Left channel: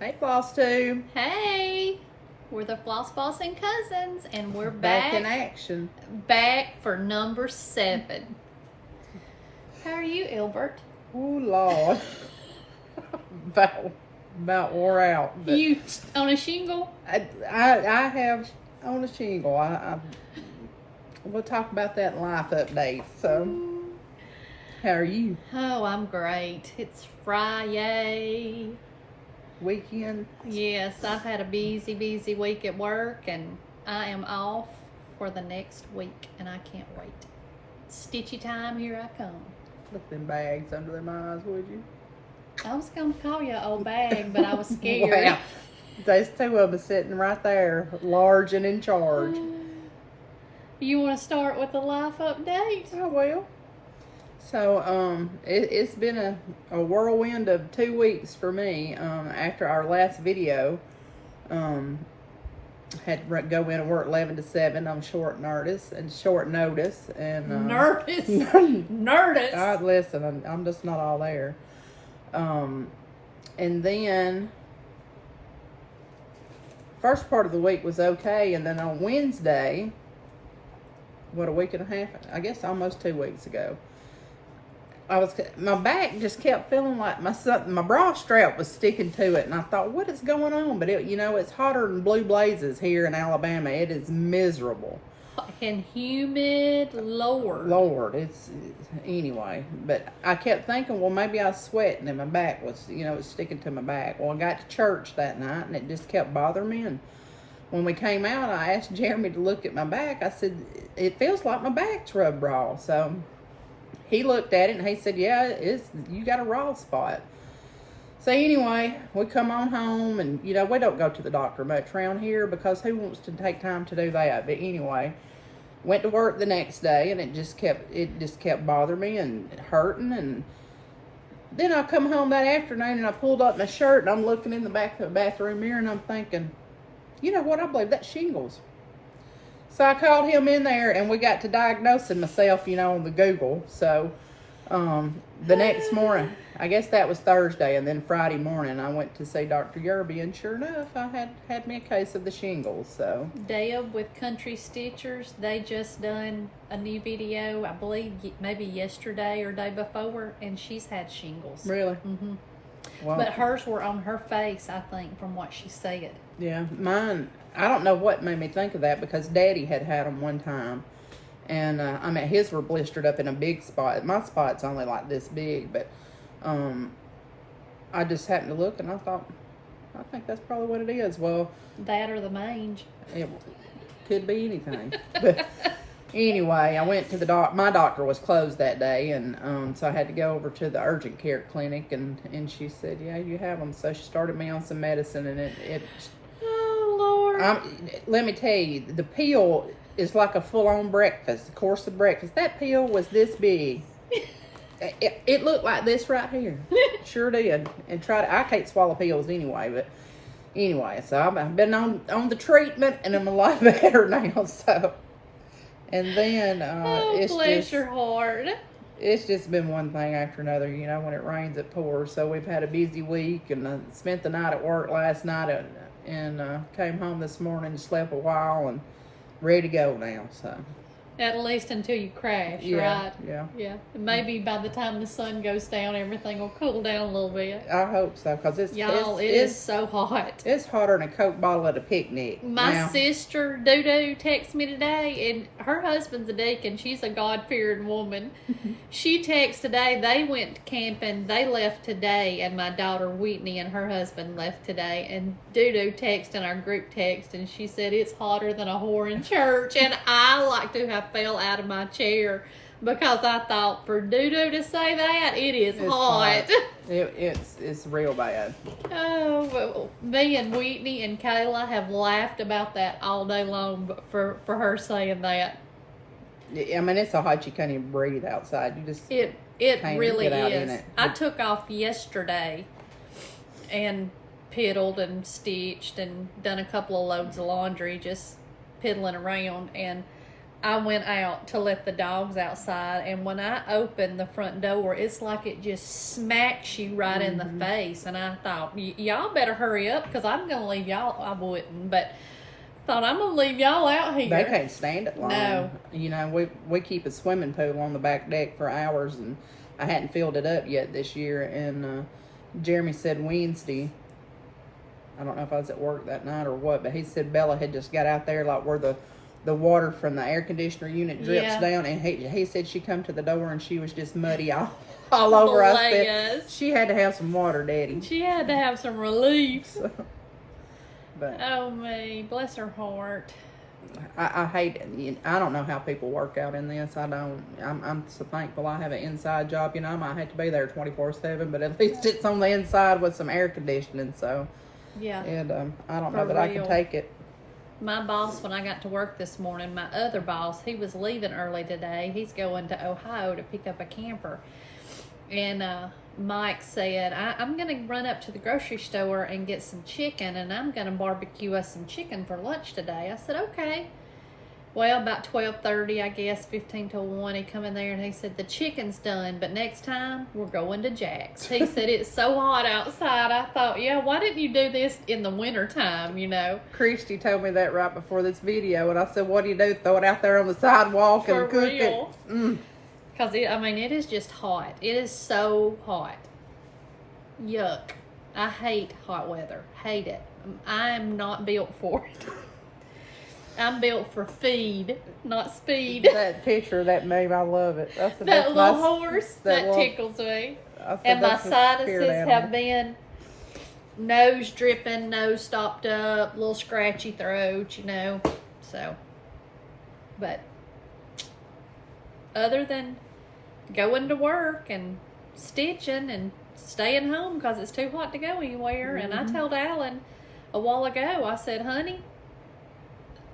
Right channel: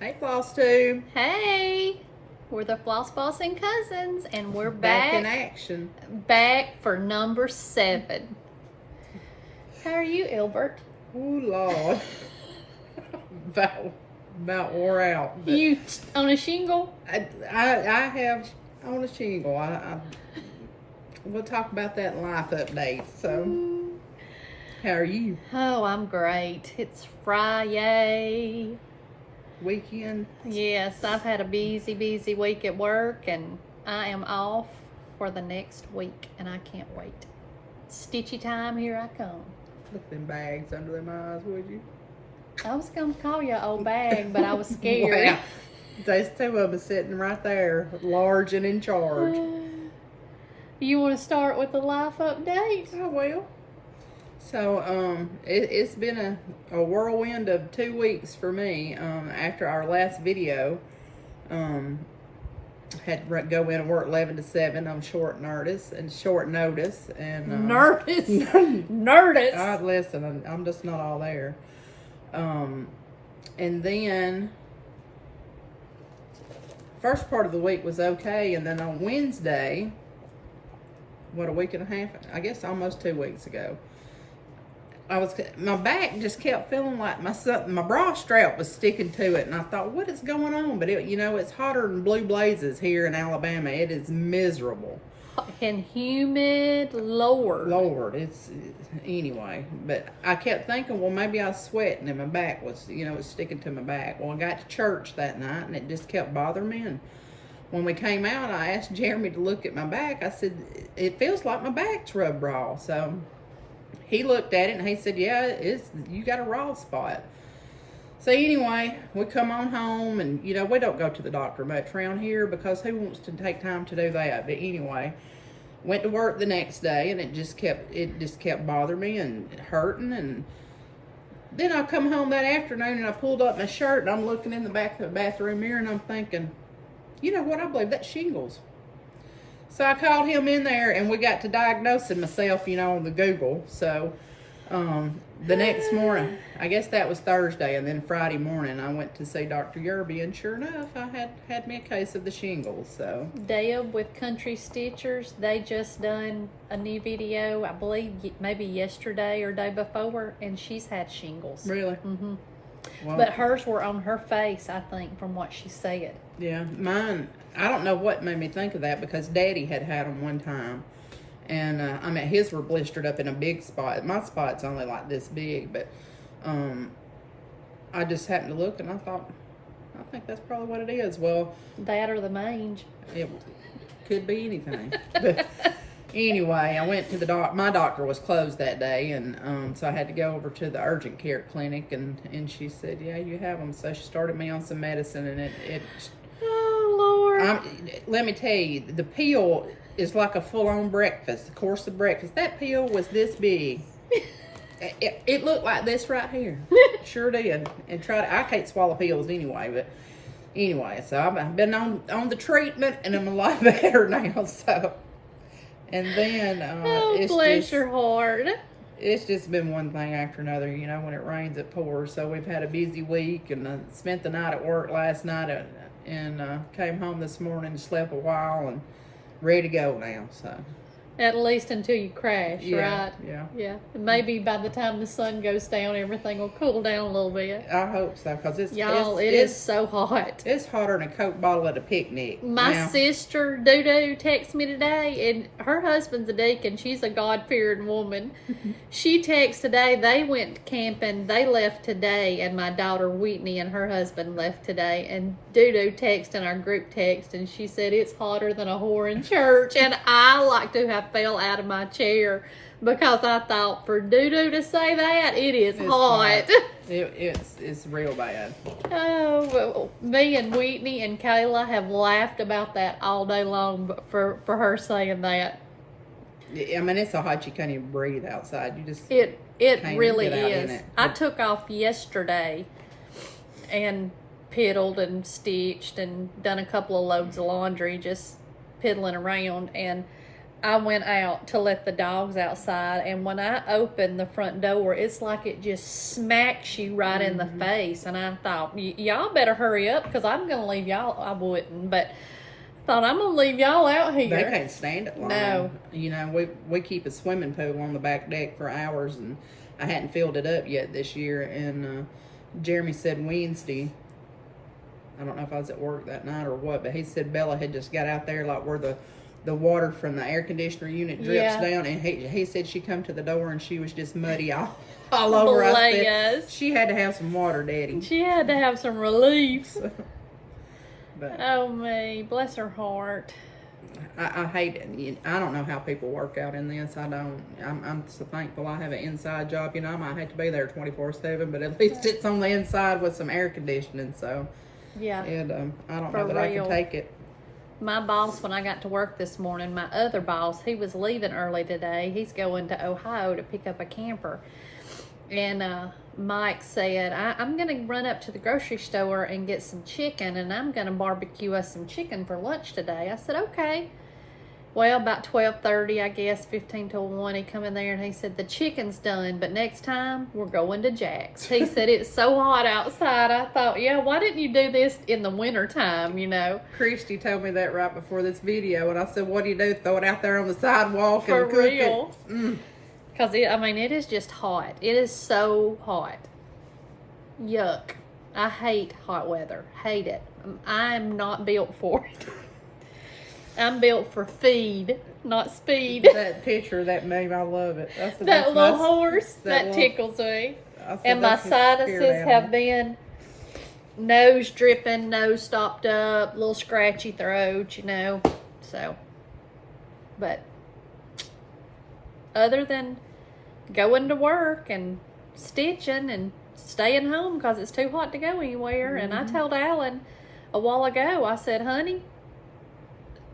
Hey, FlossTube. Hey, we're the Floss Boss and Cousins, and we're back in action. Back for number 7. How are you, Ilbert? Ooh, Lord. about wore out. But You on a shingle? I have on a shingle. We'll talk about that in life update. So, how are you? Oh, I'm great. It's Friday. Weekend? Yes, I've had a busy week at work, and I am off for the next week, and I can't wait. Stitchy time, here I come. Look at them bags under them eyes, would you? I was going to call you an old bag, but I was scared. Wow. There's 2 of them sitting right there, large and in charge. You want to start with the life update? I will. So, it's been a whirlwind of 2 weeks for me. After our last video, had to go in and work 11 to 7 on short notice, and Nervous. Nervous. Listen, I'm just not all there. And then first part of the week was okay, and then on Wednesday, what, a week and a half, I guess almost 2 weeks ago, my back just kept feeling like my bra strap was sticking to it, and I thought, what is going on? But it's hotter than blue blazes here in Alabama. It is miserable And humid, Lord. It's anyway. But I kept thinking, well, maybe I was sweating and my back was, it was sticking to my back. Well, I got to church that night and it just kept bothering me. And when we came out, I asked Jayme to look at my back. I said, it feels like my back's rubbed raw. So he looked at it and he said, yeah, you got a raw spot. So anyway, we come on home, and we don't go to the doctor much around here because who wants to take time to do that? But anyway, went to work the next day, and it just kept bothering me and hurting. And then I come home that afternoon and I pulled up my shirt and I'm looking in the back of the bathroom mirror and I'm thinking, you know what? I believe that's shingles. So I called him in there and we got to diagnosing myself, on the Google. So the next morning, I guess that was Thursday, and then Friday morning I went to see Dr. Yerby, and sure enough, I had me a case of the shingles. So Deb with Country Stitchers, they just done a new video, I believe maybe yesterday or day before, and she's had shingles. Really? Mm-hmm. Well, but hers were on her face, I think, from what she said. Yeah, mine, I don't know what made me think of that, because Daddy had them one time. And, his were blistered up in a big spot. My spot's only like this big, but I just happened to look and I thought, I think that's probably what it is. Well, that or the mange. It could be anything. But anyway, I went to the doctor. My doctor was closed that day, and so I had to go over to the urgent care clinic, and she said, yeah, you have them. So she started me on some medicine, and it oh, Lord. Let me tell you, the pill is like a full-on breakfast, a course of breakfast. That pill was this big. It looked like this right here. Sure did. And I can't swallow pills anyway, but anyway, so I've been on the treatment, and I'm a lot better now. So, and then bless your heart. It's just been one thing after another. When it rains, it pours. So we've had a busy week, and I spent the night at work last night, and came home this morning and slept a while, and ready to go now. So at least until you crash, right? Yeah. Maybe by the time the sun goes down, everything will cool down a little bit. I hope so, because it is so hot. It's hotter than a Coke bottle at a picnic. My sister Doo texted me today, and her husband's a deacon. She's a God-fearing woman. She texted today. They went camping. They left today, and my daughter Whitney and her husband left today. And Doo texted in our group text, and she said it's hotter than a whore in church. And I like to have fell out of my chair, because I thought, for Doo to say that, it's hot. It's real bad. Oh, well, me and Whitney and Kayla have laughed about that all day long for her saying that. It's so hot you can't even breathe outside. You just it really is. I took off yesterday and piddled and stitched and done a couple of loads of laundry, just piddling around, and I went out to let the dogs outside, and when I opened the front door, it's like it just smacks you right in the face. And I thought, y'all better hurry up, because I'm going to leave y'all. I wouldn't, but thought I'm going to leave y'all out here. They can't stand it long. No. You know, we keep a swimming pool on the back deck for hours, and I hadn't filled it up yet this year. And Jeremy said Wednesday, I don't know if I was at work that night or what, but he said Bella had just got out there, like where the water from the air conditioner unit drips down, and he said she come to the door and she was just muddy all over. I said she had to have some water, Daddy. She had to have some relief. But oh me, bless her heart. I hate it. I don't know how people work out in this. I don't. I'm so thankful I have an inside job. You know, I might have to be there 24/7, but at least it's on the inside with some air conditioning. So yeah, and I don't know that I can take it. My boss, when I got to work this morning, my other boss, he was leaving early today. He's going to Ohio to pick up a camper. And Mike said, I'm going to run up to the grocery store and get some chicken, and I'm going to barbecue us some chicken for lunch today. I said, okay. Well, about 12:30, I guess, 15 till 1, he come in there and he said, the chicken's done, but next time we're going to Jack's. He said, it's so hot outside. I thought, yeah, why didn't you do this in the winter time, you know? Christy told me that right before this video, and I said, what do you do? Throw it out there on the sidewalk and cook it? Because, I mean, it is just hot. It is so hot. Yuck. I hate hot weather. Hate it. I'm not built for it. I'm built for feed, not speed. That picture, that meme, I love it. That little horse, that tickles me. And my sinuses have been nose dripping, nose stopped up, little scratchy throat, you know. So, but other than going to work and stitching and staying home because it's too hot to go anywhere. And I told Alan a while ago, I said, honey,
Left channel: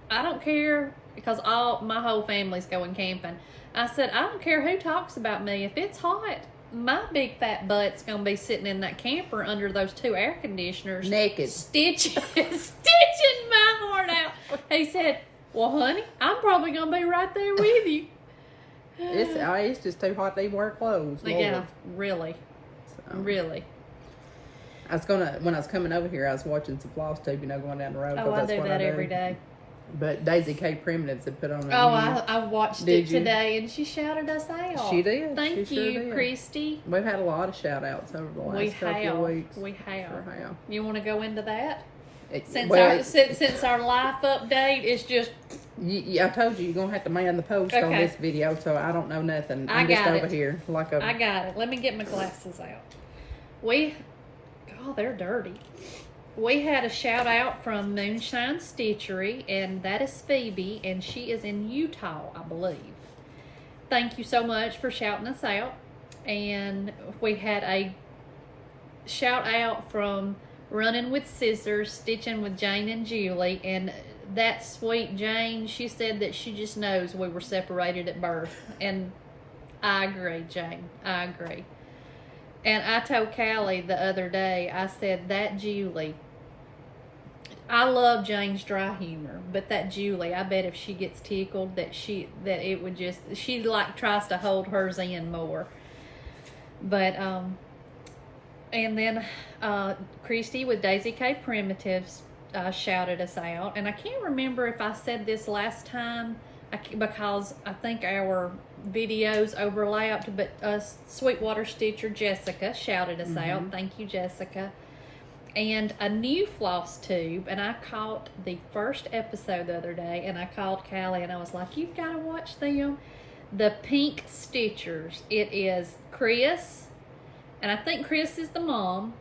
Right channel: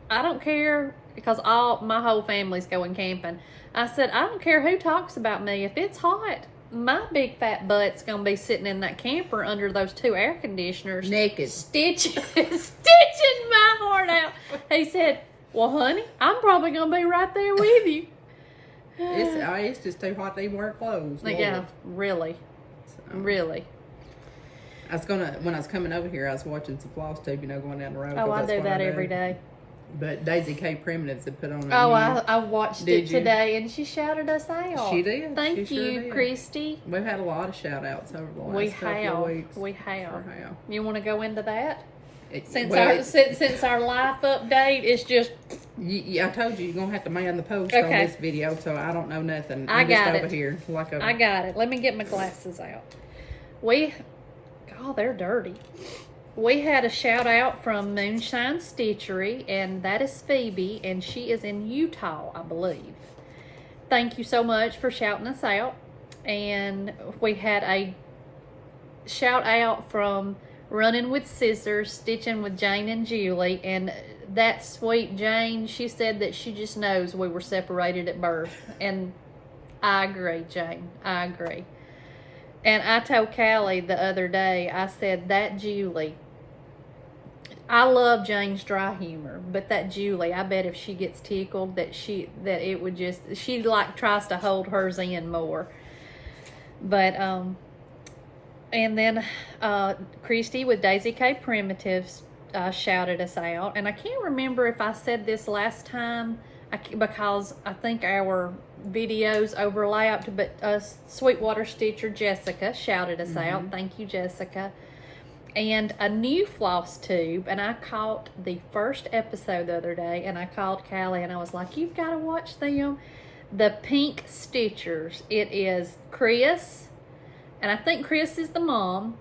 I don't care, because my whole family's going camping. I said, I don't care who talks about me. If it's hot, my big fat butt's going to be sitting in that camper under those 2 air conditioners. Naked. Stitching my heart out. He said, well, honey, I'm probably going to be right there with you. It's just too hot to even wear clothes. Yeah, really. So, really. When I was coming over here, I was watching some FlossTube, you know, going down the road. Oh, I do that every day. But Daisy K. Primitives had put on I watched it today, and she shouted us out. She did. Thank you, Kristy. We've had a lot of shout-outs over the last couple of weeks. We have. Sure have. You want to go into that? Since our life update is just... I told you, you're going to have to man the post on this video, so I don't know nothing. I'm just over here. I got it. Let me get my glasses out. They're dirty. We had a shout out from Moonshine Stitchery, and that is Phoebe, and she is in Utah, I believe. Thank you so much for shouting us out. And we had a shout out from Running with Scissors, Stitching with Jane and Julie, and that sweet Jane, she said that she just knows we were separated at birth. And I agree, Jane. I agree. And I told Callie the other day, I said, that Julie, I love Jane's dry humor, but that Julie, I bet if she gets tickled, she like tries to hold hers in more. But, and then Christy with Daisy K. Primitives shouted us out. And I can't remember if I said this last time, because I think our videos overlapped, but Sweetwater Stitcher Jessica shouted us out. Thank you, Jessica. And a new FlossTube, and I caught the first episode the other day, and I called Callie, and I was like, you've got to watch them. The Pink Stitchers. It is Chris, and I think Chris is the mom,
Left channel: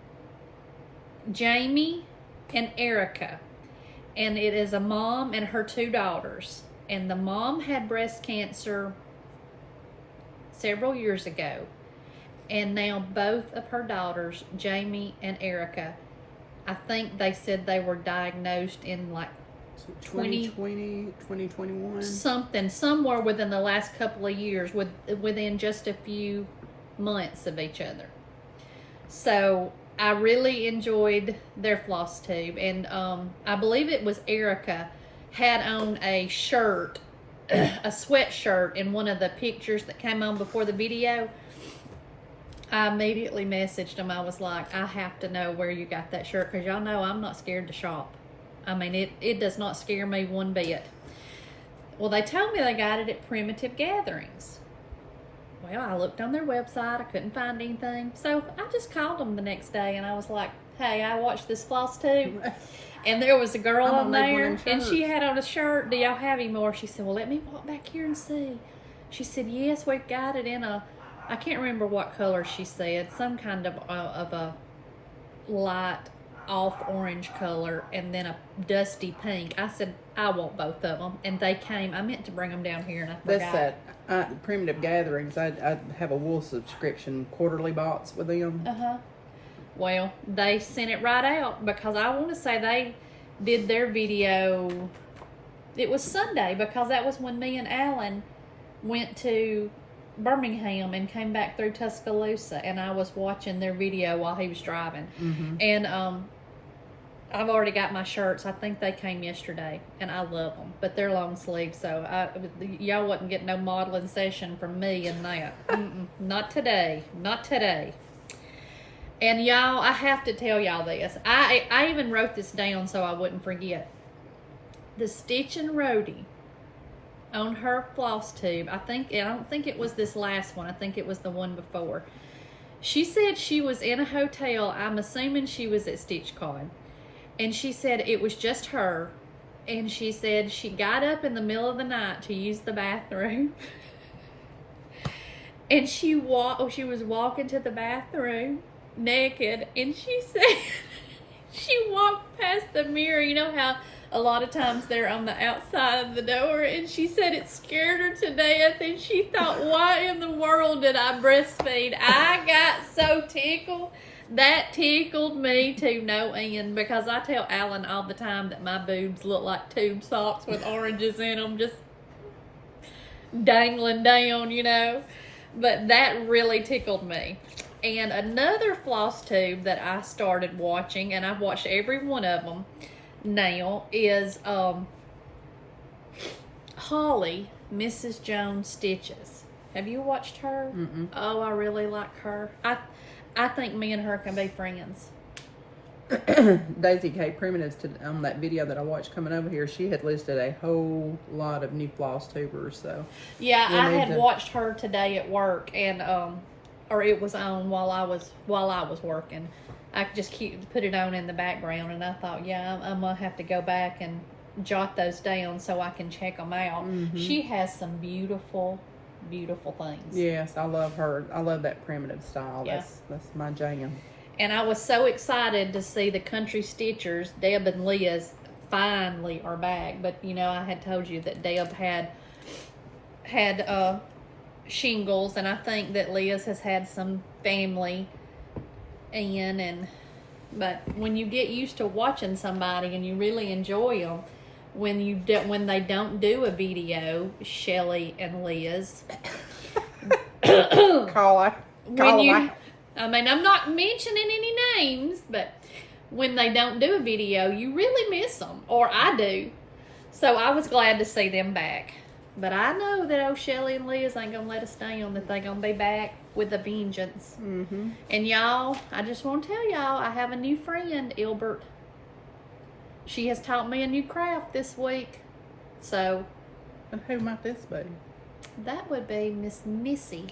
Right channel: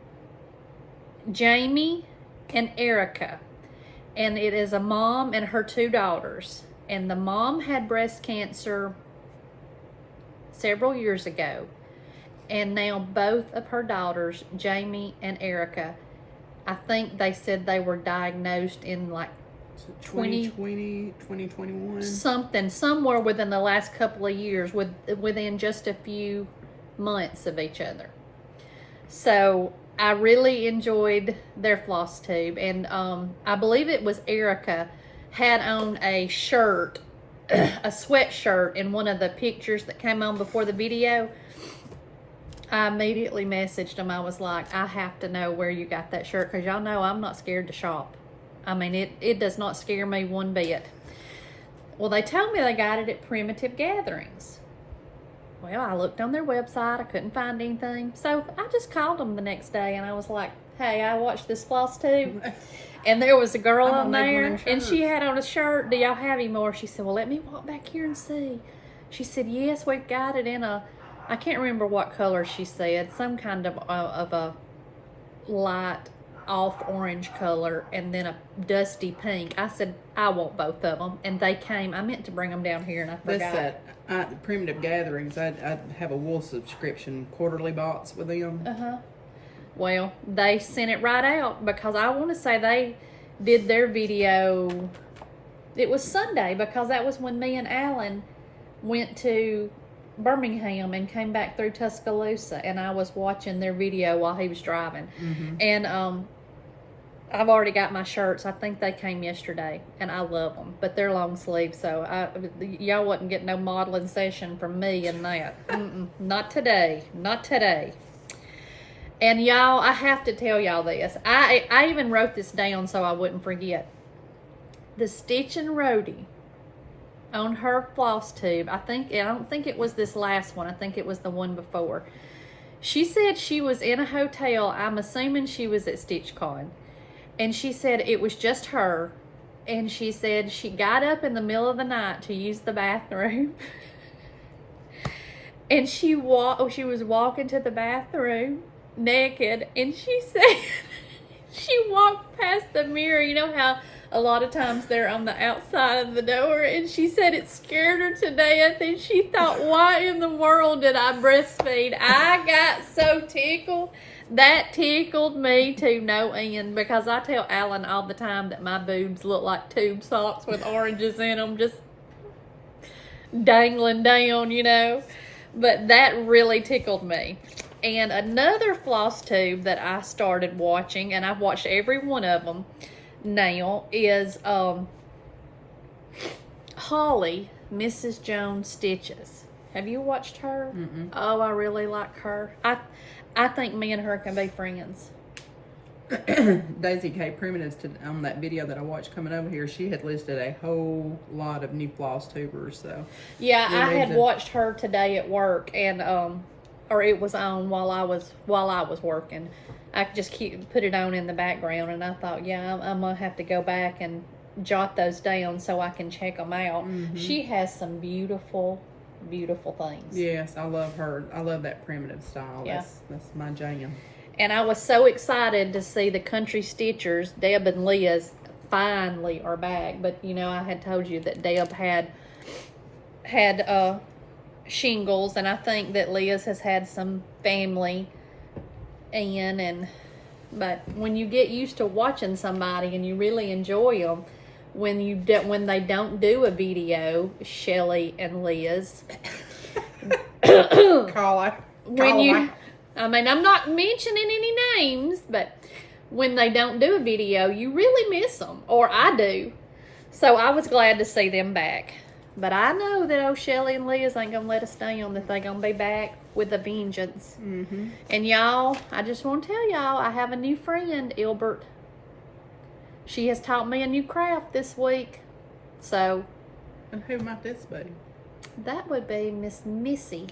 Jayme, and Erica. And it is a mom and her 2 daughters. And the mom had breast cancer several years ago. And now both of her daughters, Jayme and Erica, I think they said they were diagnosed in like 2020, 2021. Somewhere within the last couple of years, within just a few months of each other. So I really enjoyed their FlossTube, and I believe it was Erica had on a shirt a sweatshirt in one of the pictures that came on before the video. I immediately messaged them. I was like, I have to know where you got that shirt, because y'all know I'm not scared to shop. I mean, it does not scare me one bit. Well, they told me they got it at Primitive Gatherings. Well, I looked on their website. I couldn't find anything. So I just called them the next day, and I was like, hey, I watched this FlossTube, and there was a girl on there, and she had on a shirt. Do y'all have any more? She said, well, let me walk back here and see. She said, yes, we got it in a, I can't remember what color she said, some kind of a light off orange color, and then a dusty pink. I said, I want both of them, and they came. I meant to bring them down here, and I forgot. That's at Primitive Gatherings. I have a wool subscription quarterly box with them. Well, they sent it right out, because I want to say they did their video. It was Sunday, because that was when me and Alan went to Birmingham and came back through Tuscaloosa, and I was watching their video while he was driving. And I've already got my shirts. I think they came yesterday, and I love them, but they're long sleeve, so y'all wouldn't get no modeling session from me in that. Not today. Not today. And y'all, I have to tell y'all this. I even wrote this down so I wouldn't forget. The Stitch and Roadie on her FlossTube, I don't think it was this last one. I think it was the one before. She said she was in a hotel. I'm assuming she was at StitchCon. And she said it was just her. And she said she got up in the middle of the night to use the bathroom. And she was walking to the bathroom naked. And she said she walked past the mirror. You know how a lot of times they're on the outside of the door, and she said it scared her to death, and she thought, why in the world did I breastfeed? I got so tickled. That tickled me to no end, because I tell Alan all the time that my boobs look like tube socks with oranges in them, just dangling down, you know. But that really tickled me. And another FlossTube that I started watching, and I've watched every one of them now, is Holly, Mrs. Jones Stitches. Have you watched her? Oh, I really like her. I think me and her can be friends. Daisy K. Primitives, on that video that I watched coming over here, she had listed a whole lot of new FlossTubers. So yeah, I had watched her today at work, and or it was on while I was working. I just put it on in the background, and I thought, yeah, I'm gonna have to go back and jot those down so I can check them out. She has some beautiful, beautiful things. Yes, I love her. I love that primitive style. Yeah. That's my jam. And I was so excited to see the Country Stitchers, Deb and Liz, finally are back. But you know, I had told you that Deb had shingles, and I think that Liz has had some family. But when you get used to watching somebody and you really enjoy them, when they don't do a video, Shelli and Liz, I mean, I'm not mentioning any names, but when they don't do a video, you really miss them, or I do. So I was glad to see them back. But I know that old Shelli and Liz ain't gonna let us down, that they gonna be back with a vengeance. And y'all, I just want to tell y'all, I have a new friend, Ilbert. She has taught me a new craft this week. So, and who might this be? That would be Miss Missy,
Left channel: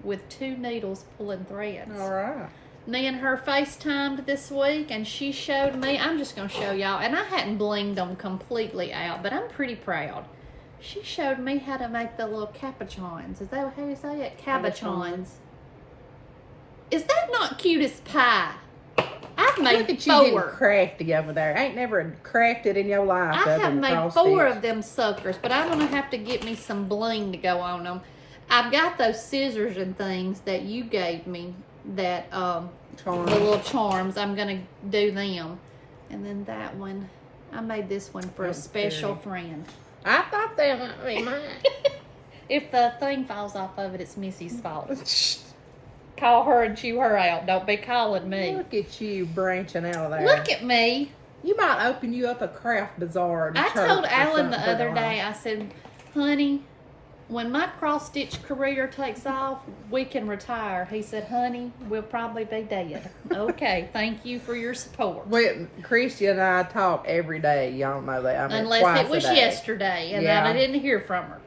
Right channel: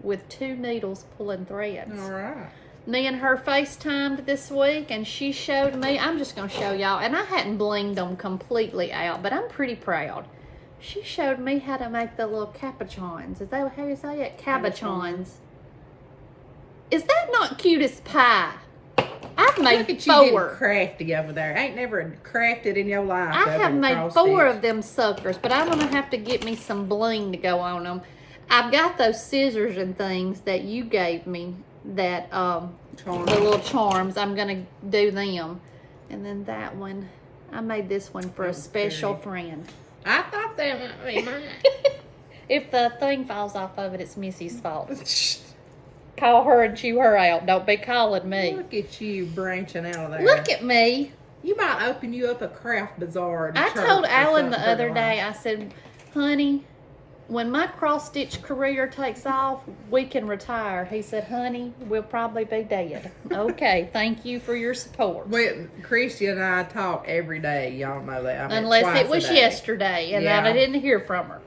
with 2 needles pulling threads. All right. Me and her FaceTimed this week, and she showed me. I'm just gonna show y'all, and I hadn't blinged them completely out, but I'm pretty proud. She showed me how to make the little capuchons. Is that how you say it? Capuchons. Is that not cute as pie? I've made Look at 4. You getting crafty over there. Ain't never crafted in your life. I have made 4 of them suckers, but I'm gonna have to get me some bling to go on them. I've got those scissors and things that you gave me, that the little charms. I'm gonna do them, and then that one. I made this one for a special friend. I thought they might be mine. If the thing falls off of it, it's Missy's fault. Call her and chew her out. Don't be calling me. Look at you branching out of there. Look at me. You might open you up a craft bazaar. I told Alan the other day, I said, honey, when my cross-stitch career takes off, we can retire. He said, honey, we'll probably be dead. Okay, thank you for your support. Christy and I talk every day. Y'all know that. I mean, Unless it was yesterday and I didn't hear from her.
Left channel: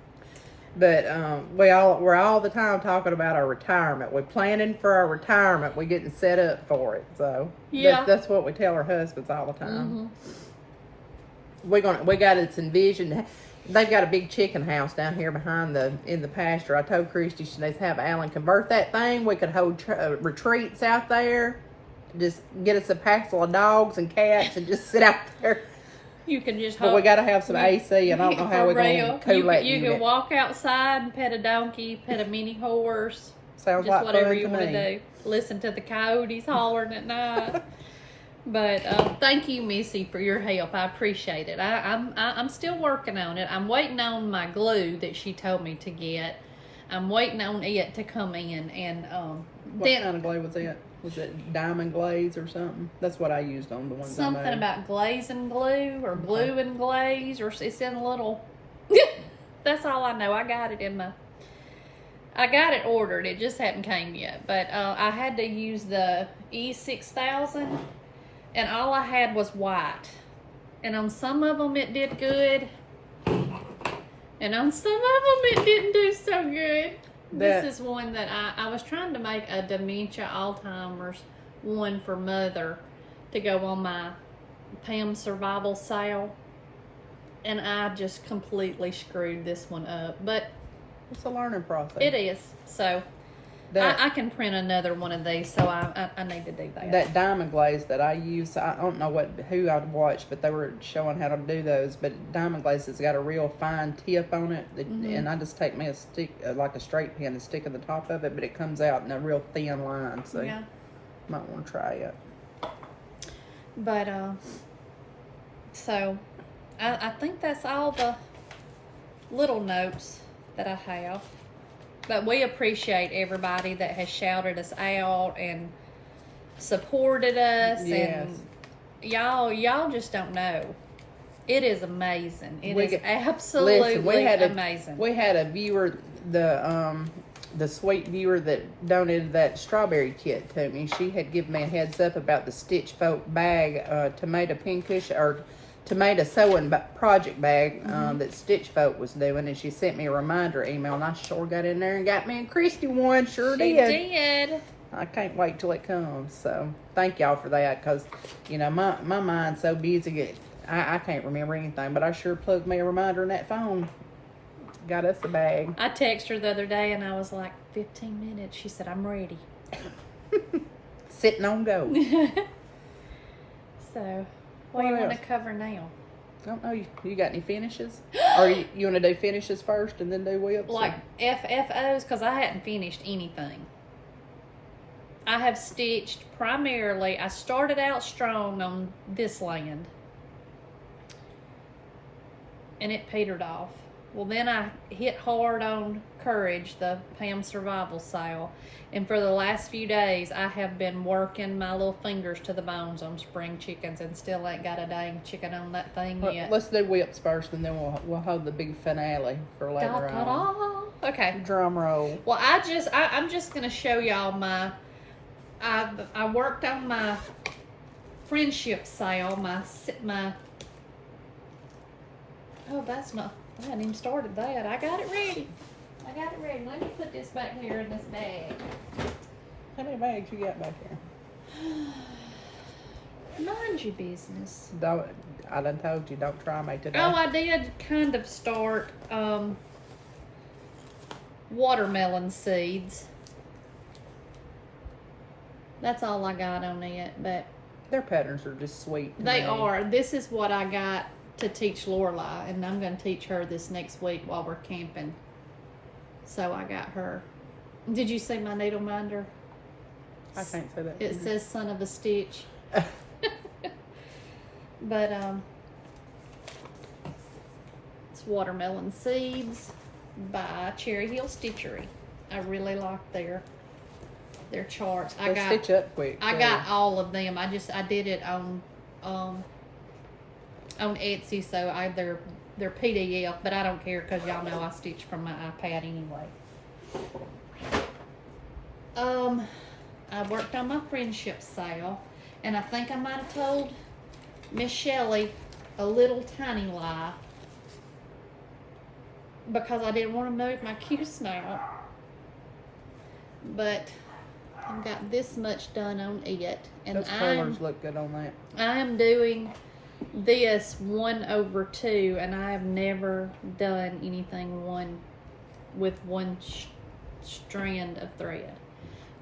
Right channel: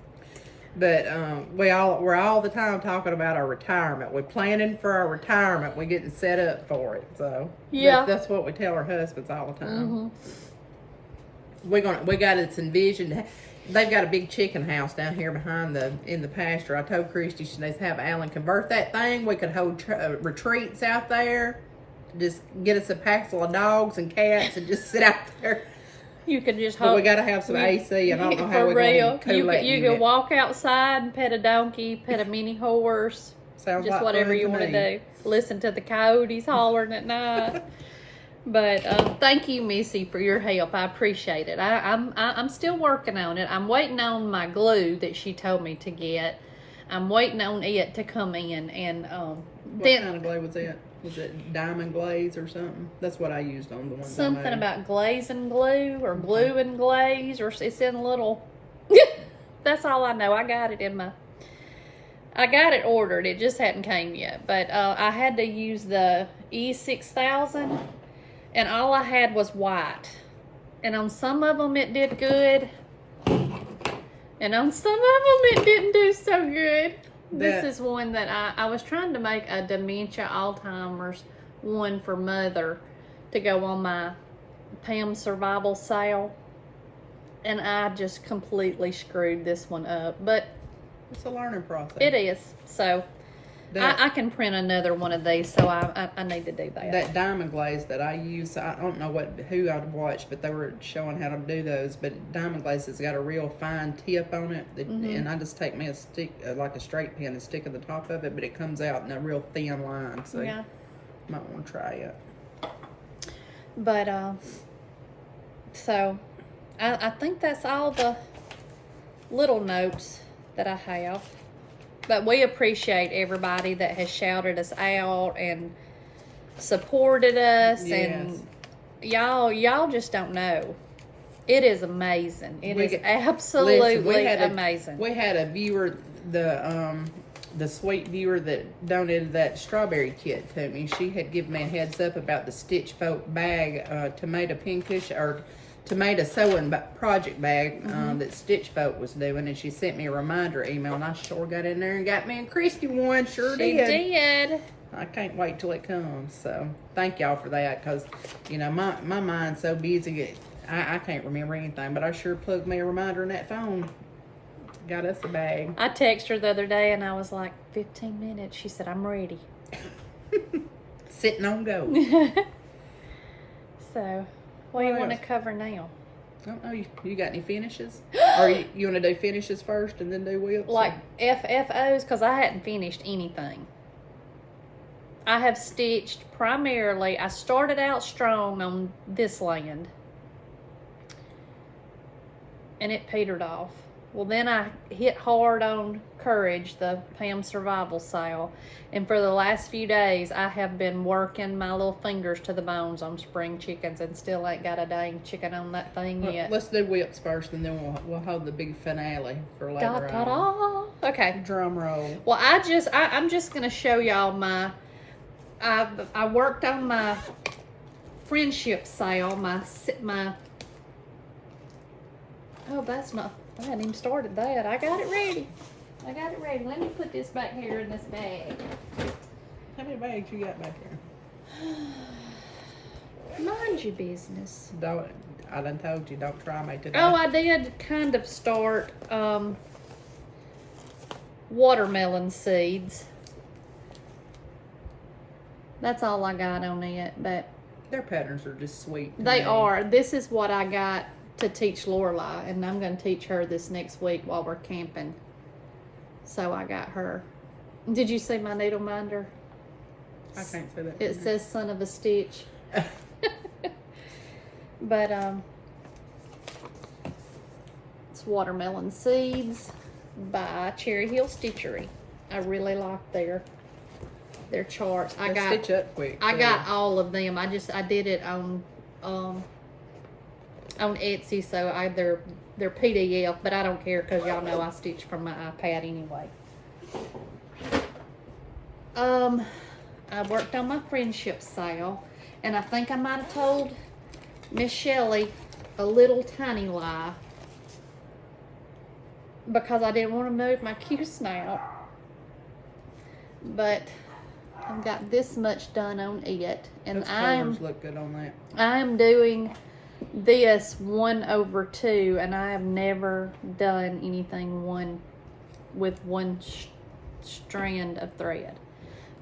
But we're all the time talking about our retirement. We're planning for our retirement. We're getting set up for it. So that's what we tell our husbands all the time. We got it envisioned. They've got a big chicken house down here in the pasture. I told Christy she needs to have Alan convert that thing. We could hold retreats out there. Just get us a pack of dogs and cats and just sit out there. You can just But we got to have some AC, and I don't know how we're going to cool that You unit. can walk outside and pet a donkey, pet a mini horse. Sounds just like whatever fun you to want to me. do. Listen to the coyotes hollering at night. But thank you, Missy, for your help. I appreciate it. I'm still working on it. I'm waiting on my glue that she told me to get. I'm waiting on it to come in. And what kind of glue was it? Was it diamond glaze or something? That's what I used on the ones something I made. about glaze and glue, or glue and glaze, or it's in a little. That's all I know. I got it ordered. It just hadn't came yet. But I had to use the E6000. And all I had was white. And on some of them it did good. And on some of them it didn't do so good. This is one that I was trying to make a dementia Alzheimer's one for Mother to go on my Pam survival sale. And I just completely screwed this one up. But it's a learning process. It is. So I can print another one of these, so I need to do that. That diamond glaze that I use, I don't know who I'd watched, but they were showing how to do those. But diamond glaze has got a real fine tip on it, and I just take me a stick, like a straight pin, and stick at the top of it, but it comes out in a real thin line. So you might want to try it. But so I think that's all the little notes that I have. But we appreciate everybody that has shouted us out and supported us. Yes. And y'all just don't know. It is amazing. It is absolutely amazing. We had a viewer, the sweet viewer that donated that strawberry kit to me. She had given me a heads up about the Stitch Folk bag, tomato pinkish, or tomato sewing project bag that Stitch Folk was doing, and she sent me a reminder email, and I sure got in there and got me and Christy one. She did. I can't wait till it comes. So thank y'all for that, because my mind's so busy, I can't remember anything, but I sure plugged me a reminder in that phone. Got us a bag. I texted her the other day and I was like, 15 minutes. She said, I'm ready. Sitting on go. So what do you want to cover now? I don't know. You got any finishes? Or you want to do finishes first and then do whips? Like FFOs, because I hadn't finished anything. I have stitched primarily, I started out strong on this land. And it petered off. Well, then I hit hard on Courage, the Pam survival sale. And for the last few days, I have been working my little fingers to the bones on spring chickens, and still ain't got a dang chicken on that thing yet. Let's do whips first, and then we'll hold the big finale for later on. Okay. Drum roll. Well, I'm just gonna show y'all my. I worked on my friendship sale. My. Oh, that's not. I hadn't even started that. I got it ready. Let me put this back here in this bag. How many bags you got back here? Mind your business. I done told you, don't try me today. Oh, I did kind of start watermelon seeds. That's all I got on it, but their patterns are just sweet. They are. This is what I got to teach Lorelai, and I'm going to teach her this next week while we're camping. So I got her. Did you see my needle minder? I can't say that. It says son of a stitch. But it's watermelon seeds by Cherry Hill Stitchery. I really like their charts. They stitch up quick. I got all of them. I did it on on Etsy, so they're PDF, but I don't care because y'all know I stitch from my iPad anyway. I worked on my friendship sale, and I think I might have told Miss Shelli a little tiny lie because I didn't want to move my Q-snap. But I've got this much done on it, and Those colors look good on that. I am doing this 1/2, and I have never done anything with one strand of thread.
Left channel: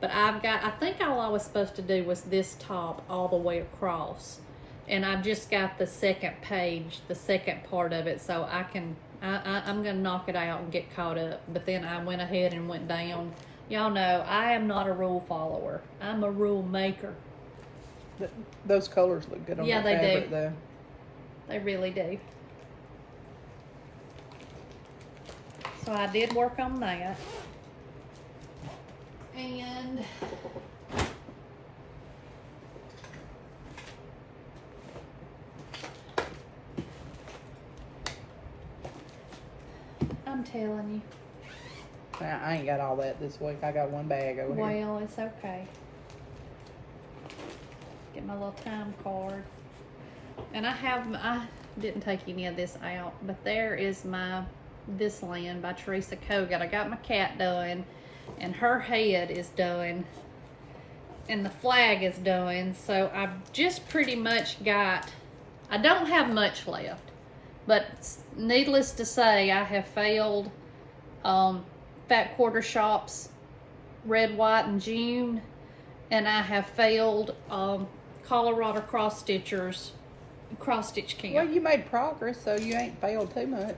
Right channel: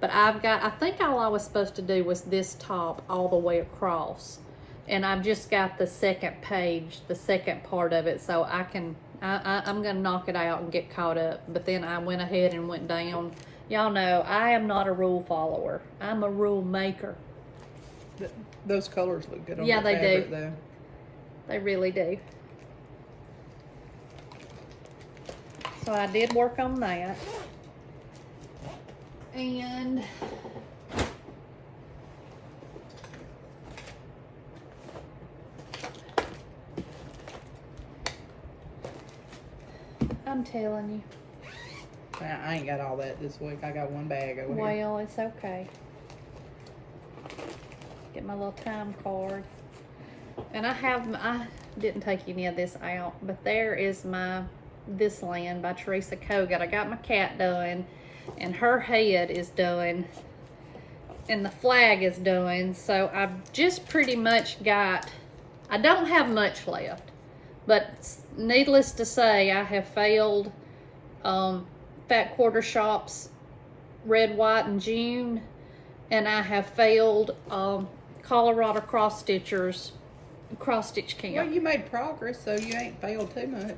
But I think all I was supposed to do was this top all the way across, and I've just got the second page, the second part of it, so I'm gonna knock it out and get caught up. But then I went ahead and went down. Y'all know I am not a rule follower. I'm a rule maker. Those colors look good on Yeah, that they fabric, do. though. They really do. So I did work on that. And I'm telling you. I ain't got all that this week. I got one bag over here. Well, it's okay. Get my little time card. And I didn't take any of this out, but there is my This Land by Teresa Kogut. I got my cat done, and her head is done, and the flag is done. So I've just pretty much got, I don't have much left, but needless to say, I have failed Fat Quarter Shop's Red, White, and June, and I have failed Colorado Cross Stitch Camp. Well, you made progress, so you ain't failed too much.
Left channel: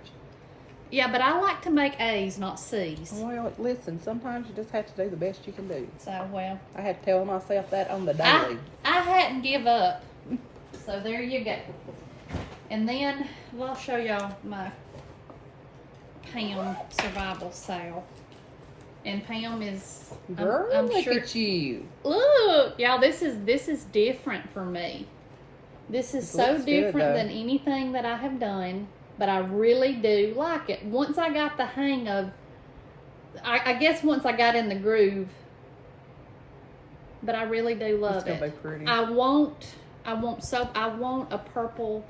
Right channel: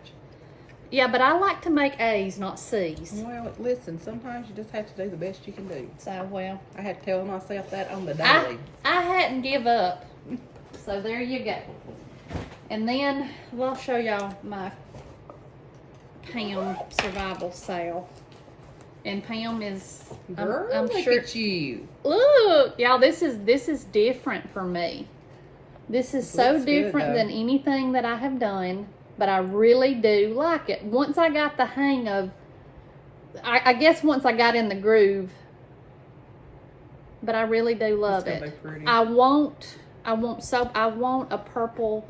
Yeah, but I like to make A's, not C's. Well, listen, sometimes you just have to do the best you can do. So, well, I had to tell myself that on the daily. I hadn't give up. So there you go. And then, well, I'll show y'all my Pam survival sale. And Pam is, Girl, I'm look sure, at you. look, y'all, this is different for me. This is so looks good, different though. than anything that I have done, but I really do like it. Once I got the hang of, I guess once I got in the groove, but I really do love It's gonna it. be pretty. I want a purple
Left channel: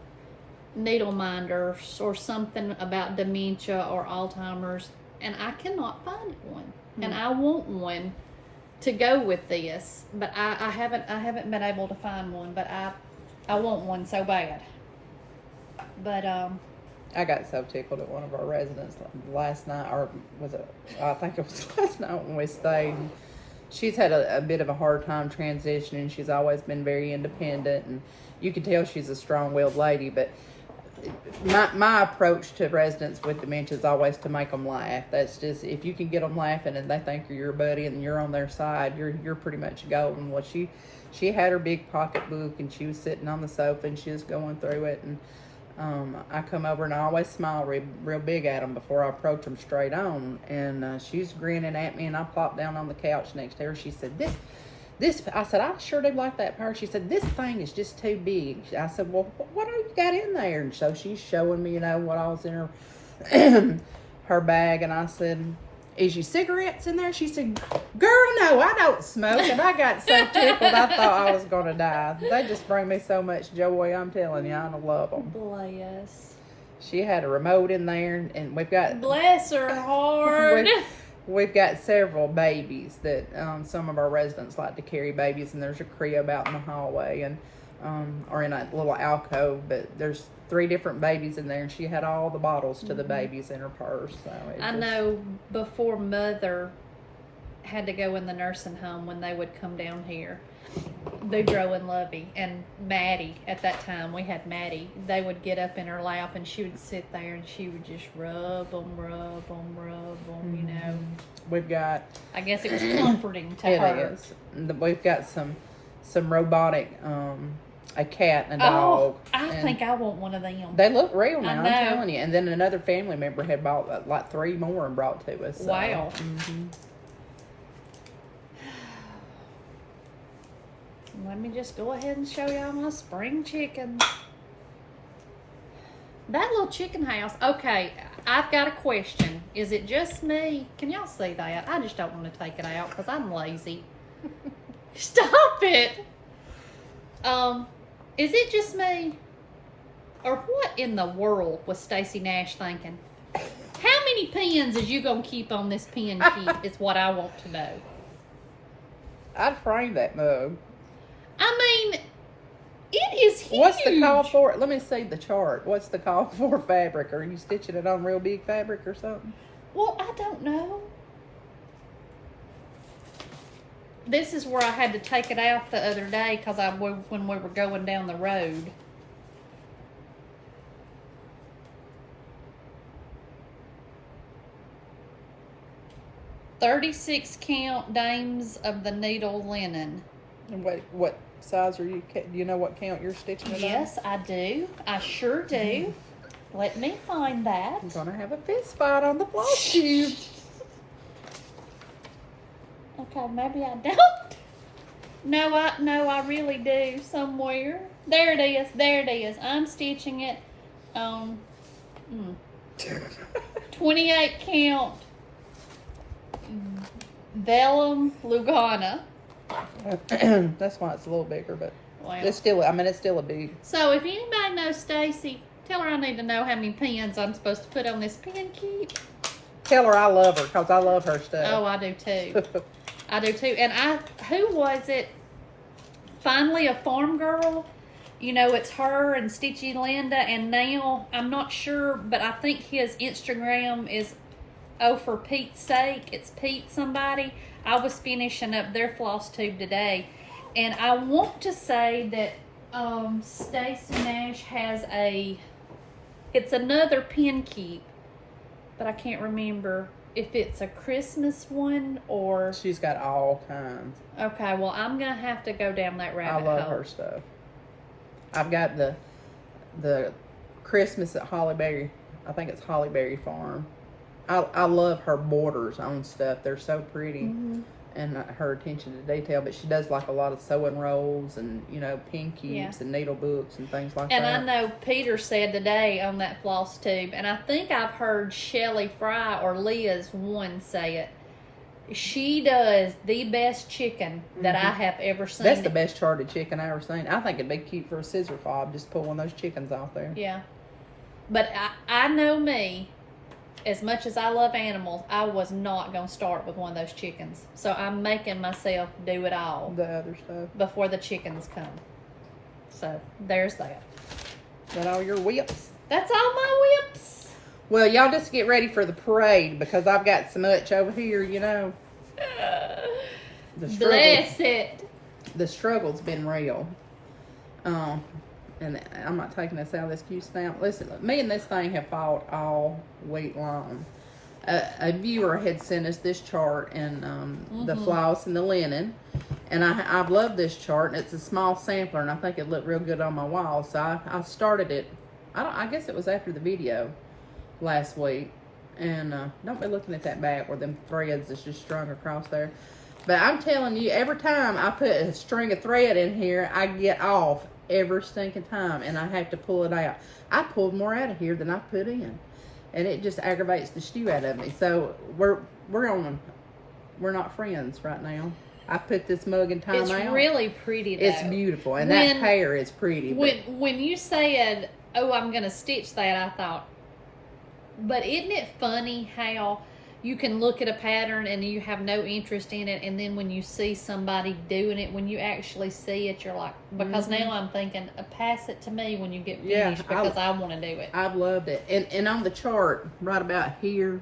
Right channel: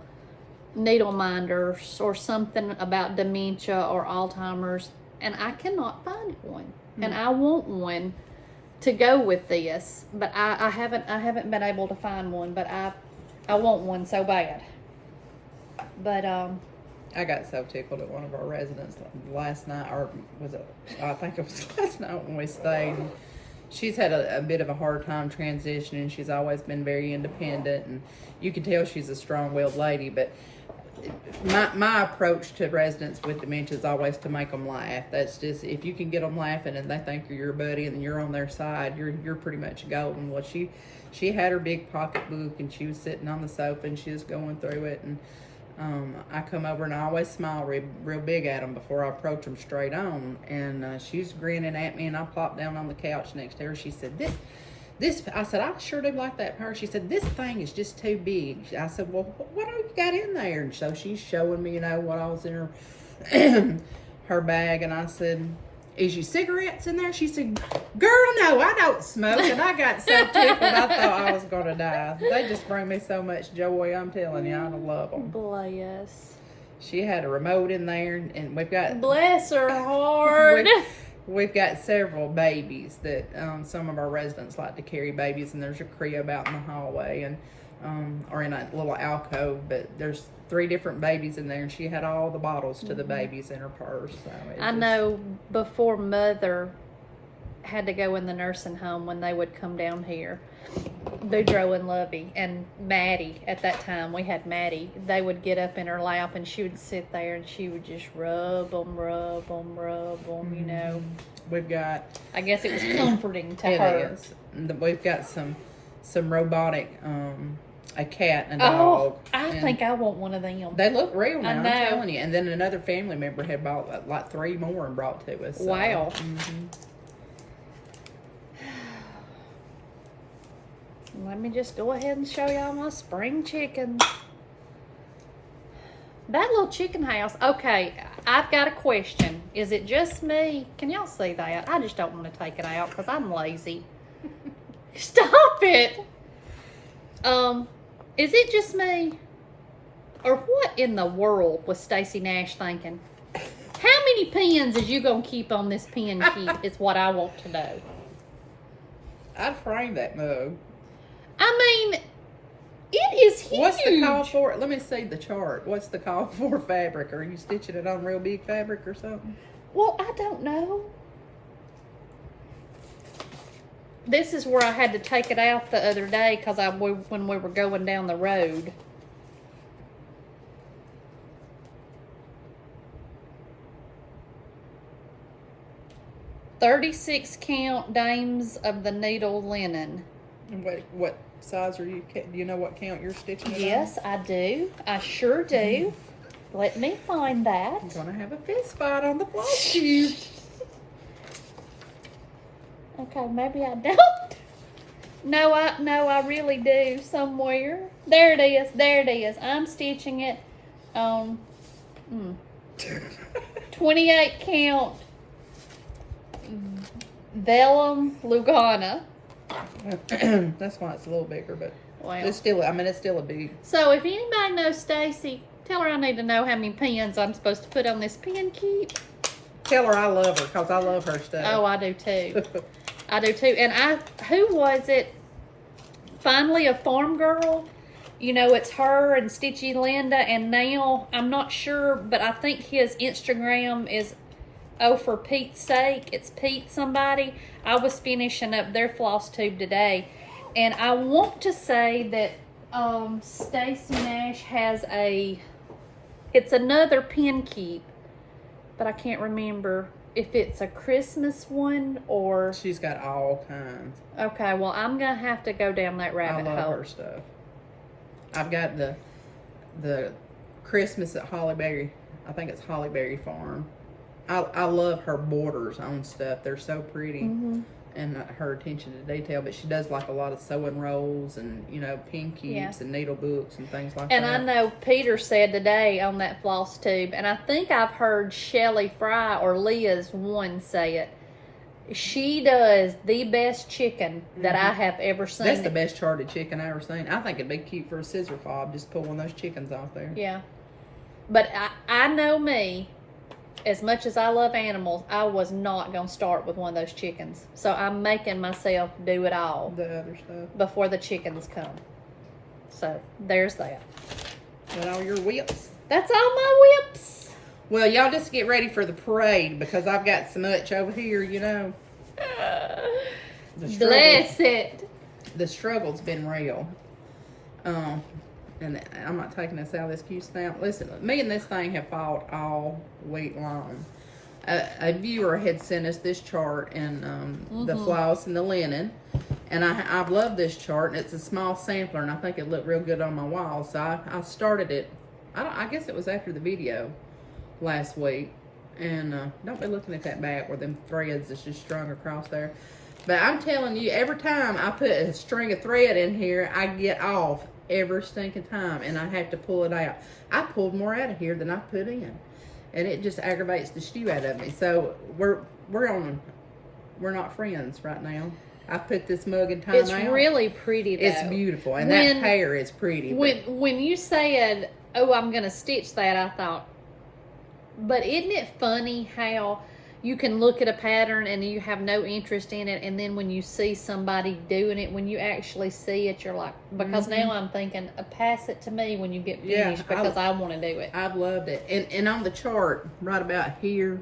needle minder or something about dementia or Alzheimer's, and I cannot find one. And I want one to go with this, but I haven't been able to find one, but I want one so bad. But I got so tickled at one of our residents last night, or was it? I think it was last night when we stayed. And she's had a bit of a hard time transitioning. She's always been very independent, and you can tell she's a strong-willed lady. But my approach to residents with dementia is always to make them laugh. That's just, if you can get them laughing and they think you're your buddy and you're on their side, you're pretty much golden. Well, she had her big pocketbook, and she was sitting on the sofa, and she was going through it, and I come over and I always smile real big at them before I approach them straight on. And she's grinning at me, and I plopped down on the couch next to her. She said, this, I said, I sure do like that power. She said, this thing is just too big. I said, well, what do you got in there? And so she's showing me, what all was in her, her bag. And I said, is your cigarettes in there? She said, girl, no, I don't smoke. And I got so tickled, I thought I was going to die. They just bring me so much joy. I'm telling you, I love them. bless. She had a remote in there, and we've got... Bless her heart. We've got several babies that some of our residents like to carry babies, and there's a crib out in the hallway, and or in a little alcove, but there's 3 different babies in there, and she had all the bottles to the babies in her purse. So I know before Mother had to go in the nursing home, when they would come down here, Boudreaux and Lovey and Maddie, at that time we had Maddie, they would get up in her lap, and she would sit there and she would just rub them, We've got... I guess it was comforting to her. It is. We've got some robotic, a cat and a dog. I think I want one of them. They look real now, I I'm know. telling you. And then another family member had bought like 3 more and brought to us. So. Wow. Let me just go ahead and show y'all my spring chickens. That little chicken house. Okay, I've got a question. Is it just me? Can y'all see that? I just don't want to take it out because I'm lazy. Stop it. Is it just me? Or what in the world was Stacey Nash thinking? How many pins is you going to keep on this pin keep is what I want to know. I'd frame that mug. I mean, it is huge. What's the call for? Let me see the chart. What's the call for fabric? Are you stitching it on real big fabric or something? Well, I don't know. This is where I had to take it out the other day because when we were going down the road. "36 count dames of the needle linen." And wait, what size are you? Do you know what count you're stitching it Yes, I do. I sure do. Let me find that. I'm gonna have a fist fight on the FlossTube. Okay, maybe I don't. No, I really do somewhere. There it is. There it is. I'm stitching it on 28 count vellum Lugana. That's why it's a little bigger, but Wow. it's still. I mean, it's still a big. So if anybody knows Stacy, tell her I need to know how many pins I'm supposed to put on this pin keep. Tell her I love her because I love her stuff. Oh, I do too. I do too. And who was it? Finally, a farm girl. You know, it's her and Stitchy Linda, and now I'm not sure, but I think his Instagram is for Pete's sake. It's Pete somebody. I was finishing up their FlossTube today, and I want to say that Stacey Nash has it's another pin keep, but I can't remember if it's a Christmas one or... She's got all kinds. Okay, well, I'm going to have to go down that rabbit hole. I love her stuff. I've got the Christmas at Hollyberry. I think it's Hollyberry Farm. I love her borders on stuff. They're so pretty. Mm-hmm. And her attention to detail. But she does like a lot of sewing rolls and, you know, pin keeps and needle books and things like that. And I know Peter said today on that FlossTube, and I think I've heard Shelli Fry or Leah's one say it. She does the best chicken that I have ever seen. That's the best charted chicken I ever seen. I think it'd be cute for a scissor fob. Just pull one of those chickens off there. Yeah. But I know me. As much as I love animals, I was not going to start with one of those chickens. So I'm making myself do it all. The other stuff. Before the chickens come. So, there's that. Got all your whips? That's all my whips. Well, y'all just get ready for the parade because I've got so much over here, you know. Bless it. The struggle's been real. And I'm not taking this out of this cute stamp. Listen, me and this thing have fought all week long. A viewer had sent us this chart and the floss and the linen. And I've loved this chart. And it's a small sampler, and I think it looked real good on my wall. So I started it. I guess it was after the video last week. And don't be looking at that back where them threads is just strung across there. But I'm telling you, every time I put a string of thread in here, I get off every stinking time, and I have to pull it out. I pulled more out of here than I put in, and it just aggravates the stew out of me. So we're not friends right now. I put this mug in time out. It's really pretty though. It's beautiful, and that pear is pretty. When you said, "Oh, I'm gonna stitch that," I thought, but isn't it funny how you can look at a pattern and you have no interest in it, and then when you see somebody doing it, when you actually see it, you're like, because now I'm thinking, pass it to me when you get finished because I want to do it. I've loved it. And on the chart, right about here,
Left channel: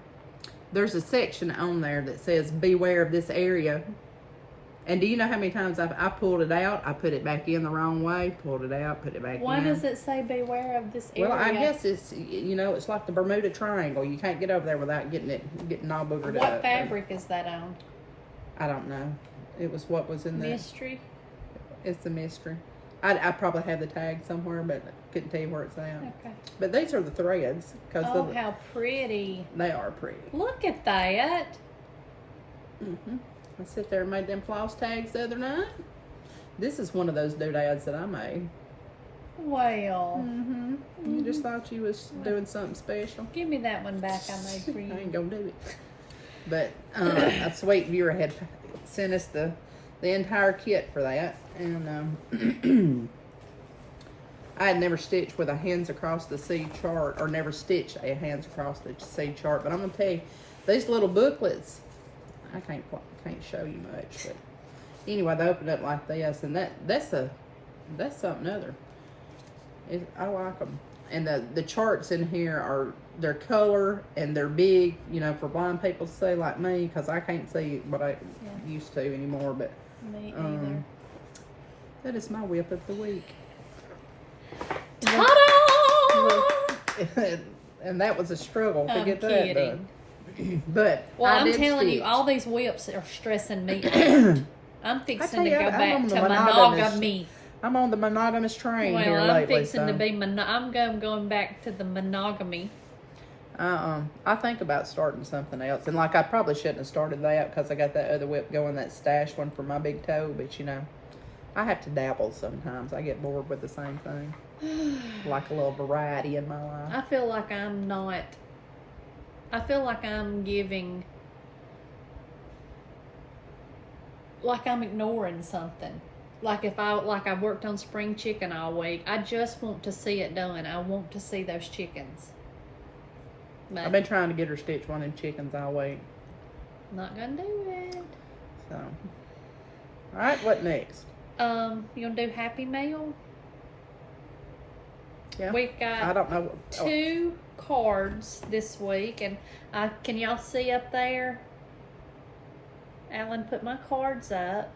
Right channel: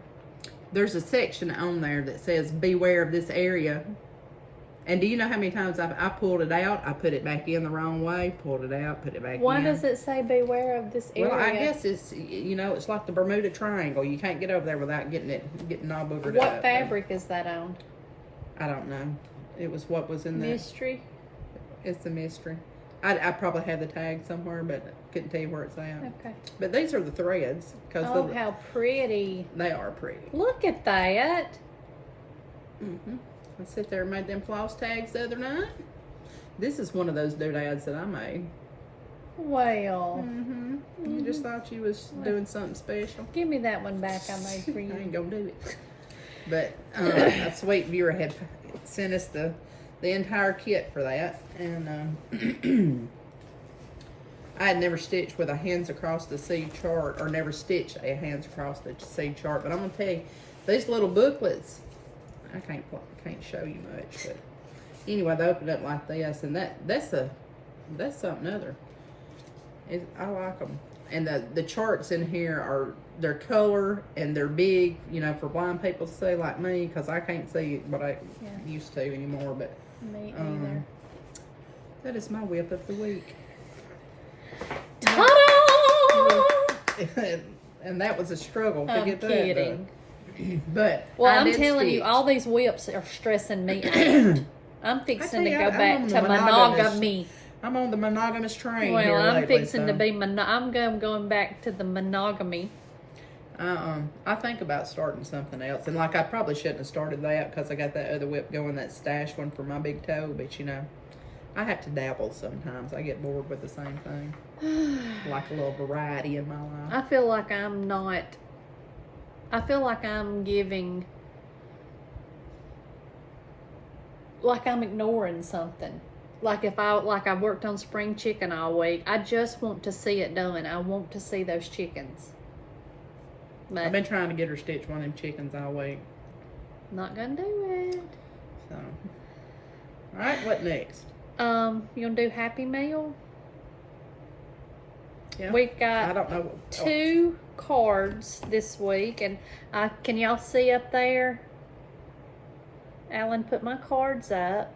there's a section on there that says, beware of this area. And do you know how many times I pulled it out? I put it back in the wrong way, pulled it out, put it back in. Why does it say beware of this area? Well, I guess it's, you know, it's like the Bermuda Triangle. You can't get over there without getting all boogered up. What fabric is that on? I don't know. It was what was in the... Mystery? It's a mystery. I probably have the tag somewhere, but couldn't tell you where it's at. Okay. But these are the threads. Oh, how pretty. They are pretty. Look at that. Mm-hmm. I sit there and made them floss tags the other night. This is one of those doodads that I made. Well. You just thought you was doing something special. Give me that one back I made for I you. ain't gonna do it. But a sweet viewer had sent us the entire kit for that, and I had never stitched with a hands across the seed chart, or never stitched a hands across the seed chart. But I'm gonna tell you, these little booklets, I can't show you much, but anyway, they open up like this, and that's something other. I like them, and the charts in here they're color and they're big, you know, for blind people to see like me, because I can't see what I used to anymore. But me either. That is my whip of the week. Ta-da! And that was a struggle to get kidding. that done. But I'm telling you, all these whips are stressing me out. I'm fixing to go back to monogamy. I'm on the monogamous train well, here I'm lately. fixing to be I'm going back to the monogamy. I think about starting something else, and like I probably shouldn't have started that because I got that other whip going, that stash one for my big toe. But you know, I have to dabble sometimes. I get bored with the same thing. Like a little variety in my life. I feel like I'm not. I feel like I'm giving. Like I'm ignoring something. Like if I worked on spring chicken all week, I just want to see it done. I want to see those chickens. But I've been trying to get her stitch one of them chickens all week. Not gonna do it. So, all right, what next? You gonna do Happy Mail? Yeah. We got I don't know. 2 cards this week, and can y'all see up there? Alan put my cards up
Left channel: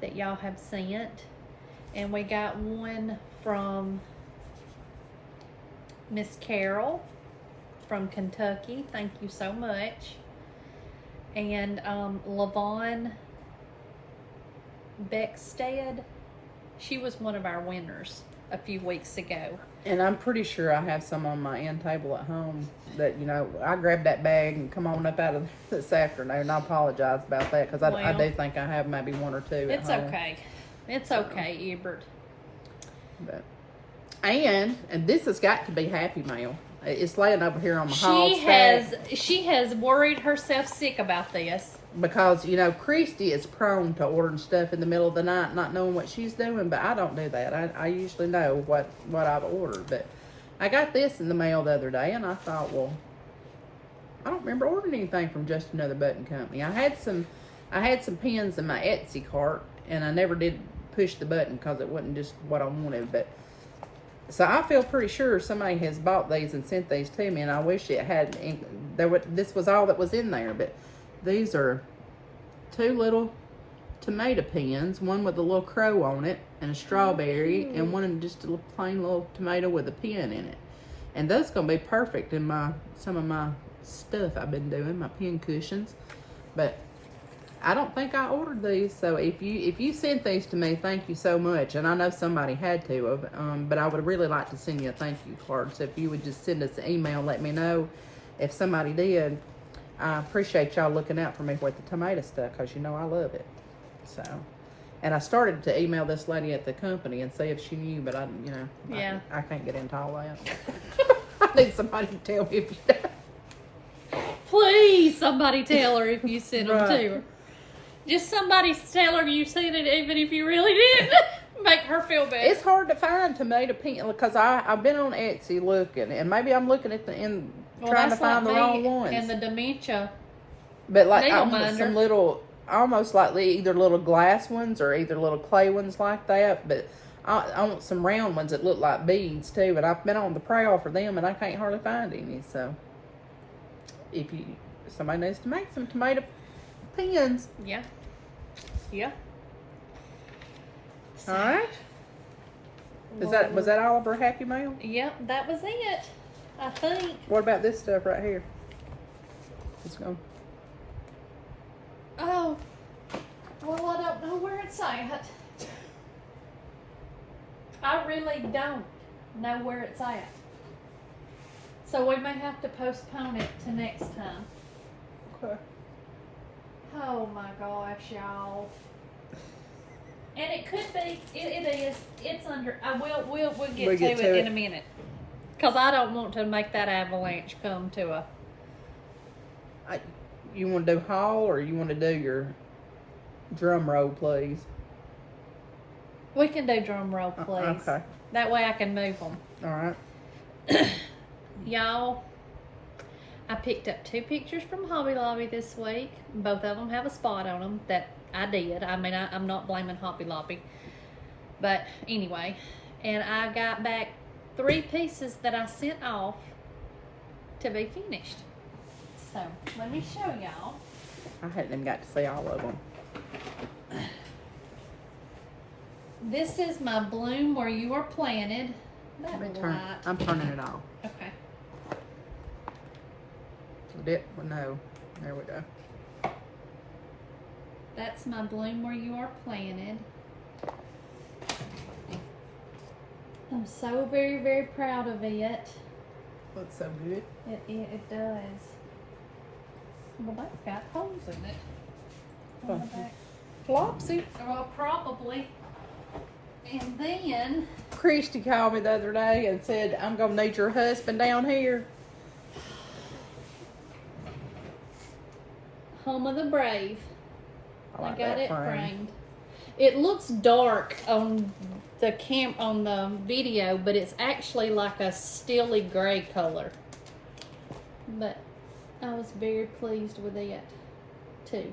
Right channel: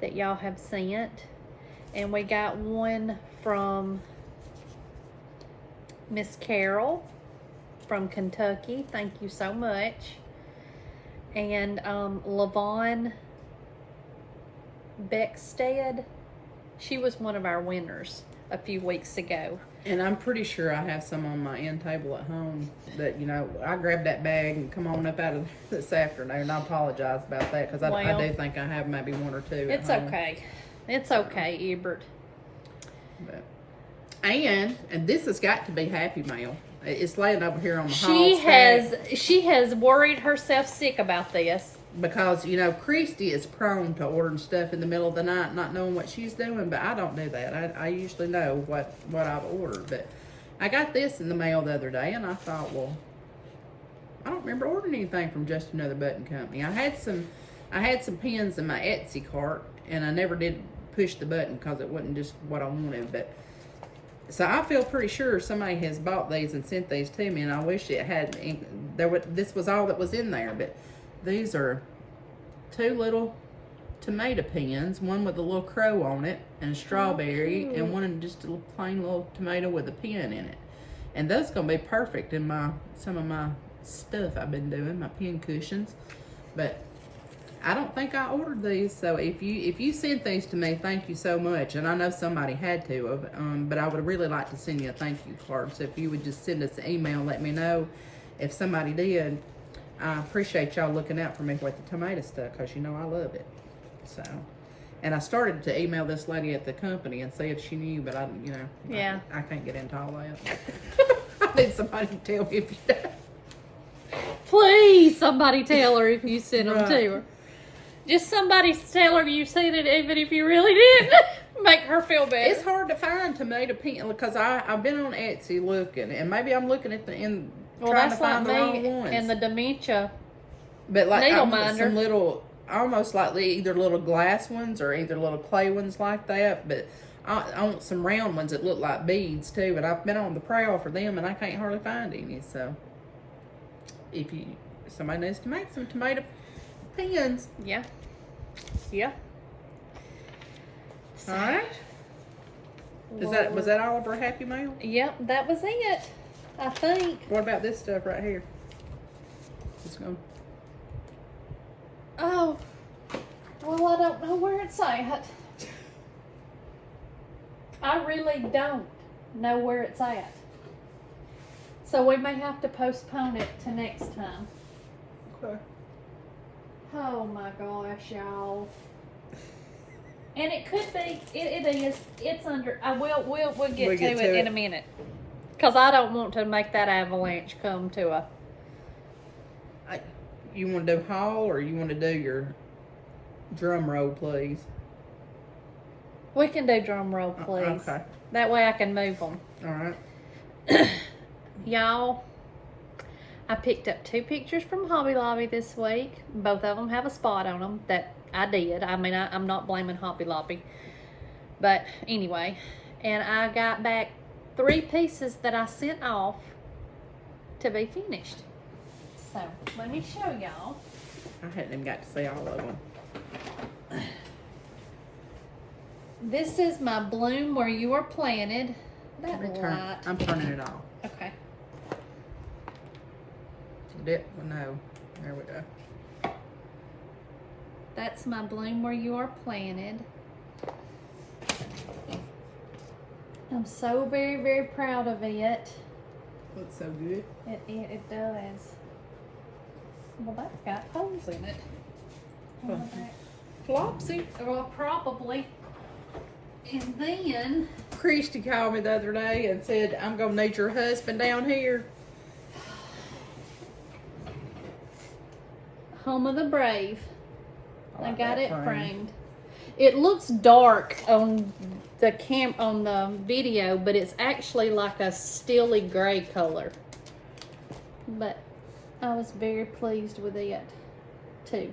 that y'all have sent, and we got one from Miss Carol from Kentucky. Thank you so much. And Lavon Beckstead, she was one of our winners a few weeks ago. And I'm pretty sure I have some on my end table at home that, you know, I grabbed that bag and come on up out of this afternoon. I apologize about that because I do think I have maybe 1 or 2 at It's home. okay. It's okay, Ebert. But, and this has got to be Happy Mail. It's laying over here on the hall stack. She has worried herself sick about this. Because, you know, Kristy is prone to ordering stuff in the middle of the night, not knowing what she's doing, but I don't do that. I usually know what I've ordered. But I got this in the mail the other day, and I thought, well, I don't remember ordering anything from Just Another Button Company. I had some pins in my Etsy cart, and I never did push the button because it wasn't just what I wanted. But so I feel pretty sure somebody has bought these and sent these to me, and I wish it had. This was all that was in there, but these are 2 little tomato pins, one with a little crow on it and a strawberry, and one in just a plain little tomato with a pin in it. And those gonna be perfect in some of my stuff I've been doing, my pin cushions. But I don't think I ordered these, so if you sent these to me, thank you so much. And I know somebody had to have, but I would really like to send you a thank you card. So if you would just send us an email, let me know if somebody did. I appreciate y'all looking out for me with the tomato stuff, because you know I love it. So, and I started to email this lady at the company and see if she knew, but I can't get into all that. I need somebody to tell me if you do. Please, somebody tell her if you sent them Right. to her. Just somebody tell her you sent it, even if you really didn't. Make her feel better. It's hard to find tomato pin because I've been on Etsy looking, and maybe I'm looking at trying to find the wrong ones. And the dementia. But like I needle want minder. some little, almost like either little glass ones or either little clay ones like that. But I want some round ones that look like beads too. And I've been on the prowl for them, and I can't hardly find any. So if somebody needs to make some tomato pins, Yeah. all right. Was that all of our Happy Mail? Yep, that was it. I think. What about this stuff right here? Let's go. Oh, well, I don't know where it's at. I really don't know where it's at. So we may have to postpone it to next time. Okay. Oh my gosh, y'all. And it could be, it is, it's under, we'll get We'll to it in a minute. Because I don't want to make that avalanche come to a... You want to do haul or you want to do your drum roll, please? We can do drum roll, please. Okay. That way I can move them. All right. Y'all, I picked up 2 pictures from Hobby Lobby this week. Both of them have a spot on them that I did. I mean, I'm not blaming Hobby Lobby. But anyway, and I got back 3 pieces that I sent off to be finished. So, let me show y'all. I hadn't even got to see all of them. This is my bloom where you were planted. That light. I'm turning it off. Okay. No. There we go. That's my bloom where you are planted. I'm so very, very proud of it. Looks so good. It does. Well, that's got holes in it. On the back. Flopsy. Well, probably. And then... Christy called me the other day and said, I'm going to need your husband down here. Home of the Brave. I like got that it frame. framed. It looks dark on the on the video, but it's actually like a steely gray color. But I was very pleased with it too.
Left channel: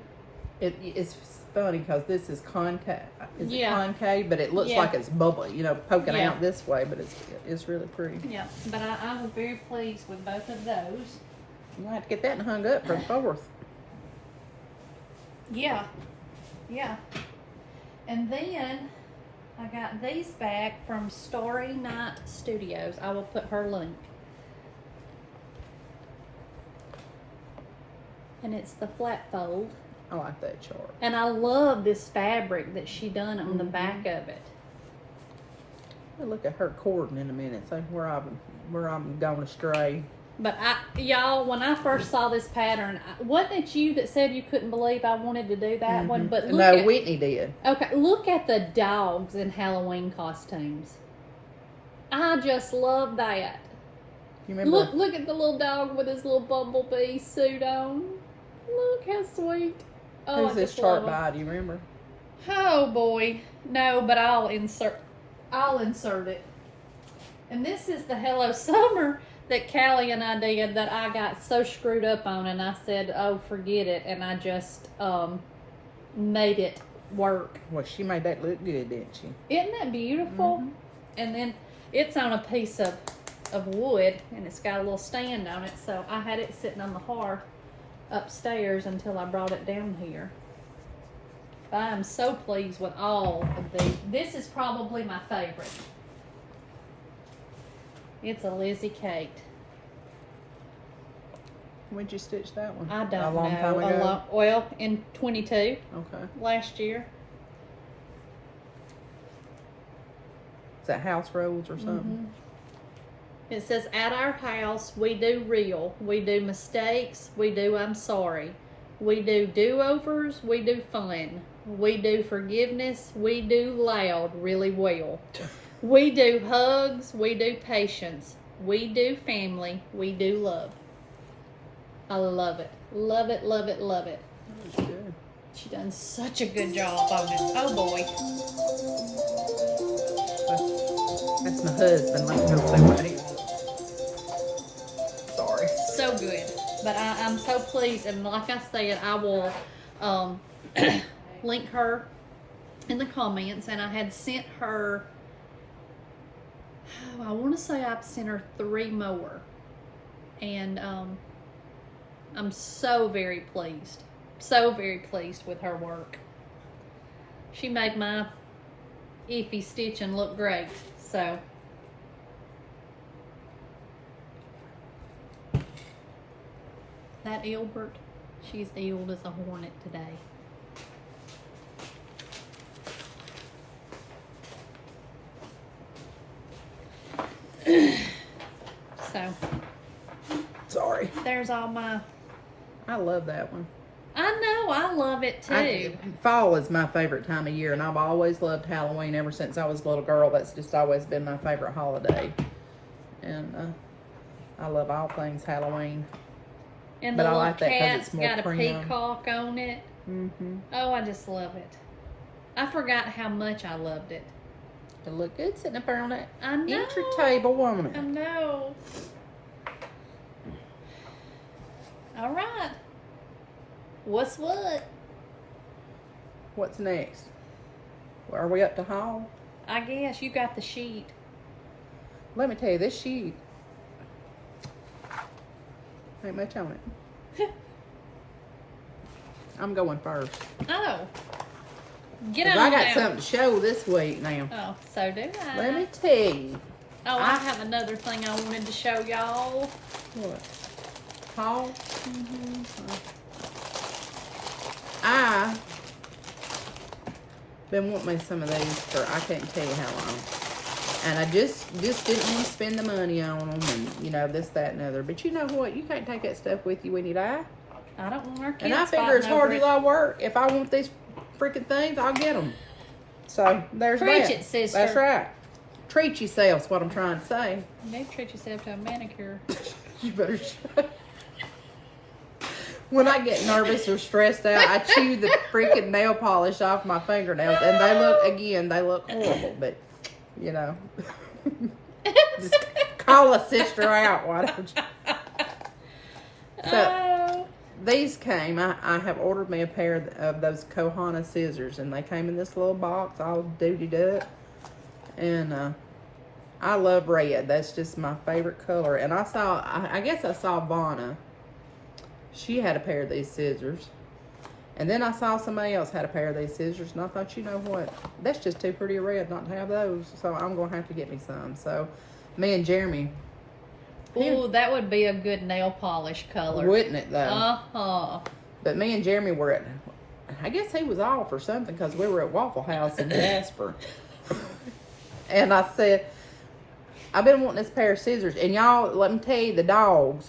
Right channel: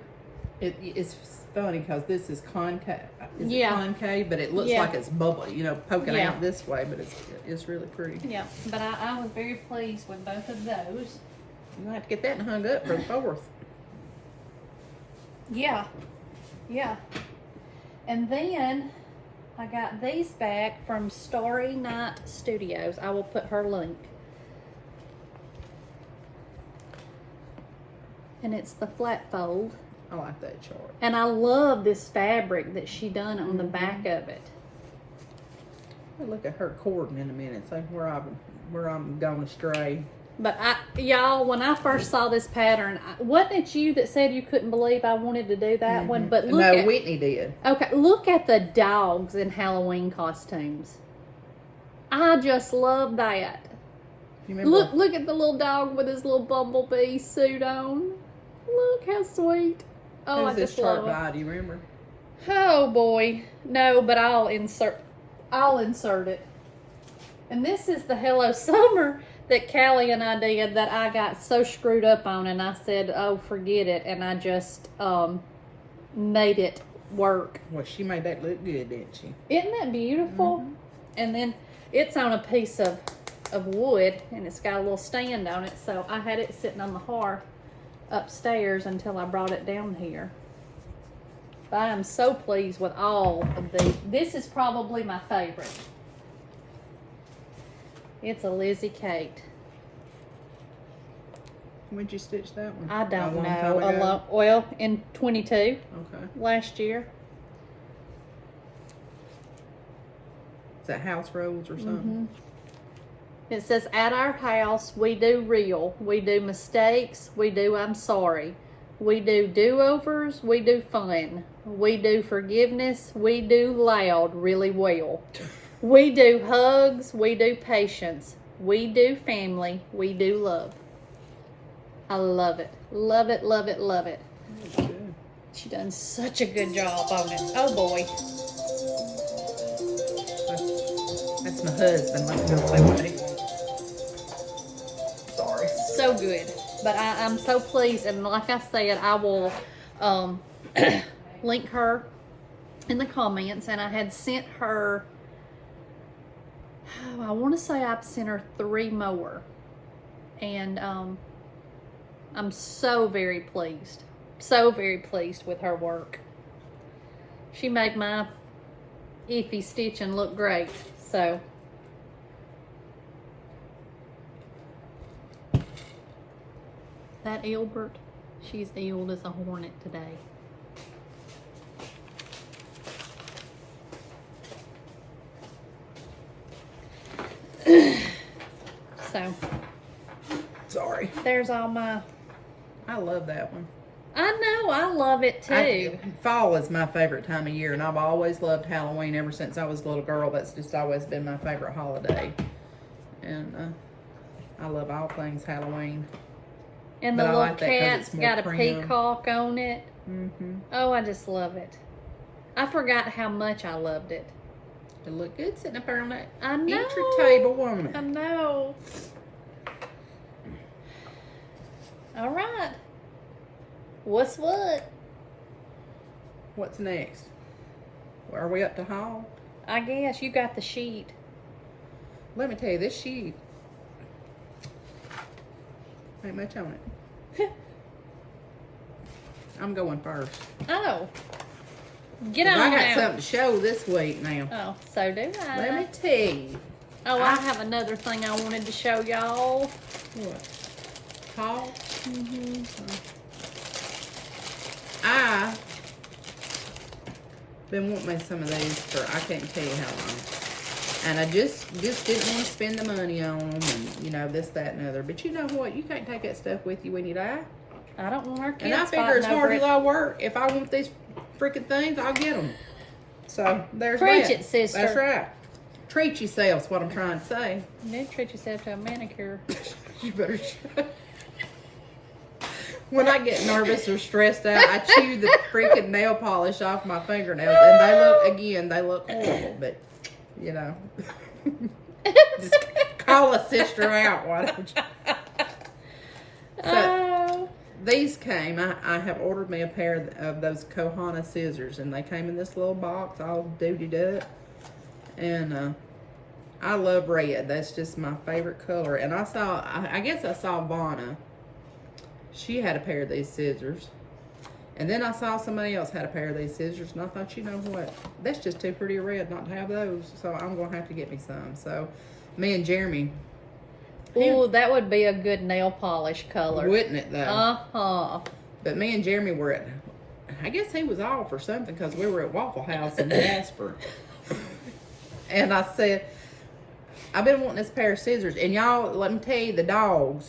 It's funny because this is concave. Yeah. Concave, but it looks Yeah. like it's bubbly, poking Yeah. out this way, but it's really pretty. Yeah, but I was very pleased with both of those. You might have to get that hung up for the 4th. Yeah. Yeah. And then I got these back from Starry Night Studios. I will put her link. And it's the flat fold. I like that chart. And I love this fabric that she done on the back of it. I'll look at her cording in a minute, see where I'm going astray. But y'all, when I first saw this pattern, wasn't it you that said you couldn't believe I wanted to do that one? But look No, at, Whitney did. okay, look at the dogs in Halloween costumes. I just love that. You remember? Look at the little dog with his little bumblebee suit on. Look how sweet. Oh, Who's I this just chart love it. by? Do you remember? Oh boy, no, but I'll insert it. And this is the Hello Summer that Callie and I did that I got so screwed up on, and I said, oh, forget it, and I just made it work. Well, she made that look good, didn't she? Isn't that beautiful? And then it's on a piece of wood, and it's got a little stand on it, so I had it sitting on the hearth upstairs until I brought it down here. But I am so pleased with all of these. This is probably my favorite. It's a Lizzie Kate. When'd you stitch that one? I don't A long know. time ago? Well, in 22, Okay. last year. Is that house rolls or something? It says, at our house, we do real. We do mistakes. We do I'm sorry. We do do-overs. We do fun. We do forgiveness. We do loud really well. We do hugs. We do patience. We do family. We do love. I love it. Love it, love it, love it. That was good. She done such a good job on it. Oh boy. That's my husband. Let me go say what he wants. Sorry. So good. But I'm so pleased, and like I said, I will link her in the comments, and I had sent her, I want to say I've sent her 3 more, and I'm so very pleased with her work. She made my iffy stitching look great, so. That Albert, she's ill as a hornet today. So, Sorry. there's all my, I love that one. I know, I love it too. Fall is my favorite time of year, and I've always loved Halloween ever since I was a little girl. That's just always been my favorite holiday. And I love all things Halloween. And but the I little like that because cat's it's more got a prim. peacock on it. Mm-hmm. Oh, I just love it. I forgot how much I loved it. It looked good sitting up there on that I know. entry table, woman. I know. All right. What's what? What's next? Are we up to haul? I guess you got the sheet. Let me tell you, this sheet ain't much on it. I'm going first. Oh. Get 'Cause on I got now. something to show this week now. Oh, so do I. Let me tell you. Oh, I have another thing I wanted to show y'all. What? Haul? Mm-hmm. I been wanting me some of these for I can't tell you how long. And I just didn't want to spend the money on them and, you know, this, that, and other. But you know what? You can't take that stuff with you when you die. I don't want our kids. And I figure as hard as I work, if I want these freaking things, I'll get them. So, there's Preach that. it, sister. That's right. Treat yourself's what I'm trying to say. Maybe treat yourself to a manicure. You better shut. When I get nervous or stressed out, I chew the freaking nail polish off my fingernails. And they look horrible. But, you know. Just call a sister out. Why don't you? So, these came. I have ordered me a pair of those Kohana scissors. And they came in this little box all dootied up. And I love red. That's just my favorite color. And I guess I saw Vonna. She had a pair of these scissors. And then I saw somebody else had a pair of these scissors. And I thought, you know what? That's just too pretty a red not to have those. So I'm going to have to get me some. So me and Jayme. Ooh, that would be a good nail polish color. Wouldn't it, though? Uh-huh. But me and Jayme were at, I guess he was off or something because we were at Waffle House in Jasper. And I said, I've been wanting this pair of scissors. And y'all, let me tell you, the dogs.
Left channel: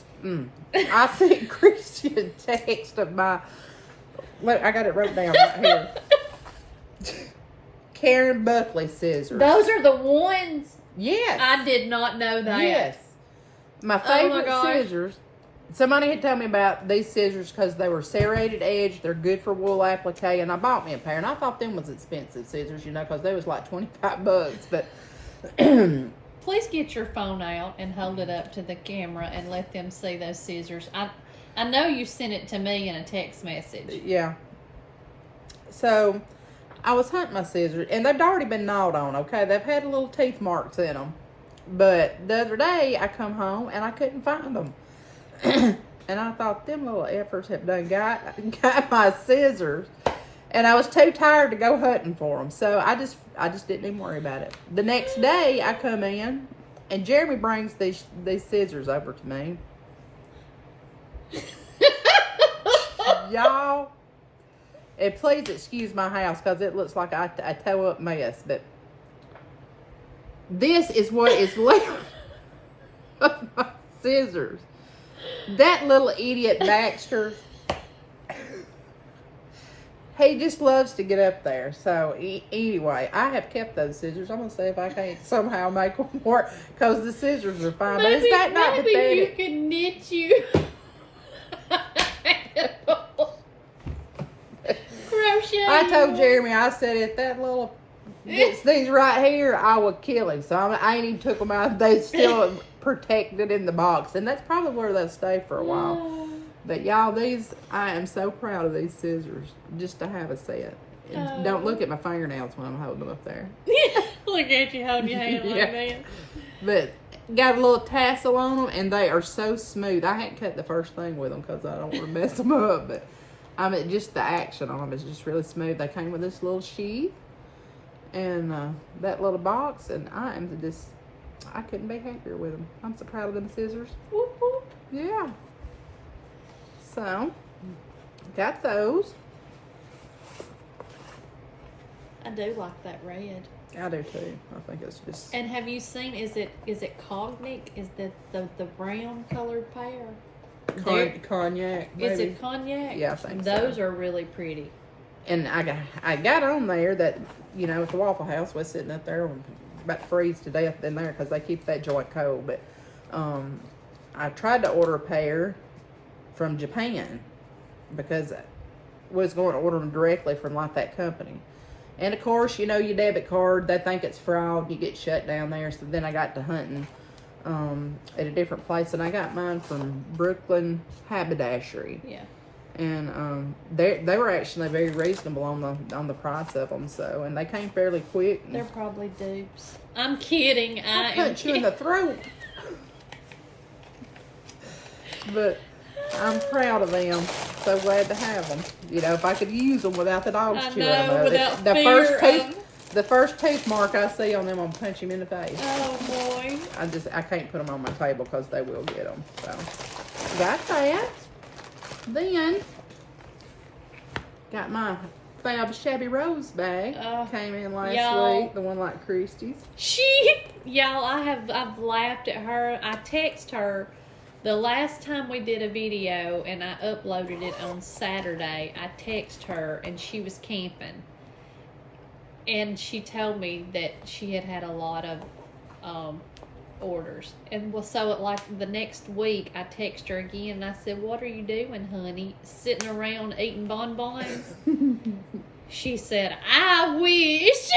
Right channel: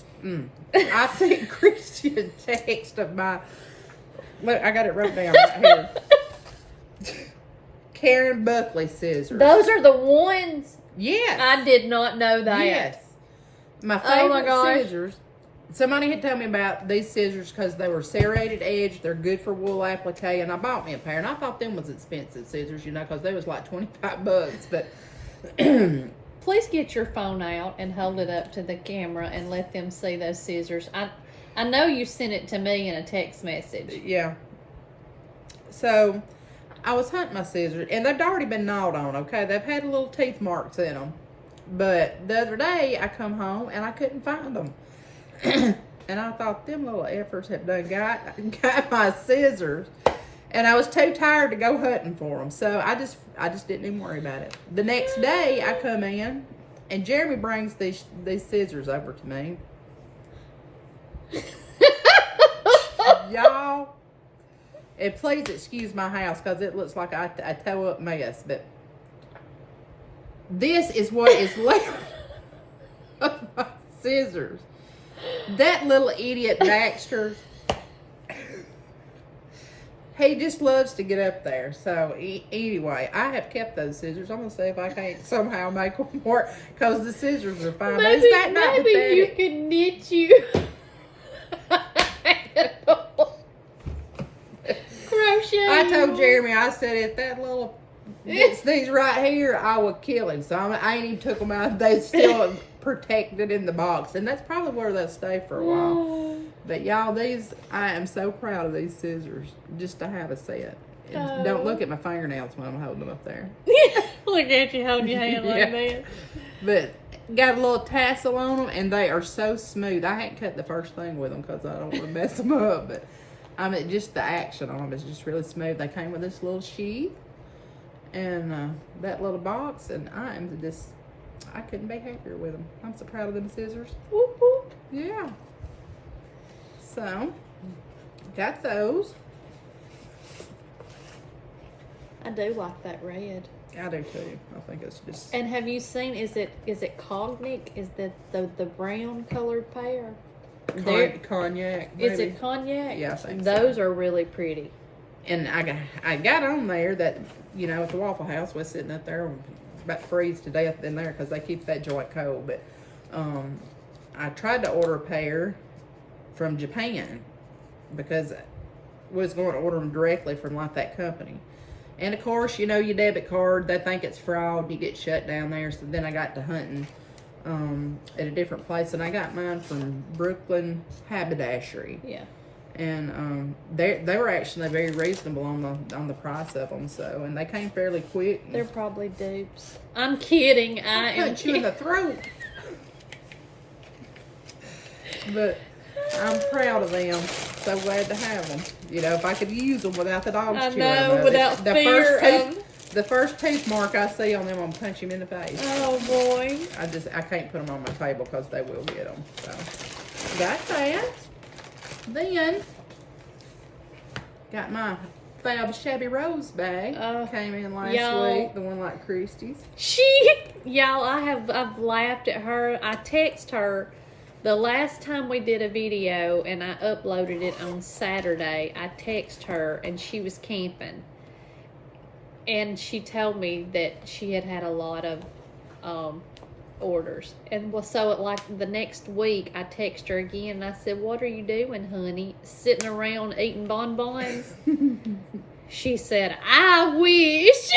I sent Christy a text of my, look, I got it wrote down right here. Karen Buckley scissors. Those are the ones? Yes. I did not know that. Yes. My Oh my favorite gosh. scissors. Somebody had told me about these scissors because they were serrated edge. They're good for wool applique. And I bought me a pair. And I thought them was expensive scissors, you know, because they was like $25. But Please get your phone out and hold it up to the camera and let them see those scissors. I know you sent it to me in a text message. yeah. So I was hunting my scissors. And they've already been gnawed on, okay? They've had little teeth marks in them. But the other day I come home and I couldn't find them. And I thought them little efforts have done got my scissors. And I was too tired to go hunting for them. So I just didn't even worry about it. The next day I come in and Jayme brings these scissors over to me. Y'all, and please excuse my house because it looks like a toe up mess. But this is what is left of my scissors. That little idiot Baxter, he just loves to get up there. So anyway, I have kept those scissors. I'm gonna see if I can't somehow make them work because the scissors are fine. But is that not maybe pathetic? you can knit you crochet. I told Jayme, I said if that little gets these right here, I would kill him. So I ain't even took them out. They still protected in the box, and that's probably where they'll stay for a while. But y'all, I am so proud of these scissors just to have a set. And don't look at my fingernails when I'm holding them up there. Look at you holding your hand like Yeah. that. But got a little tassel on them, and they are so smooth. I hadn't cut the first thing with them because I don't want to mess them up. But I mean, just the action on them is just really smooth. They came with this little sheath and that little box, and I couldn't be happier with them. I'm so proud of them scissors. Whoop, whoop. Yeah. So, got those. I do like that red. I do too. I think it's just. And have you seen? Is it cognac? Is that the brown colored pair? Cognac, Is maybe. it cognac? Yeah, I think those so. are really pretty. And I got on there that, you know, at the Waffle House was sitting up there about to freeze to death in there because they keep that joint cold. But I tried to order a pair from Japan because I was going to order them directly from like that company. And of course, you know, your debit card, they think it's fraud. You get shut down there. So then I got to hunting at a different place, and I got mine from Brooklyn Haberdashery. Yeah. And they were actually very reasonable on the price of them. So, and they came fairly quick. They're probably dupes. I'm kidding. I punch you in the throat. But I'm proud of them. So glad to have them. You know, if I could use them without the dogs chewing them. Without The first tooth mark I see on them, I'm gonna punch him in the face. Oh boy. I can't put them on my table because they will get them. So got that. Then got my Fab Shabby Rose bag. Came in last week. The one like Christy's. Y'all, I've laughed at her. I text her the last time we did a video and I uploaded it on Saturday. I text her and she was camping. And she told me that she had a lot of orders. And so like the next week I text her again and I said, "What are you doing, honey? Sitting around eating bonbons?" She said, "I wish."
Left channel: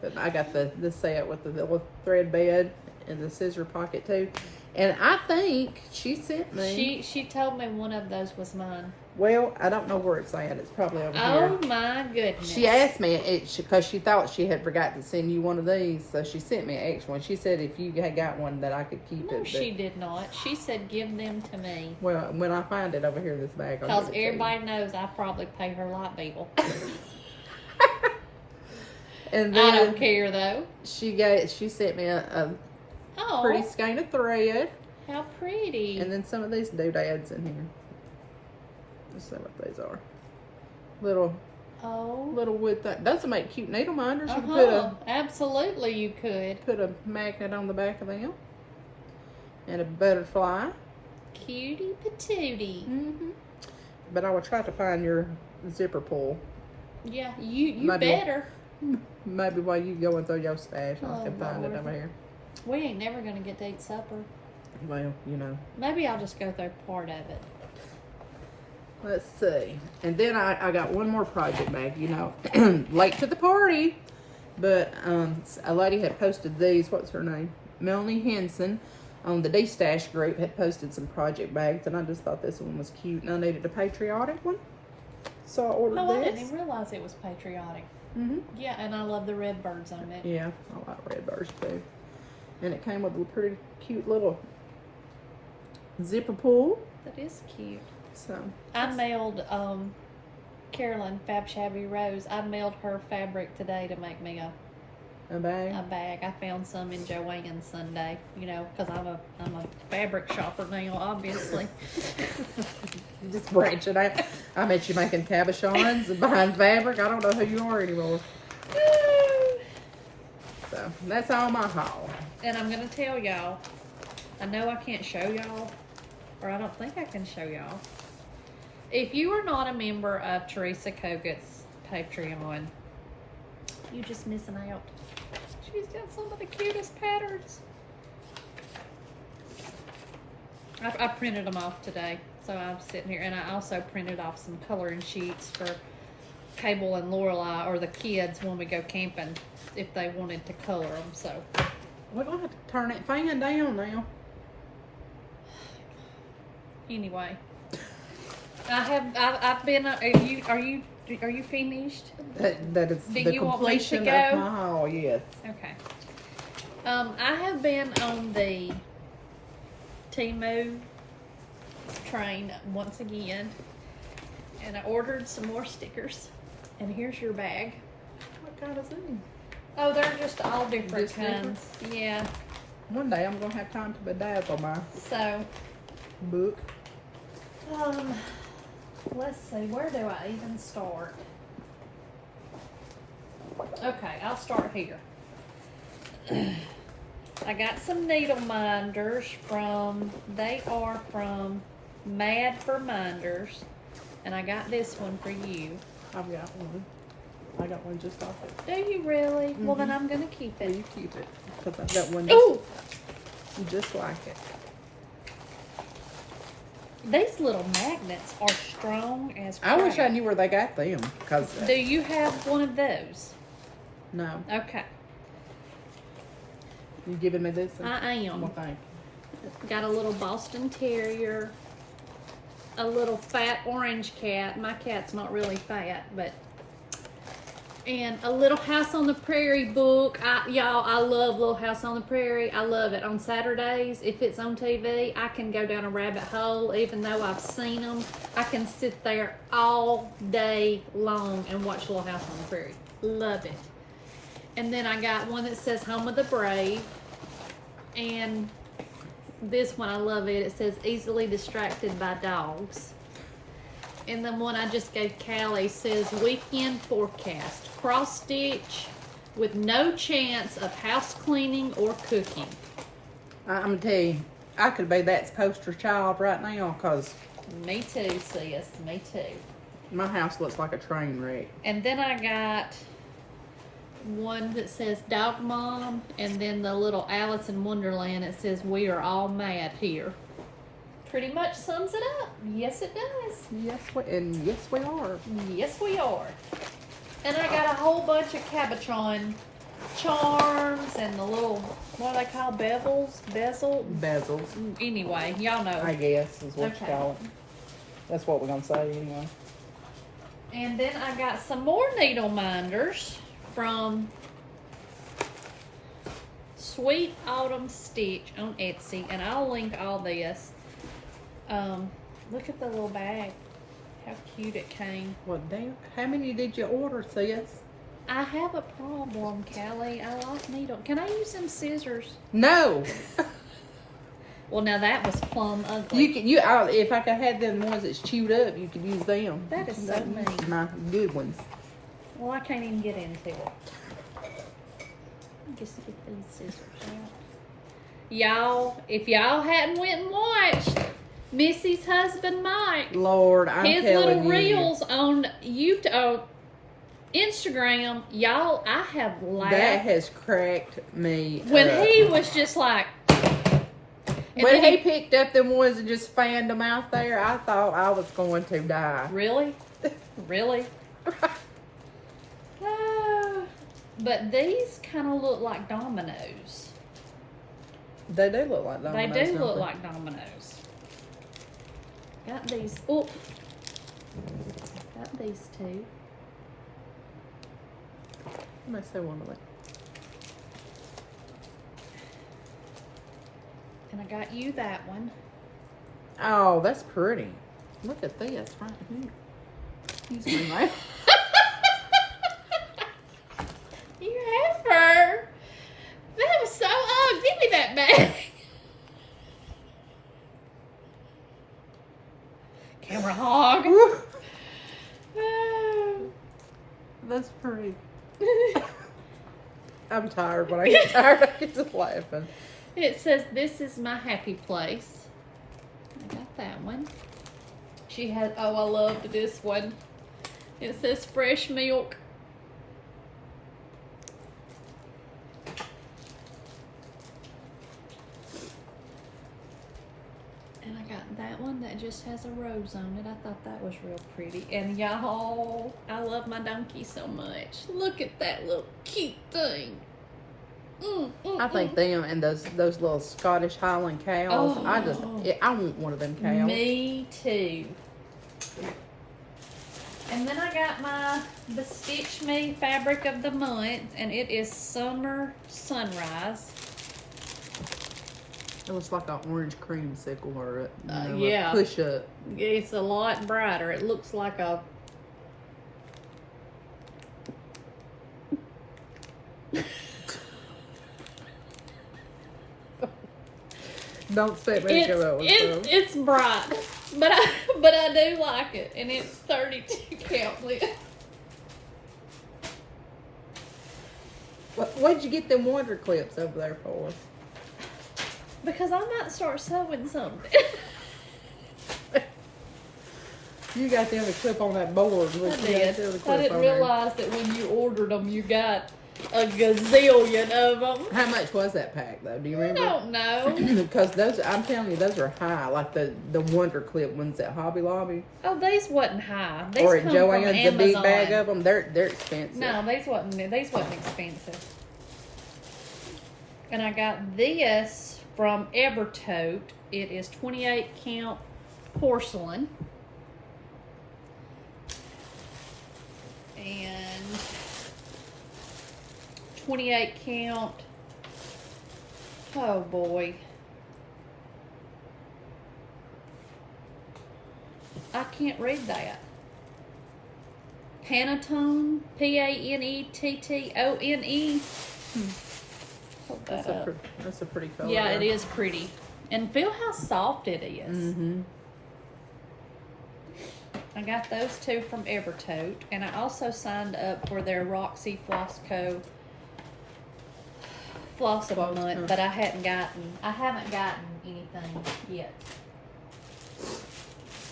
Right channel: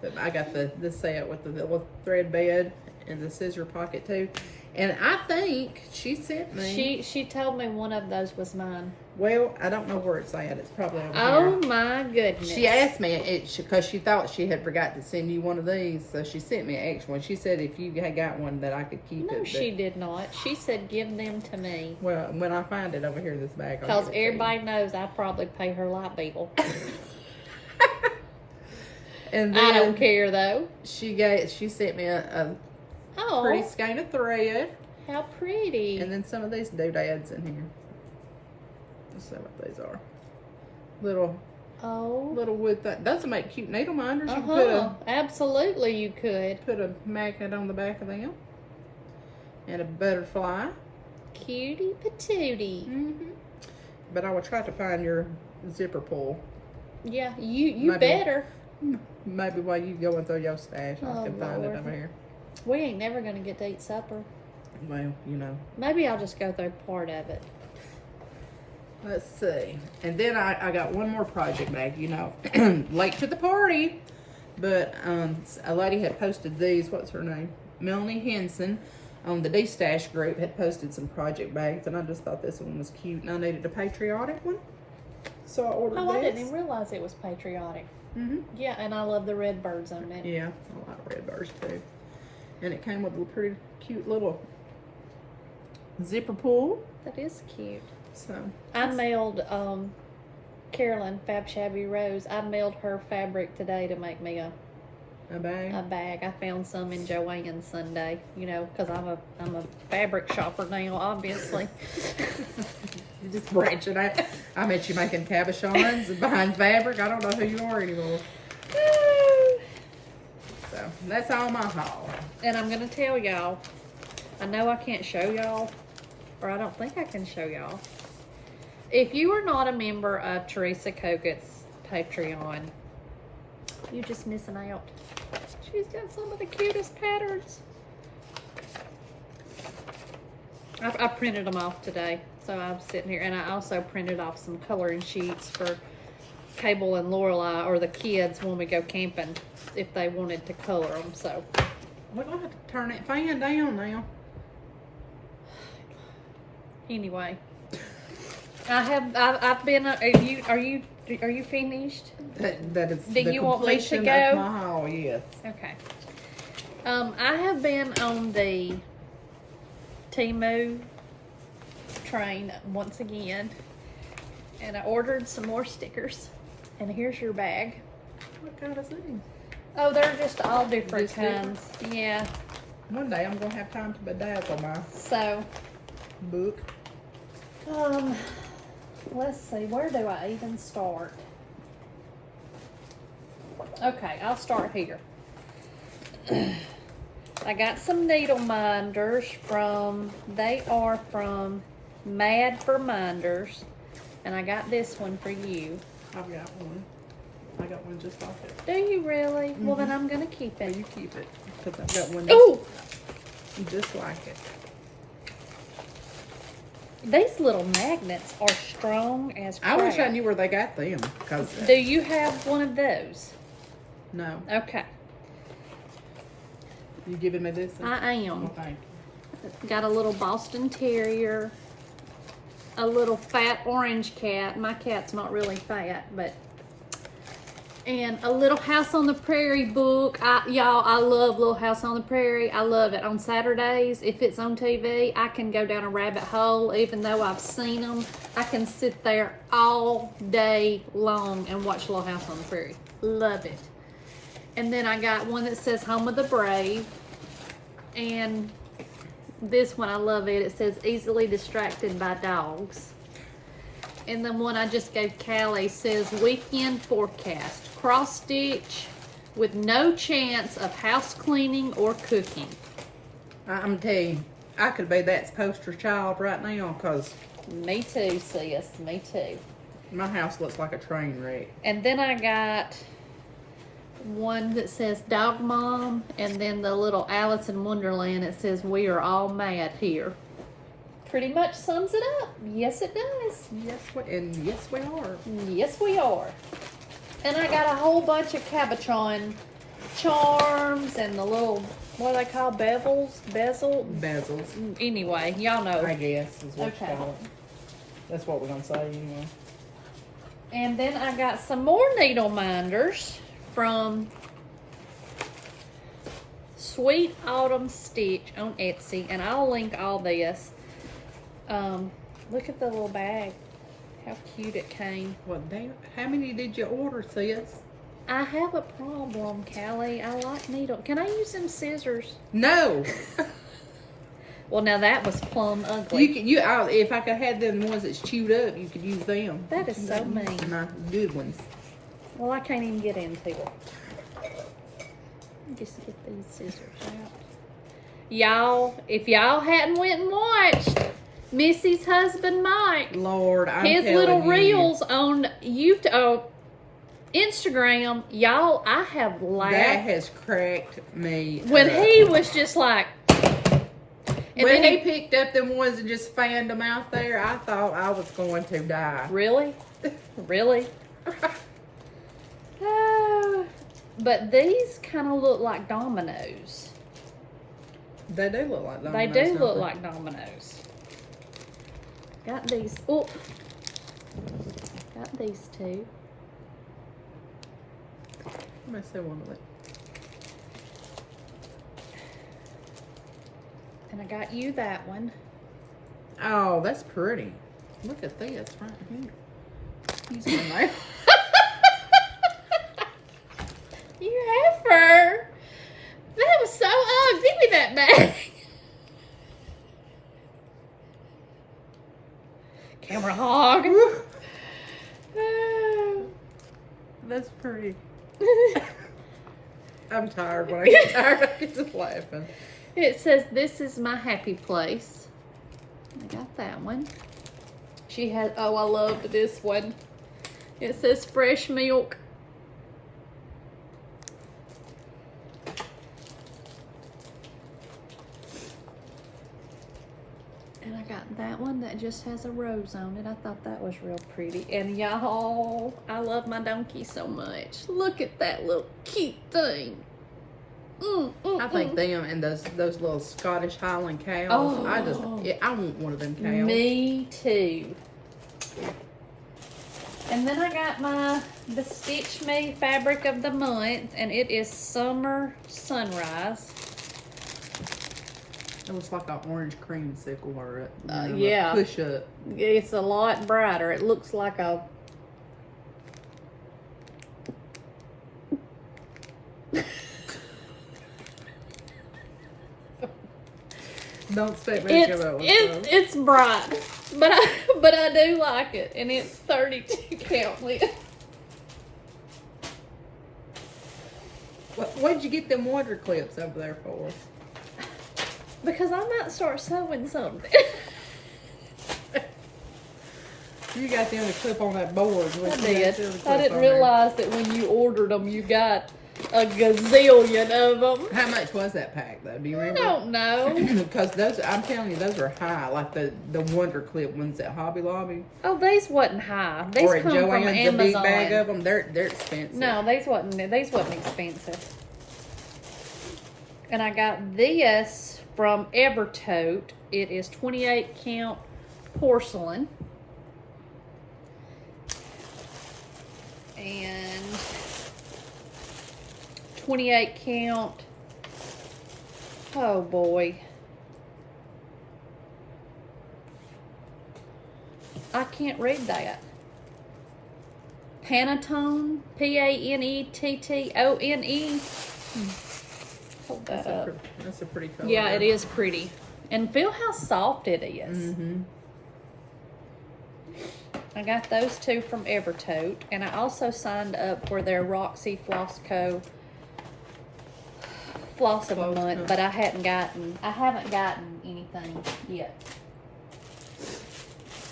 But I got the set with the little thread bed and the scissor pocket too. And I think she sent me. She told me one of those was mine. Well, I don't know where it's at. It's probably over here. Oh my goodness. She asked me because she thought she had forgot to send you one of these, so she sent me an extra one. She said if you had got one that I could keep it. No, she did not. She said give them to me. Well, when I find it over here in this bag, because everybody knows I probably pay her light bill. And then I don't care though. She sent me a pretty skein of thread. How pretty. And then some of these doodads in here. Let's see what these are. Little wood thing. Those will make cute needle minders. You can put absolutely you could. Put a magnet on the back of them. And a butterfly. Cutie patootie. Mm-hmm. But I will try to find your zipper pull. Yeah, you better. Maybe while you go into your stash, I can find it over here. We ain't never going to get to eat supper. Well, you know. Maybe I'll just go through part of it. Let's see. And then I got one more project bag, you know. Late to the party. But a lady had posted these. What's her name? Melanie Henson on the D-Stash group had posted some project bags. And I just thought this one was cute. And I needed a patriotic one. So I ordered this. I didn't even realize it was patriotic. Mm-hmm. Yeah, and I love the red birds on it. Yeah, I like red birds too. And it came with a pretty cute little zipper pull. That is cute. So I mailed Carolyn Fab Shabby Rose. I mailed her fabric today to make me a bag. A bag. I found some in Joanne Sunday. You know, because I'm a fabric shopper now, obviously. You're just branching out. I bet you making cabochons behind fabric. I don't know who you are anymore. So that's all my haul. And I'm gonna tell y'all. I know I can't show y'all, or I don't think I can show y'all. If you are not a member of Teresa Cogut's Patreon, you're just missing out. She's got some of the cutest patterns. I printed them off today, so I'm sitting here, and I also printed off some coloring sheets for Cable and Lorelai, or the kids when we go camping, if they wanted to color them. So we're gonna have to turn that fan down now. Anyway, I've been. Are you finished? That is Do the you want me to completion go? of my haul. Yes. Okay. I have been on the Temu train once again, and I ordered some more stickers. And here's your bag. What kind is these? Oh, they're just all different Just kinds. different? Yeah. One day I'm gonna have time to bedazzle my book. Let's see. Where do I even start? Okay, I'll start here. I got some needle minders they are from Mad for Minders. And I got this one for you. I've got one. I got one just like it. Do you really? Well, then I'm going to keep it. Well, you keep it. Because I've got one just like it. These little magnets are strong as crap. I wish I knew where they got them. Cause Do you have one of those? No. Okay. You giving me this one? I am. Well, thank you. Got a little Boston Terrier. A little fat orange cat. My cat's not really fat, but... And a Little House on the Prairie book. Y'all, I love Little House on the Prairie. I love it. On Saturdays, if it's on TV, I can go down a rabbit hole. Even though I've seen them, I can sit there all day long and watch Little House on the Prairie. Love it. And then I got one that says Home of the Brave. And this one, I love it. It says Easily Distracted by Dogs. And then one I just gave Callie says Weekend Forecast. Cross stitch with no chance of house cleaning or cooking. I'm going to tell you, I could be that poster child right now because Me too, sis. Me too. my house looks like a train wreck. And then I got one that says Dog Mom, and then the little Alice in Wonderland. It says We Are All Mad Here. Pretty much sums it up. Yes, it does. Yes, yes, we are. Yes, we are. And I got a whole bunch of Cabochon charms and the little, what are they called? Bezels? Anyway, y'all know. I guess is what Okay. you call it. That's what we're going to say anyway. And then I got some more needle minders from Sweet Autumn Stitch on Etsy. And I'll link all this. Look at the little bag. How cute it came. Well, damn. How many did you order, sis? I have a problem, Callie. I like needle. Can I use them scissors? No. Well, now that was plumb ugly. If I could have them ones that's chewed up, you could use them. That is so mean. My good ones. Well, I can't even get into it. Just get these scissors out. Y'all, if y'all hadn't went and watched Missy's husband Mike, Lord, I'm his telling little you. reels on YouTube, Instagram, y'all, I have laughed. That has cracked me When up. he was just like... When he picked up them ones and just fanned them out there, I thought I was going to die. Really? Really? But these kind of look like dominoes. They do look like dominoes. They do don't look they? like dominoes. Got these. Oh, got these two. Let me see one of them. And I got you that one. Oh, that's pretty. Look at this right here. Excuse me, ma'am. You have her. That was so ugly. Give me that back. Camera hog. That's pretty. I'm tired. When I get tired, I get to laughing. It says, "This is my happy place." I got that one. She has, oh, I loved this one. It says fresh milk. And I got that one that just has a rose on it. I thought that was real pretty. And y'all, I love my donkey so much. Look at that little cute thing. I think them and those little Scottish Highland cows. Oh. I want one of them cows. Me too. And then I got the Stitch Me fabric of the month, and it is Summer Sunrise. It looks like an orange creamsicle or yeah. a push up. It's a lot brighter. It looks like a... Don't set me to go It's bright, but I do like it, and it's 32 count lid. What'd you get them wonder clips over there for? Because I might start sewing something. You got them to clip on that board. I did. I didn't realize that when you ordered them, you got a gazillion of them. How much was that pack, though? Do you remember? I don't know. Because those, I'm telling you, those are high. Like the Wonder Clip ones at Hobby Lobby. Oh, these wasn't high. These Or at come Joann's, from the Amazon. big bag of them. They're expensive. No, these wasn't expensive. And I got this from Evertote. It is 28 count porcelain. And 28 count, oh boy, I can't read that. Pantone, Panettone. That's a pretty color. Yeah, it is pretty. And feel how soft it is. Mm-hmm. I got those two from Evertote, and I also signed up for their Roxy Floss Co. Floss of the month, but I haven't gotten anything yet.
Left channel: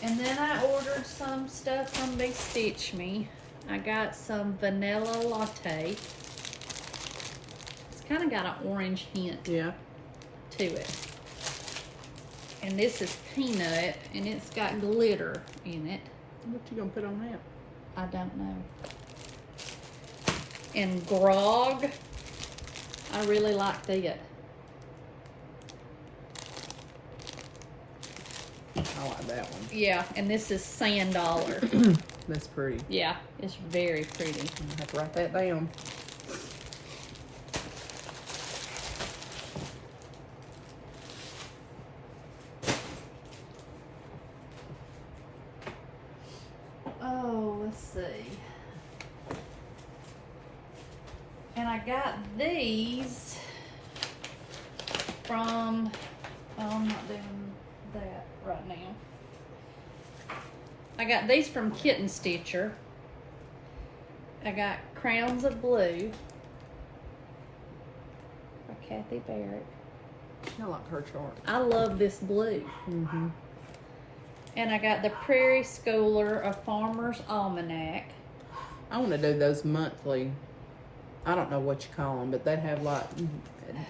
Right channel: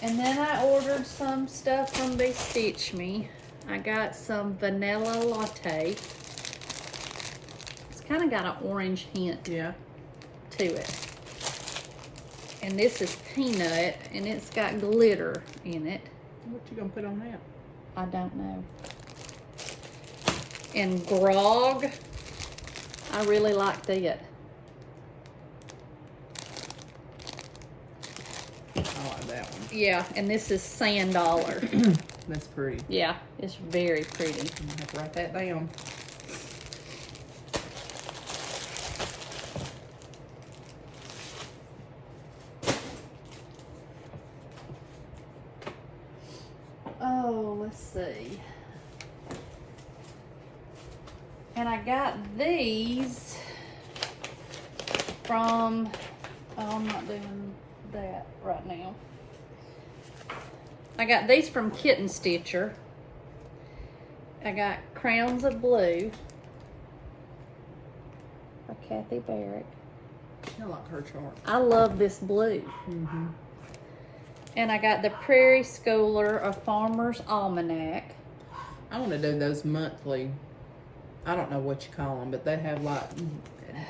And then I ordered some stuff from They Stitch Me. I got some vanilla latte. It's kind of got an orange hint to it. And this is peanut, and it's got glitter in it. What you gonna put on that? I don't know. And grog, I really like that. I like that one. Yeah, and this is sand dollar. That's pretty. Yeah, it's very pretty. I have to write that down. Oh, let's see. And I got these from, I'm not doing that right now. I got these from Kitten Stitcher. I got Crowns of Blue by Kathy Barrett. I like her chart. I love this blue. Mm-hmm. And I got the Prairie Schooler, a Farmer's Almanac. I want to do those monthly. I don't know what you call them, but they have like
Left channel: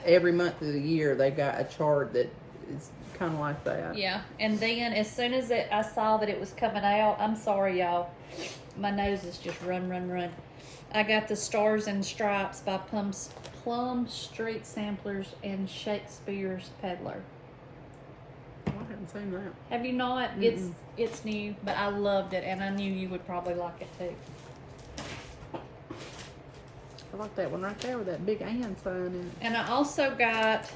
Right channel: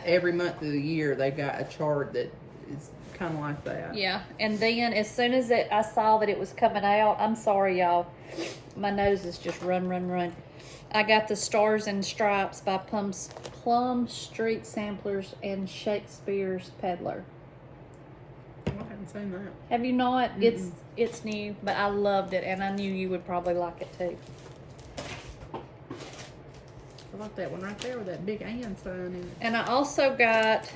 every month of the year they've got a chart that is kind of like that. Yeah, and then as soon as I saw that it was coming out, I'm sorry y'all, my nose is just run. I got the Stars and Stripes by Plum Street Samplers and Shakespeare's Peddler. I haven't seen that. Have you not? Mm-mm. It's new, but I loved it, and I knew you would probably like it too. I like that one right there with that big and sign in it. And I also got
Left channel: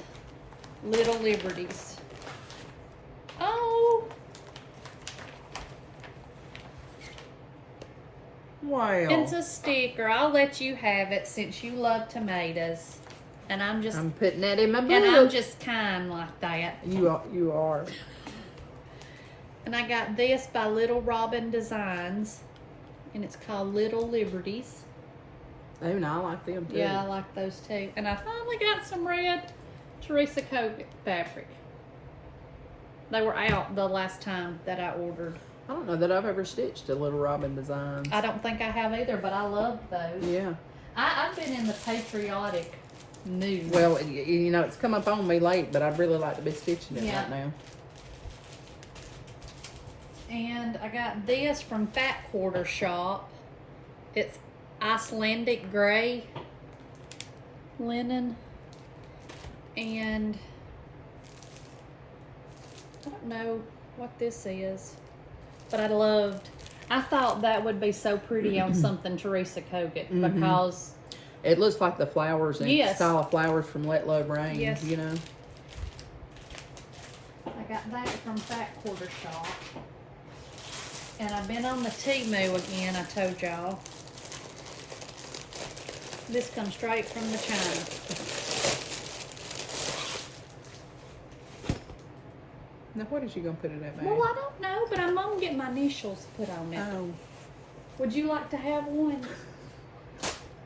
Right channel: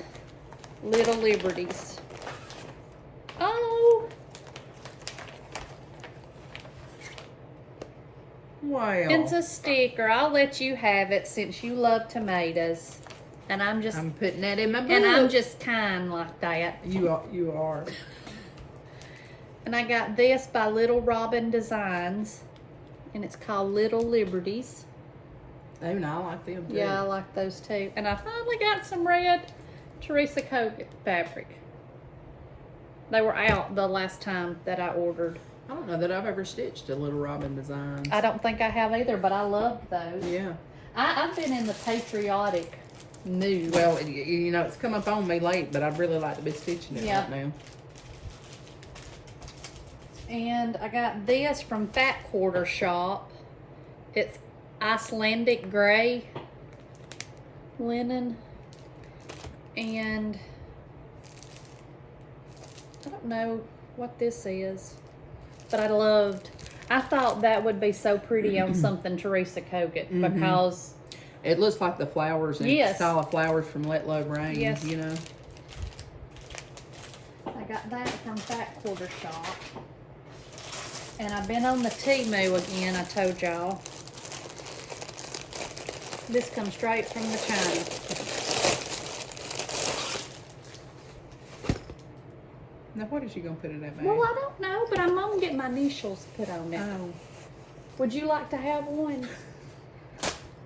Little Liberties. Oh! Wow. It's a sticker. I'll let you have it since you love tomatoes. And I'm putting that in my book. And I'm just kind like that. You are. And I got this by Little Robin Designs. And it's called Little Liberties. Oh, no, I like them too. Yeah, I like those too. And I finally got some red Teresa Kogut fabric. They were out the last time that I ordered. I don't know that I've ever stitched a Little Robin Designs. I don't think I have either, but I love those. Yeah. I've been in the patriotic mood. Well, you know, it's come up on me late, but I'd really like to be stitching it right now. And I got this from Fat Quarter Shop. It's Icelandic gray linen. And I don't know what this is, but I thought that would be so pretty on something Teresa Kogut because it looks like the flowers and style of flowers from Let Love Rain, you know. I got that from Fat Quarter Shop. And I've been on the Temu again, I told y'all. This comes straight from the China. Now, what is she going to put in that bag? Well, I don't know, but I'm going to get my initials put on it. Oh. Would you like to have one?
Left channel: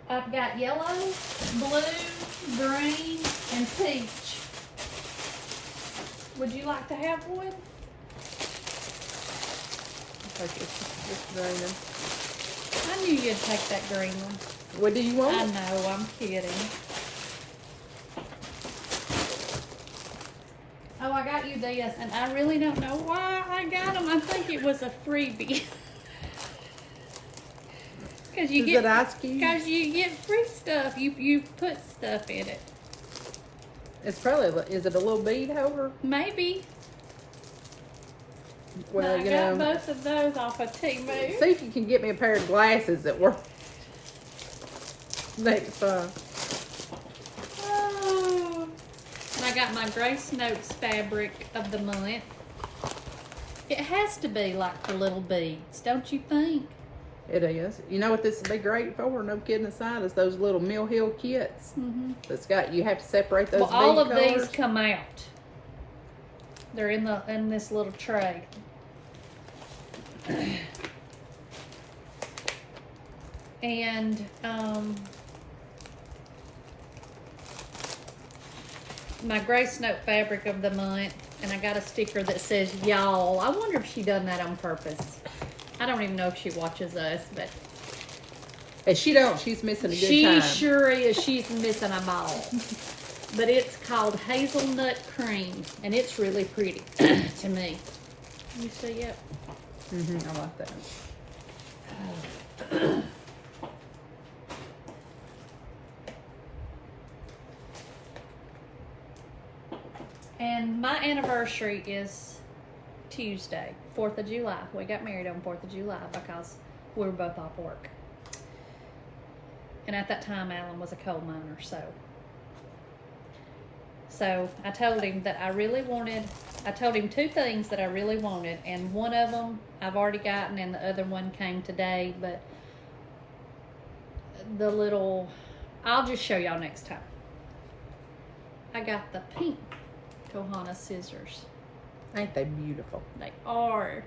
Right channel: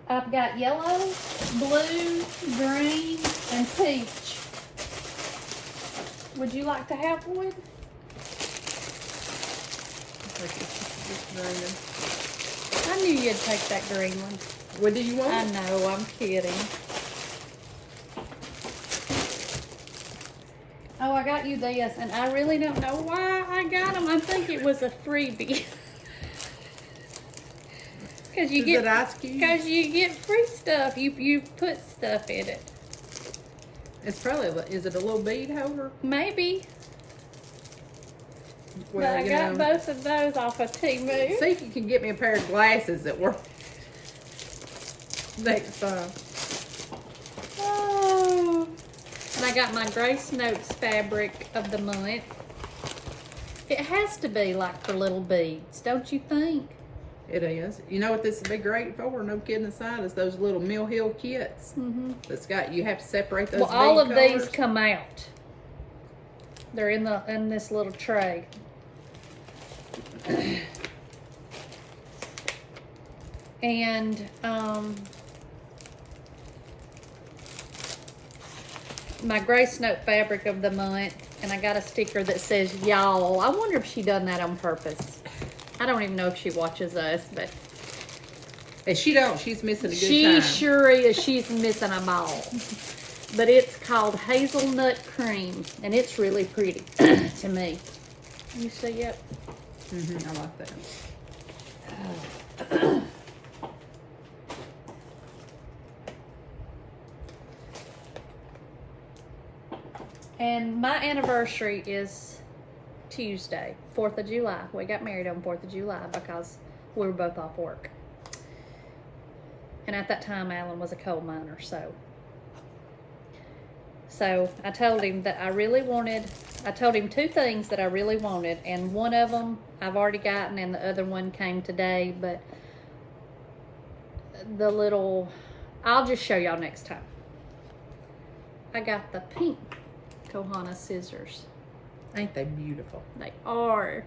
I've got yellow, blue, green, and peach. Would you like to have one? Like it's green. I knew you'd take that green one. What do you want? I know, I'm kidding. Oh, I got you this, and I really don't know why I got them. I think it was a freebie. Because you get free stuff. You put stuff in it. It's probably, is it a little bead holder? Maybe. Well, but I got both of those off of Temu. See if you can get me a pair of glasses that work next time. Oh. And I got my Grace Notes fabric of the month. It has to be like for little beads, don't you think? It is. You know what this would be great for? No kidding aside, is those little Mill Hill kits. That's got, you have to separate those. Well, all of colors. these come out. They're in this little tray. And my Grace Note fabric of the month, and I got a sticker that says y'all. I wonder if she done that on purpose. I don't even know if she watches us, but if she don't, she's missing a good time. She sure is. She's missing them all. But it's called Hazelnut Cream, and it's really pretty to me. You see it? I like that. And my anniversary is Tuesday, 4th of July. We got married on 4th of July because we were both off work. And at that time, Alan was a coal miner, So I told him that I told him two things that I really wanted, and one of them I've already gotten, and the other one came today, but I'll just show y'all next time. I got the pink Kohana scissors. Ain't they beautiful? They are.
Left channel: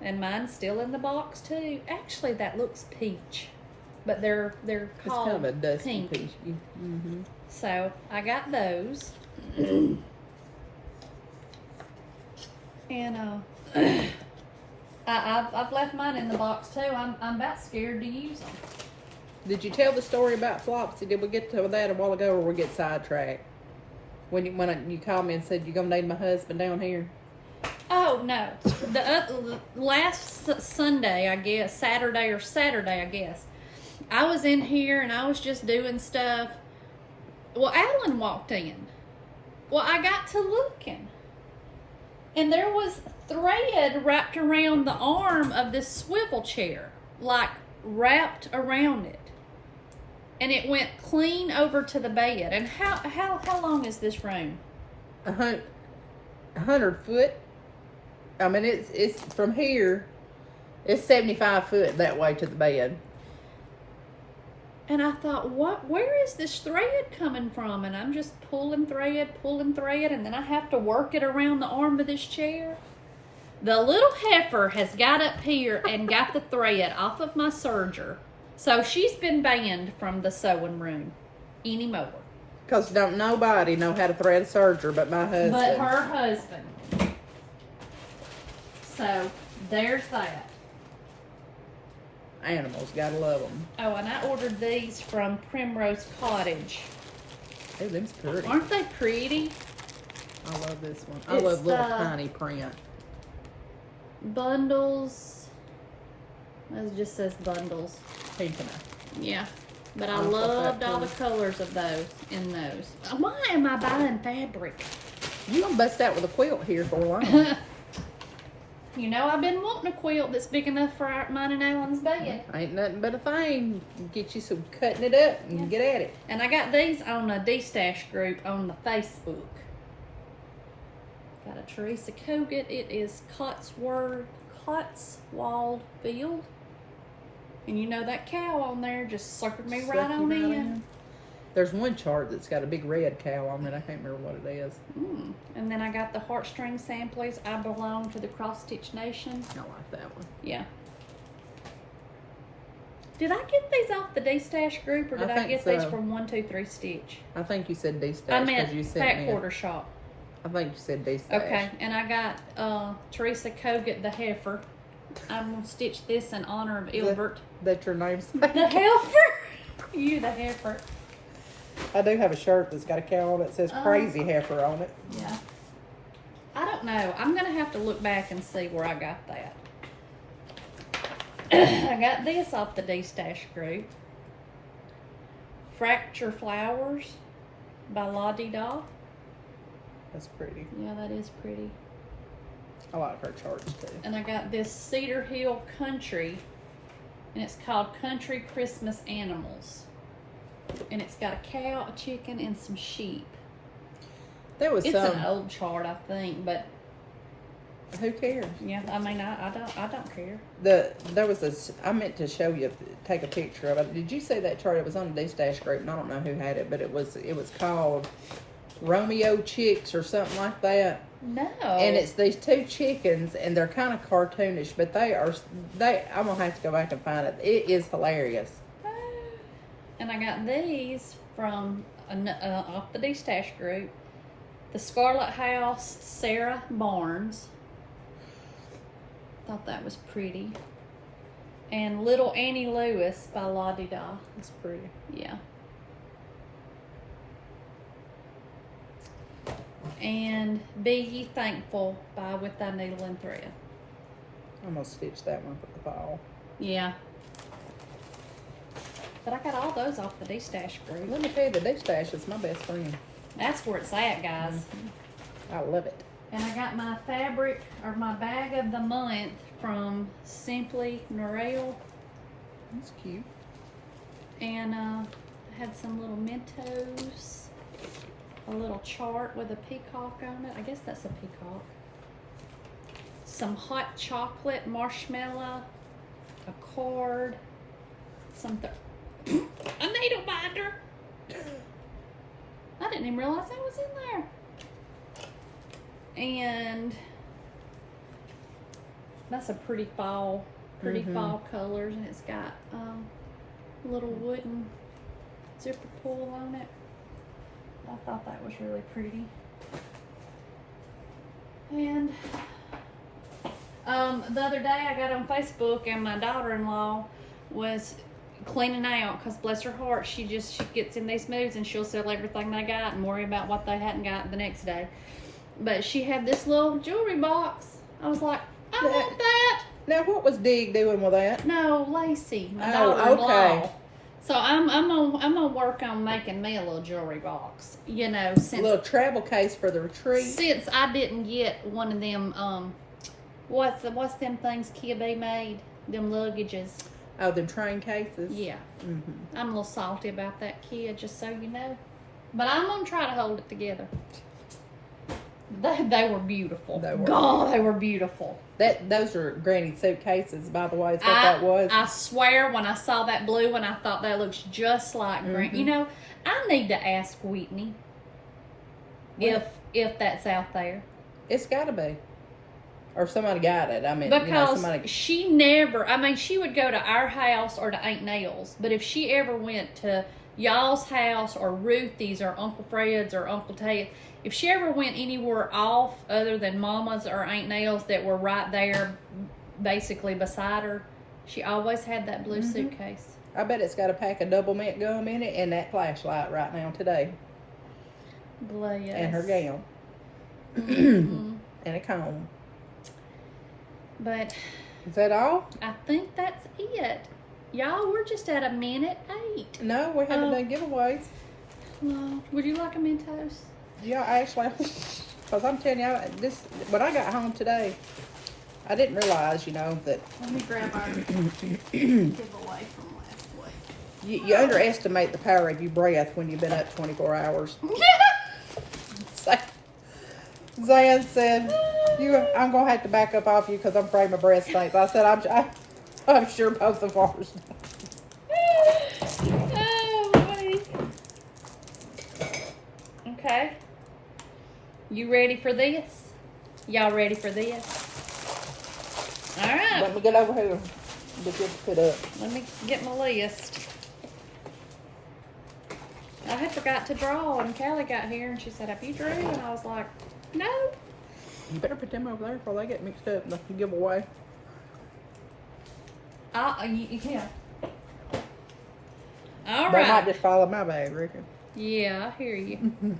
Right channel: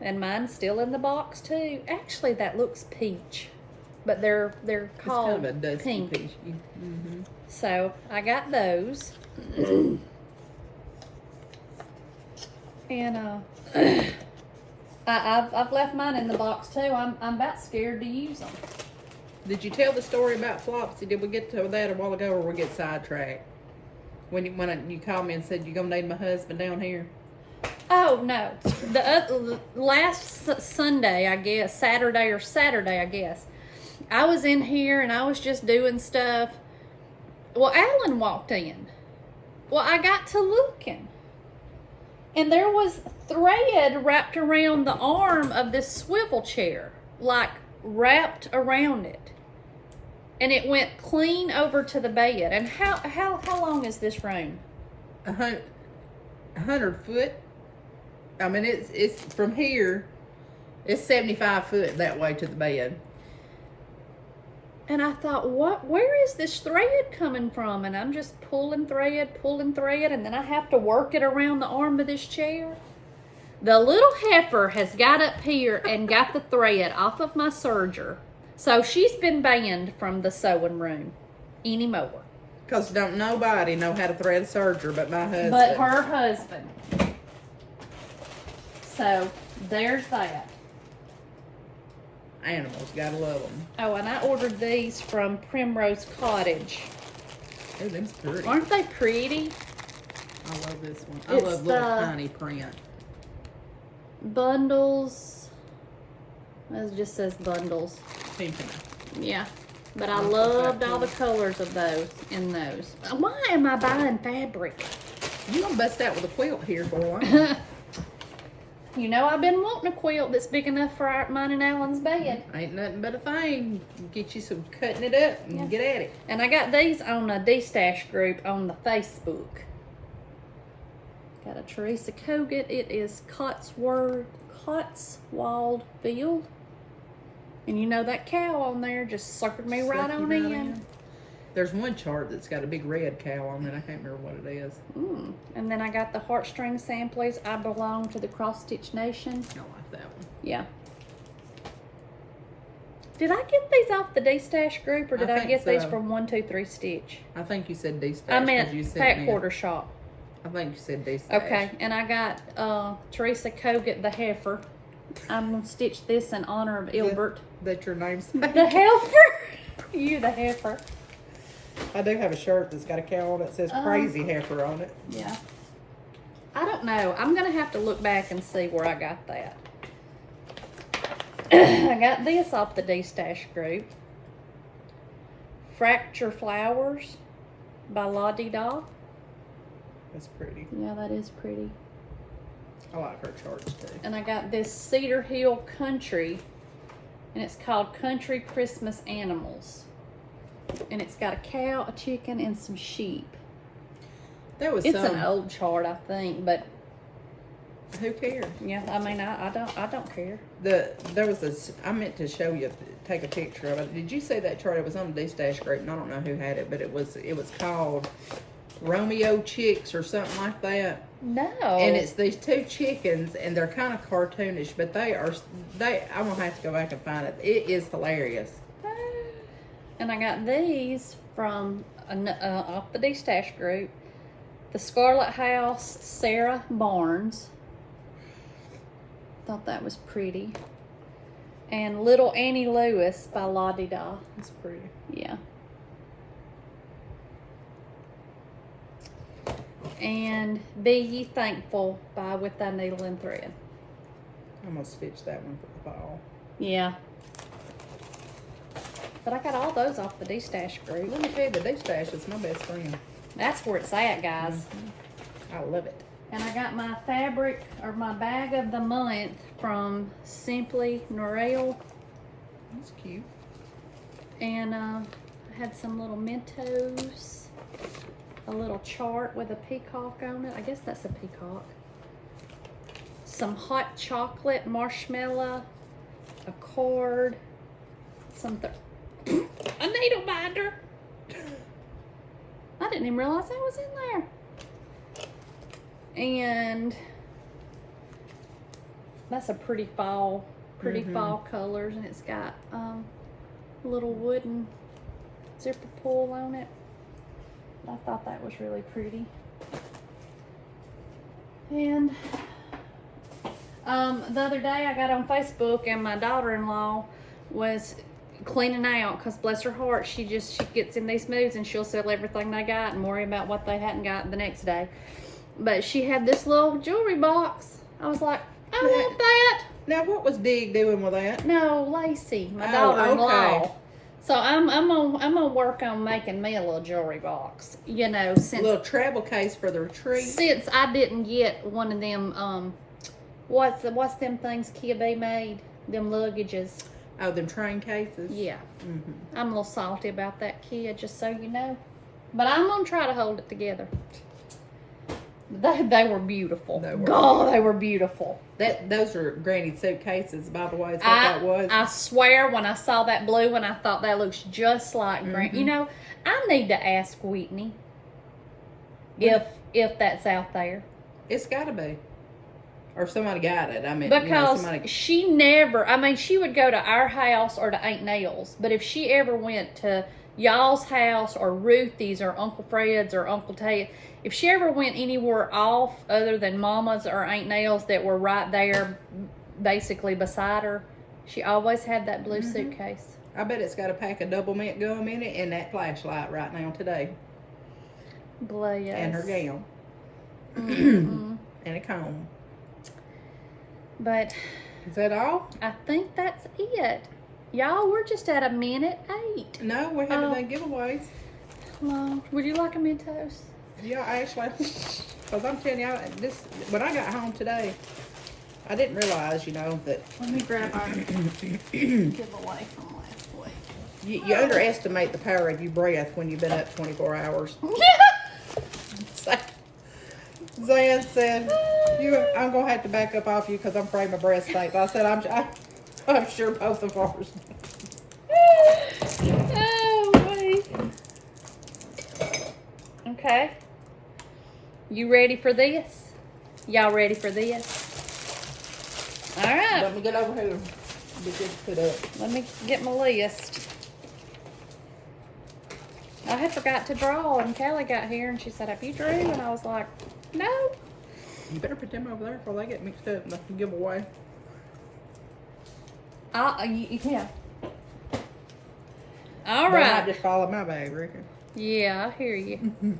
And mine's still in the box too. Actually, that looks peach, but they're called it's kind of a dusty pink. peach. So I got those. And I've left mine in the box too. I'm about scared to use them. Did you tell the story about Flopsy? Did we get to that a while ago, or we get sidetracked? When you called me and said you're gonna need my husband down here. Oh no, the last Sunday, I guess, Saturday, I guess, I was in here and I was just doing stuff. Well, Alan walked in. Well, I got to looking, and there was thread wrapped around the arm of this swivel chair, like wrapped around it. And it went clean over to the bed. And how long is this room? 100 foot. I mean, it's from here. It's 75 foot that way to the bed. And I thought, where is this thread coming from? And I'm just pulling thread, and then I have to work it around the arm of this chair. The little heifer has got up here and got the thread off of my serger. So she's been banned from the sewing room anymore. Because don't nobody know how to thread a serger but my husband. But her husband. So there's that. Animals, gotta love them. Oh, and I ordered these from Primrose Cottage. Oh, them's pretty. Aren't they pretty? I love this one. I love little tiny print. Bundles. It just says bundles. Pink and yeah. But I loved all the colors of those in those. Why am I buying fabric? You gonna bust out with a quilt here for a while. You know, I've been wanting a quilt that's big enough for mine and Alan's bed. Ain't nothing but a thing. Get you some cutting it up and get at it. And I got these on a D-Stash group on the Facebook. Got a Teresa Kogut. It is Cotswold Field. And you know that cow on there just suckered me right on in. There's one chart that's got a big red cow on it. I can't remember what it is. And then I got the heartstring samplers. I belong to the Cross Stitch Nation. I like that one. Yeah. Did I get these off the D-Stash group, or did I get these from 123 Stitch? I think you said D-Stash. I meant Fat Quarter Shop. I think you said D-stash. Okay, and I got Teresa Kogut the heifer. I'm gonna stitch this in honor of Ilbert. That's your name. The heifer. You the heifer. I do have a shirt that's got a cow on it that says Crazy Heifer on it. Yeah. I don't know. I'm gonna have to look back and see where I got that. I got this off the D-Stash group. Fracture Flowers by La Di Da. That's pretty. Yeah, that is pretty. I like her charts too. And I got this Cedar Hill Country, and it's called Country Christmas Animals. And it's got a cow, a chicken, and some sheep. There was It's some. an old chart, I think, but Who cares? yeah, I mean, I don't care. There was this. I meant to show you, take a picture of it. Did you see that chart? It was on the D-Stash group, and I don't know who had it, but it was called Romeo Chicks or something like that. No. And it's these two chickens, and they're kind of cartoonish, but I'm gonna have to go back and find it. It is hilarious. And I got these from off the D-Stash group. The Scarlet House, Sarah Barnes. Thought that was pretty. And Little Annie Lewis by La Di Da. It's pretty. Yeah. And Be Ye Thankful by With Thy Needle and Thread. I'm gonna stitch that one for the fall. Yeah. But I got all those off the D-Stash group. Let me tell you, the D-Stash is my best friend. That's where it's at, guys. I love it. And I got my fabric, or my bag of the month from Simply Norelle. That's cute. And I had some little Mentos. A little chart with a peacock on it. I guess that's a peacock. Some hot chocolate marshmallow. A cord. Something. A needle binder. I didn't even realize that was in there. And that's a pretty fall colors, and it's got little wooden zipper pull on it. I thought that was really pretty. And the other day I got on Facebook, and my daughter-in-law was cleaning out, because bless her heart, she gets in these moods and she'll sell everything they got and worry about what they hadn't got the next day. But she had this little jewelry box. I was like, I want that. Now, what was Dig doing with that? No, Lacey, my daughter-in-law. Okay. So I'm gonna work on making me a little jewelry box. You know, since A little travel case for the retreat. since I didn't get one of them what's them things KeaBee made, them luggages. Oh, them train cases? Yeah. Mm-hmm. I'm a little salty about that, Kia, just so you know. But I'm going to try to hold it together. They were beautiful. They were beautiful. Those are Granny suitcases, by the way. Is what that was? I swear, when I saw that blue one, I thought that looks just like Granny. You know, I need to ask Whitney if that's out there. It's got to be. Or somebody got it. I mean, because she never, she would go to our house or to Aunt Nell's. But if she ever went to y'all's house or Ruthie's or Uncle Fred's or Uncle Ted, if she ever went anywhere off other than Mama's or Aunt Nell's that were right there basically beside her, she always had that blue suitcase. I bet it's got a pack of double mint gum in it and that flashlight right now today. Bless. And her gown. Mm-hmm. And a comb. But is that all? I think that's it. Y'all, we're just at 1:08. No, we haven't done giveaways. No. Would you like a Mentos? Yeah, I actually, because I'm telling you, when I got home today, I didn't realize, that. Let me grab our giveaway from last week. You underestimate the power of your breath when you've been up 24 hours. Zan said, I'm going to have to back up off you because I'm afraid my breath stinks. I said, I'm sure both of ours. Oh, boy. Okay. You ready for this? Y'all ready for this? All right. Let me get over here. Be good to put up. Let me get my list. I had forgot to draw, and Callie got here, and she said, "Have you drew?" And I was like, "No." You better put them over there before they get mixed up and they can give away. Yeah. All They right. might just fall in my bag, Ricky. Yeah, I hear you.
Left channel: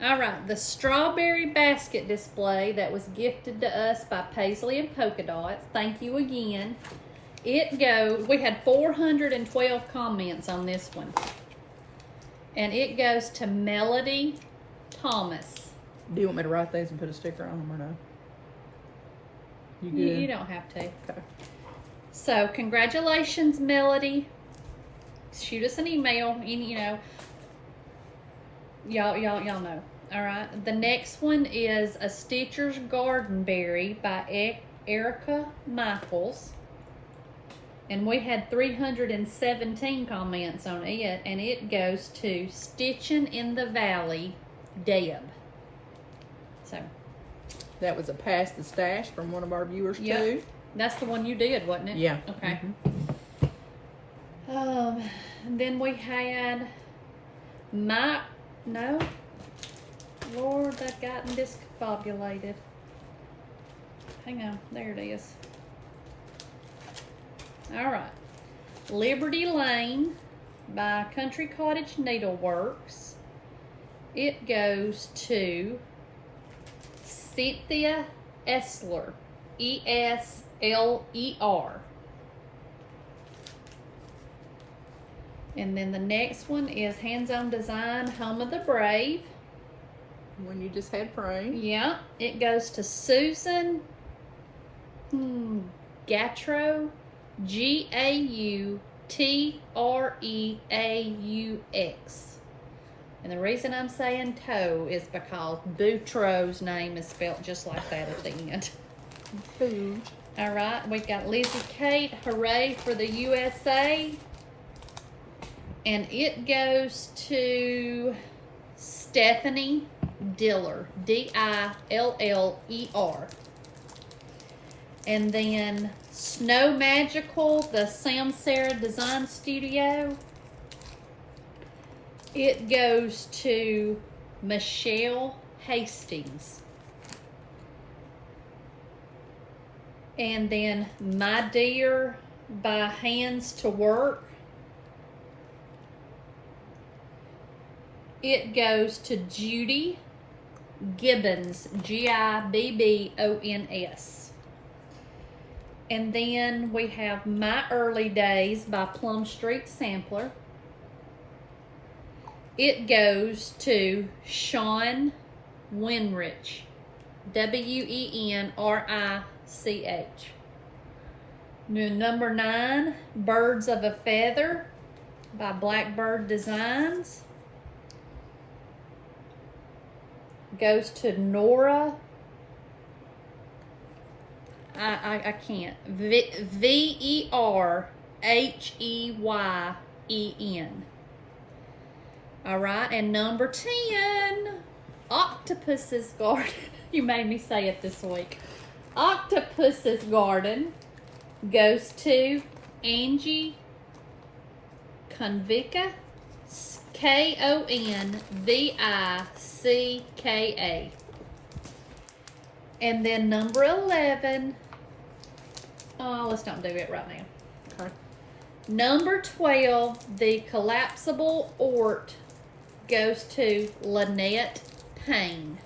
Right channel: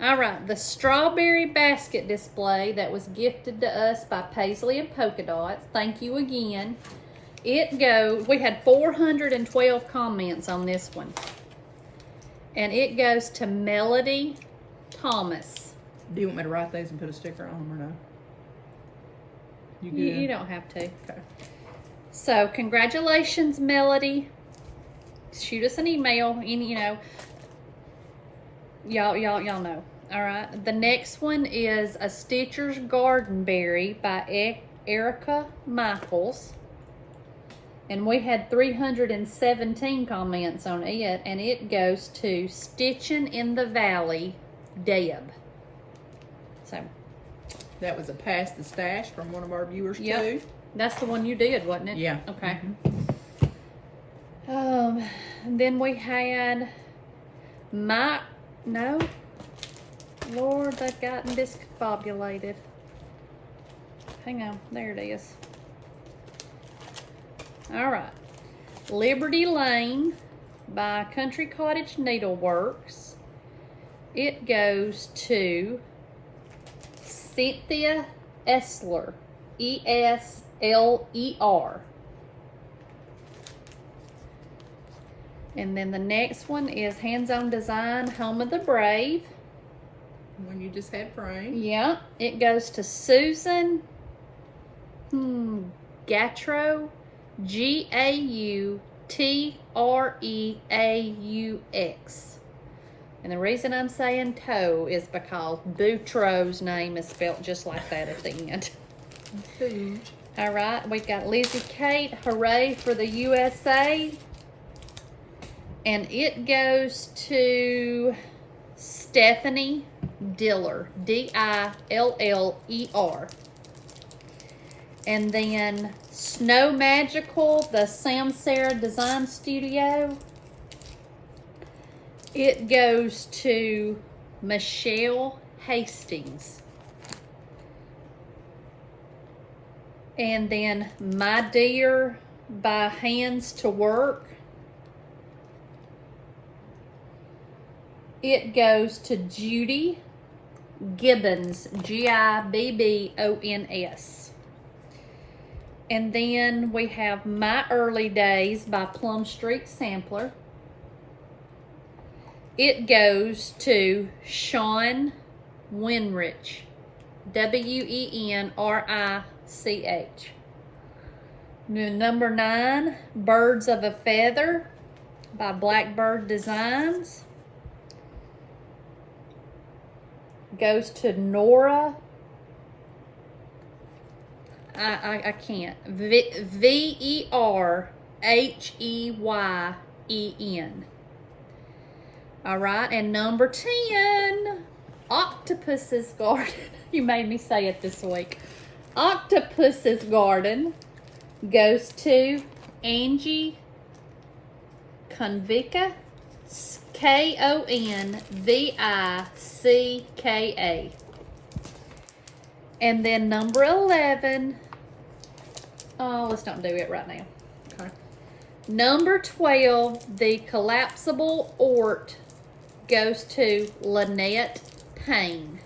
All right, the strawberry basket display that was gifted to us by Paisley and Polka Dots. Thank you again. It goes, we had 412 comments on this one. And it goes to Melody Thomas. Do you want me to write these and put a sticker on them or no? You good? You don't have to. Okay. So, congratulations, Melody. Shoot us an email, and y'all know. All right. The next one is a Stitcher's Garden Berry by Erica Michaels. And we had 317 comments on it, and it goes to Stitching in the Valley, Deb. So That was a Pass the Stash from one of our viewers too. That's the one you did, wasn't it? Yeah. Okay. And then we had Lord, they've gotten discombobulated. Hang on, there it is. All right. Liberty Lane by Country Cottage Needleworks. It goes to Cynthia Esler, Esler. And then the next one is Hands On Design, Home of the Brave. When you just had framed. Yeah, it goes to Susan Gatreaux, Gautreaux. And the reason I'm saying toe is because Boutreaux's name is spelled just like that at the end. Food. All right, we've got Lizzie Kate, Hooray for the USA. And it goes to Stephanie Diller, Diller. And then Snow Magical, the Sam Sarah Design Studio. It goes to Michelle Hastings. And then My Dear by Hands to Work. It goes to Judy Gibbons, Gibbons. And then we have My Early Days by Plum Street Sampler. It goes to Sean Winrich, Wenrich. Number 9, Birds of a Feather by Blackbird Designs. Goes to Nora. I can't. Verheyen. All right, and number 10, Octopus's Garden. You made me say it this week. Octopus's Garden goes to Angie Konvicka, Konvicka. And then number 11, let's not do it right now. Okay. Number 12, the collapsible Ort goes to Lynette Payne.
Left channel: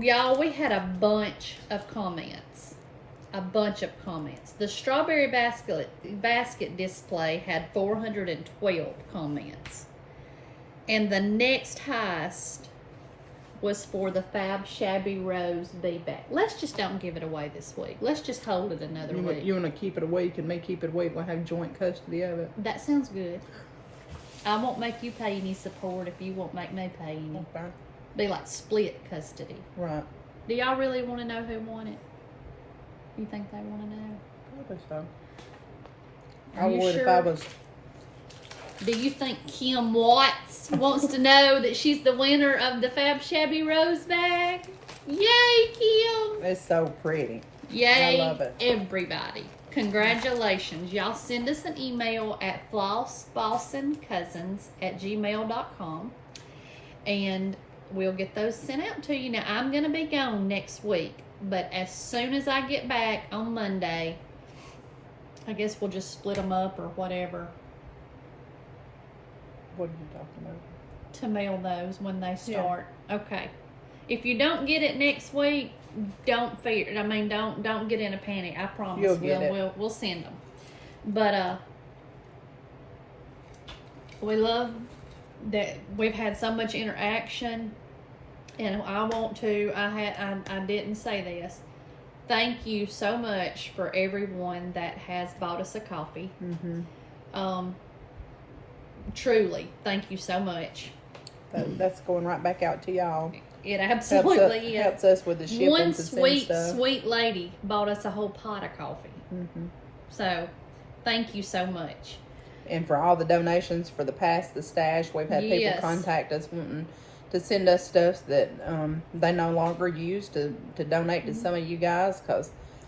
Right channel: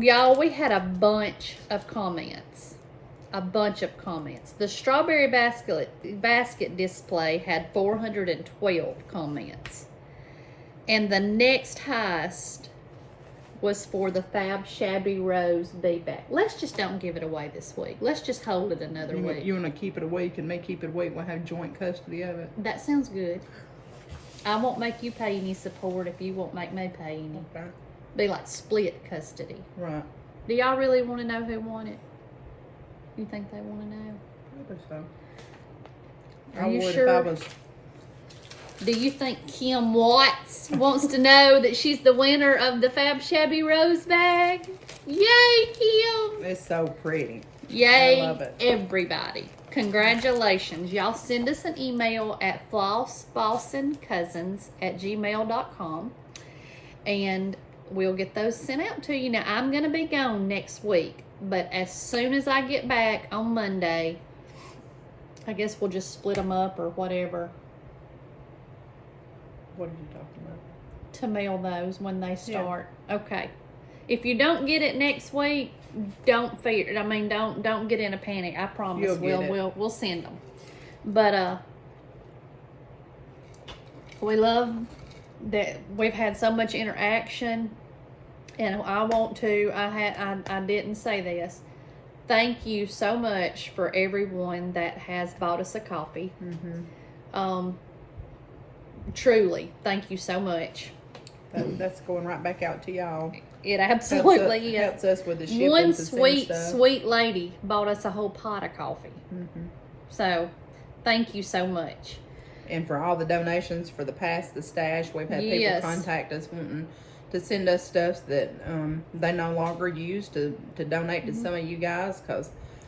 Y'all, we had a bunch of comments. The strawberry basket display had 412 comments. And the next highest was for the Fab Shabby Rose Be-Back. Let's just don't give it away this week. Let's just hold it another week. You want to keep it a week and me keep it a week? We'll have joint custody of it. That sounds good. I won't make you pay any support if you won't make me pay any. Okay. Be like split custody. Right. Do y'all really want to know who won it? You think they want to know? Probably so. Are I you would sure? if I was. Do you think Kim Watts wants to know that she's the winner of the Fab Shabby Rose bag? Yay, Kim! It's so pretty. Yay, I love it. everybody. Congratulations. Y'all send us an email at flossbostoncousins@gmail.com and we'll get those sent out to you. Now, I'm going to be gone next week, but as soon as I get back on Monday, I guess we'll just split them up or whatever. What are you talking about? To mail those when they start. Yeah. Okay. If you don't get it next week, don't fear. I mean, don't get in a panic. I promise we'll send them. But we love that we've had so much interaction, and I didn't say this. Thank you so much for everyone that has bought us a coffee. Truly, thank you so much. That's going right back out to y'all. It absolutely helps us with the shipping. One sweet lady bought us a whole pot of coffee. So, thank you so much. And for all the donations for the stash, we've had people contact us wanting to send us stuff that they no longer use to donate to some of you guys.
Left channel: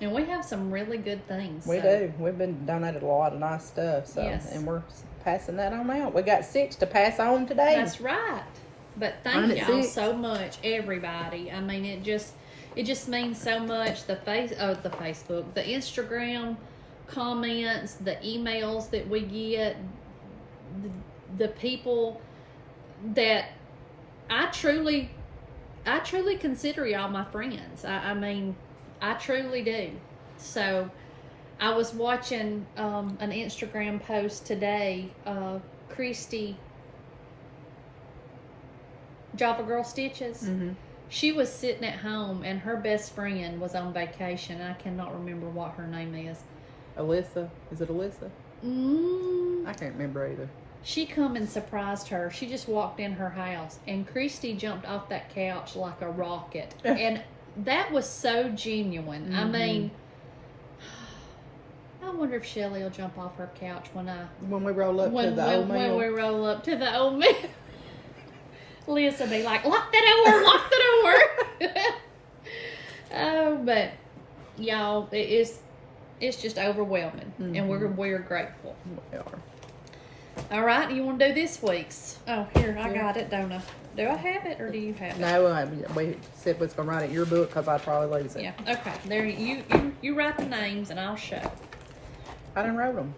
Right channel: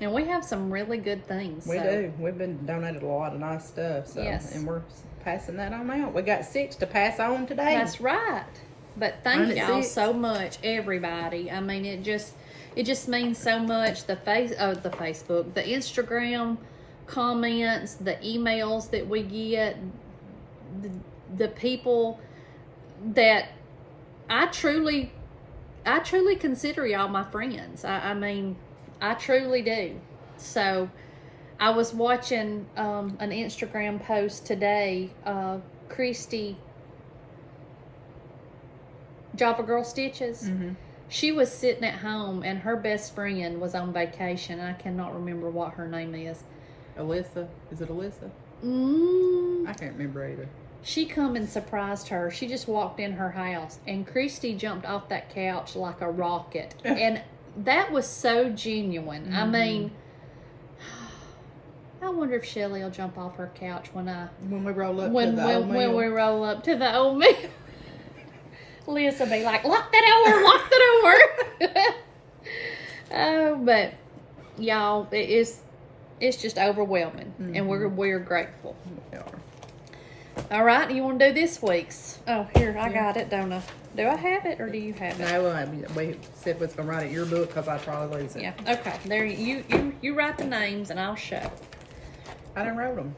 And we have some really good things. We do. We've been donated a lot of nice stuff. So, and we're passing that on out. We got 6 to pass on today. That's right. But thank y'all so much, everybody. I mean, it just means so much. The Facebook, the Instagram comments, the emails that we get, the people that I truly consider y'all my friends. I mean, I truly do. So, I was watching an Instagram post today. Kristy, Java Girl Stitches. She was sitting at home and her best friend was on vacation. I cannot remember what her name is. Alyssa? Is it Alyssa? I can't remember either. She come and surprised her. She just walked in her house and Kristy jumped off that couch like a rocket. And that was so genuine. I mean, I wonder if Shelli will jump off her couch when we roll up to the old mill. When we roll up to the old mill. Liz will be like, lock the door. Oh, but y'all, it's just overwhelming, and we're grateful. We are. All right, you want to do this week's? Oh, here, I got it, don't I? Do I have it, or do you have it? No, we said we was gonna write it in your book because I probably lose it. Yeah. Okay. There, you write the names, and I'll show. I didn't write them.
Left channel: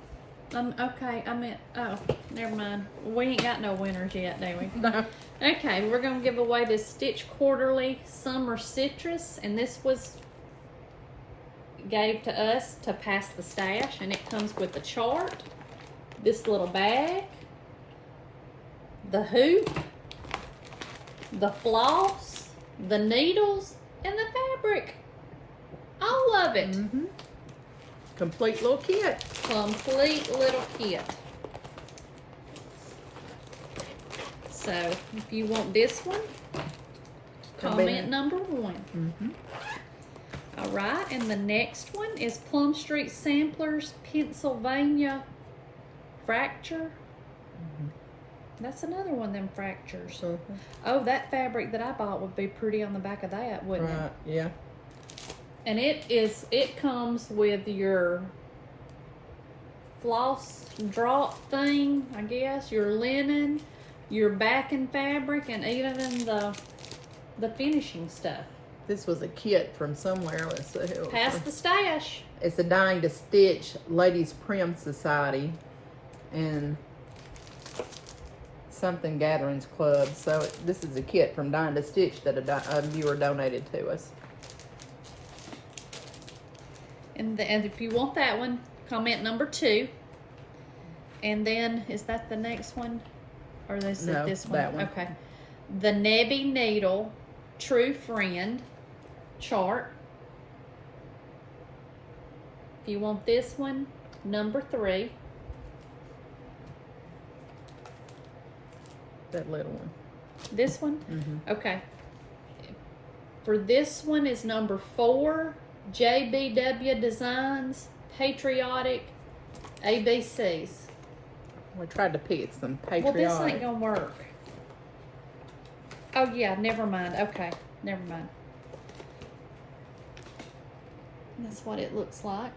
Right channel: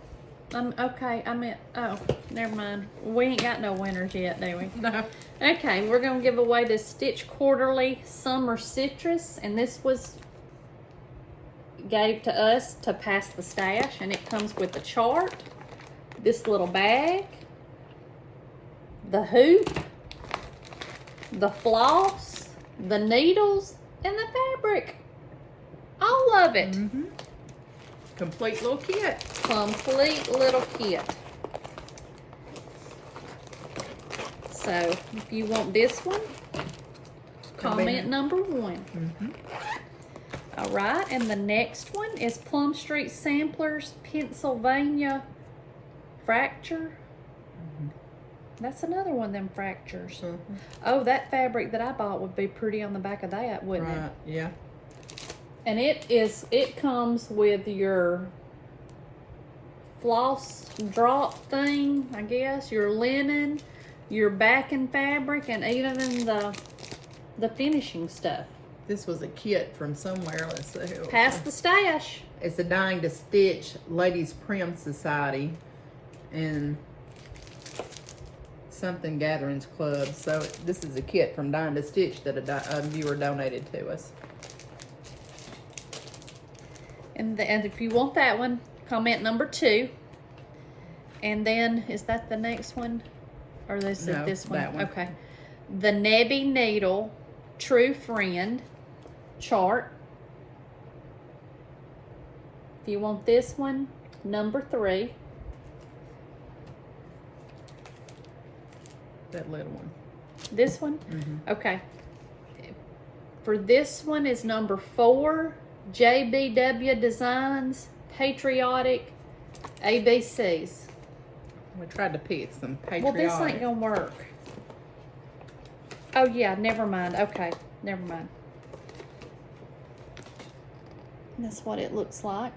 Okay, I meant, oh, never mind. We ain't got no winners yet, do we? No. Okay, we're going to give away this Stitch Quarterly Summer Citrus, and this was gave to us to pass the stash, and it comes with the chart, this little bag, the hoop, the floss, the needles, and the fabric. All of it. Complete little kit. Complete little kit. So, if you want this one, comment number 1. All right, and the next one is Plum Street Samplers, Pennsylvania Fracture. That's another one of them fractures. Oh, that fabric that I bought would be pretty on the back of that, wouldn't it? Right, yeah. And it comes with your floss drop thing, I guess, your linen, your backing fabric, and even the finishing stuff. This was a kit from somewhere. Let's see. Pass the stash. It's a Dying to Stitch Ladies Prim Society and something Gatherings Club. So this is a kit from Dying to Stitch that a viewer donated to us. And if you want that one, comment number 2. And then, is that the next one? Or this is this one? That one. Okay. The Nebby Needle True Friend chart. If you want this one, number 3. That little one. This one? Okay. For this one is number 4. JBW Designs, Patriotic ABCs. We tried to pick some patriotic. Well, this ain't gonna work. Oh yeah, never mind. Okay, never mind. That's what it looks like.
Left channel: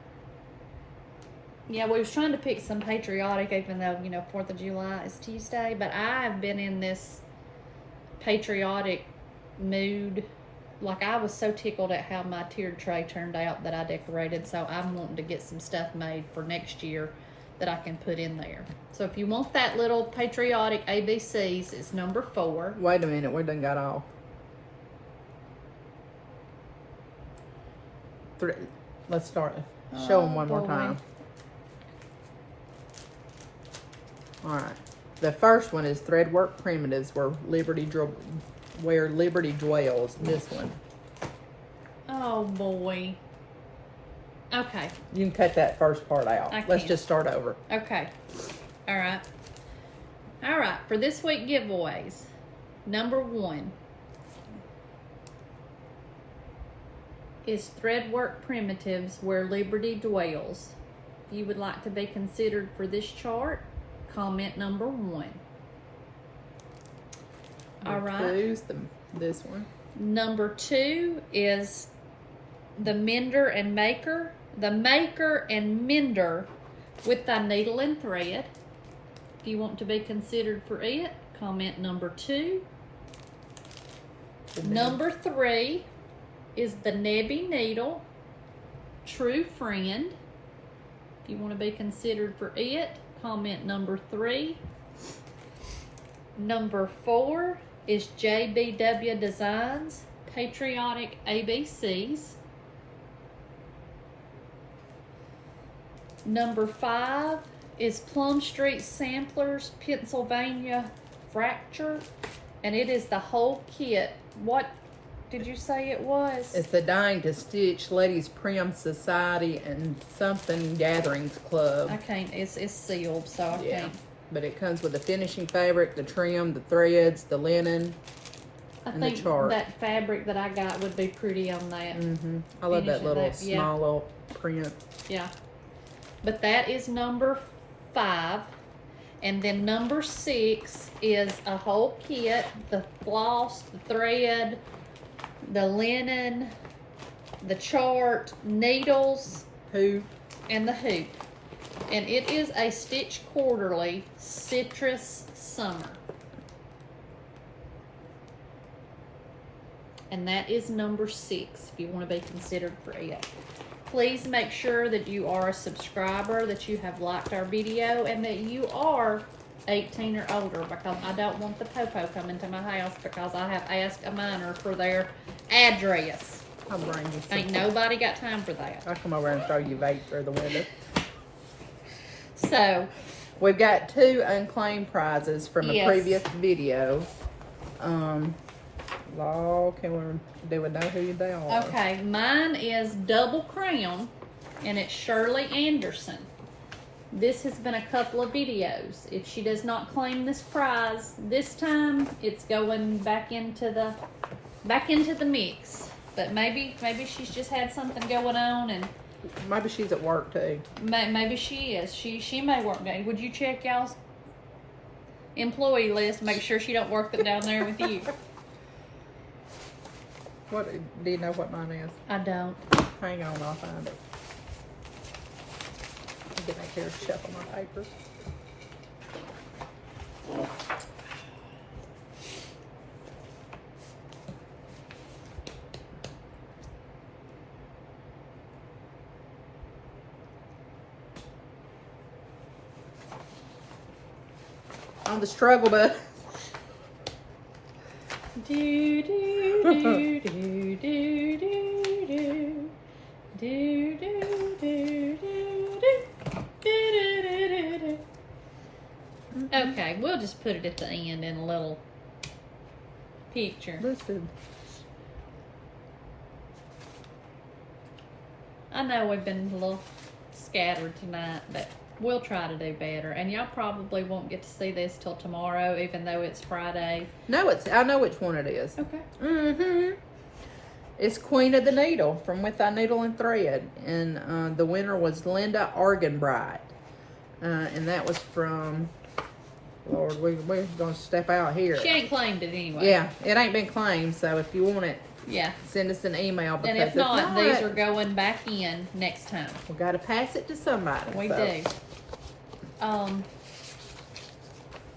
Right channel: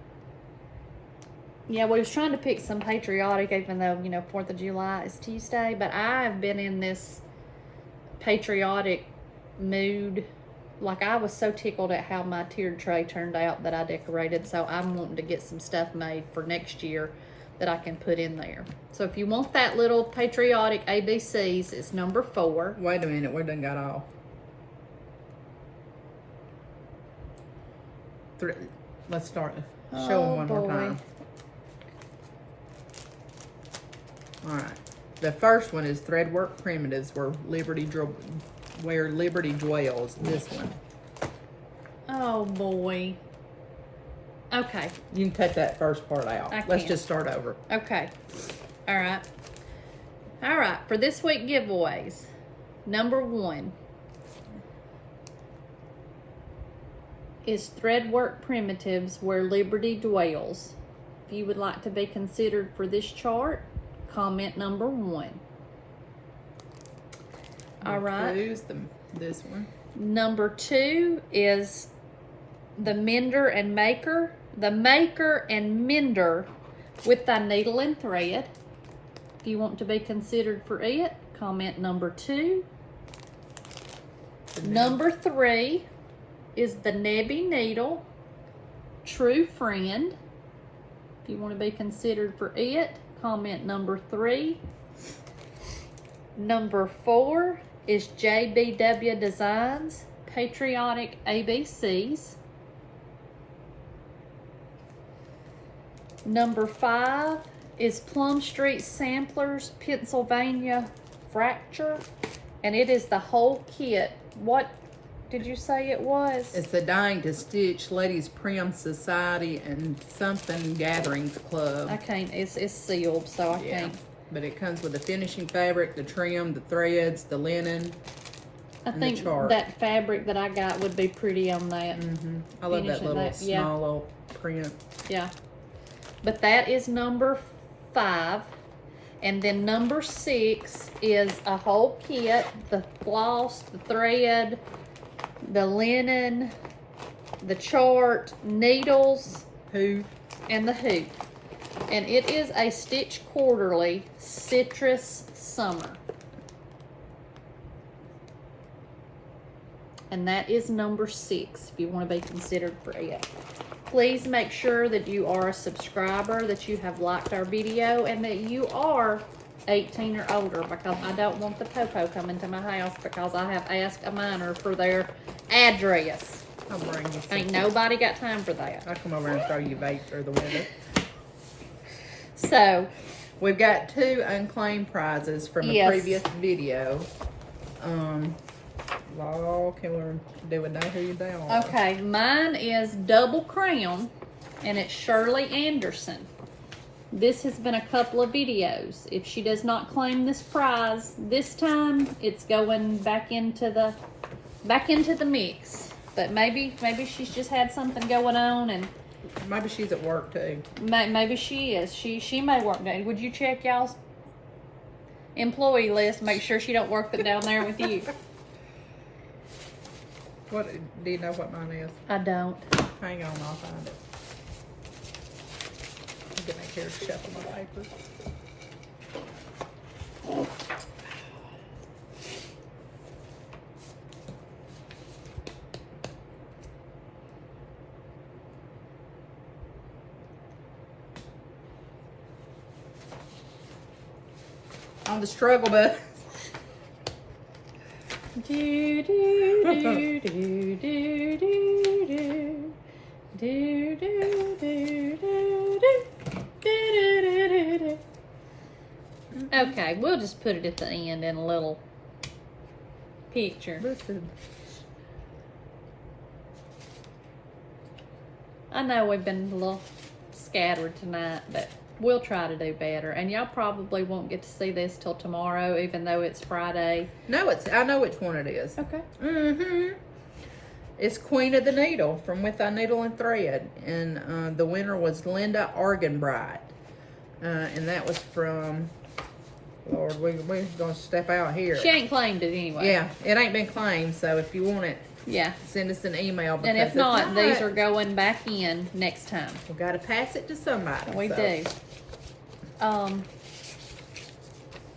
Yeah, we was trying to pick some patriotic, even though, you know, 4th of July is Tuesday. But I've been in this patriotic mood. Like, I was so tickled at how my tiered tray turned out that I decorated. So I'm wanting to get some stuff made for next year that I can put in there. So if you want that little patriotic ABCs, it's number 4. Wait a minute, we done got off. Let's start. Show them one more time. All right. The first one is Threadwork Primitives, where Liberty dwells. This one. Oh boy. Okay. You can cut that first part out. Let's just start over. Okay. All right. All right. For this week giveaways, number 1 is Threadwork Primitives, where Liberty dwells. If you would like to be considered for this chart, comment number 1. All right. Choose this one. Number 2 is the Mender and Maker. The Maker and Mender with thy needle and thread. If you want to be considered for it, comment number 2. Number 3 is the Nebby Needle, True Friend. If you want to be considered for it, comment number 3. Number 4 is JBW Designs, Patriotic ABCs. Number 5 is Plum Street Samplers, Pennsylvania Fracture, and it is the whole kit. What did you say it was? It's the Dying to Stitch Ladies Prim Society and something Gatherings Club. I can't. It's sealed, so I can't. But it comes with the finishing fabric, the trim, the threads, the linen, and the chart. That fabric that I got would be pretty on that. I love that little small little print. Yeah. But that is number 5. And then number 6 is a whole kit, the floss, the thread, the linen, the chart, needles, hoop, and the hoop. And it is a Stitch Quarterly Citrus Summer. And that is number 6 if you want to be considered for it. Please make sure that you are a subscriber, that you have liked our video, and that you are 18 or older, because I don't want the popo coming to my house because I have asked a minor for their address. I'll bring you some. Ain't nobody got time for that. I'll come over and throw you vape through the window. So, we've got 2 unclaimed prizes from a previous video. They would know who they are. Okay, mine is Double Crown, and it's Shirley Anderson. This has been a couple of videos. If she does not claim this prize this time, it's going back into the mix. But maybe she's just had something going on, and maybe she's at work too. Maybe she is. She may work down. Would you check y'all's employee list? Make sure she don't work down there with you. What do you know what mine is? I don't. Hang on, I'll find it. I'll get back here and shuffle my papers. On the struggle bus. Do do do do do do do do do do do. Okay, we'll just put it at the end in a little picture. Listen. I know we've been a little scattered tonight, but we'll try to do better. And y'all probably won't get to see this till tomorrow, even though it's Friday. No, I know which one it is. Okay. It's Queen of the Needle from With Thy Needle and Thread. And the winner was Linda Arganbright. And that was from, Lord, we're going to step out here. She ain't claimed it anyway. Yeah, it ain't been claimed, so if you want it, Yeah. send us an email. Because And if not, these are going back in next time. we got to pass it to somebody. We do.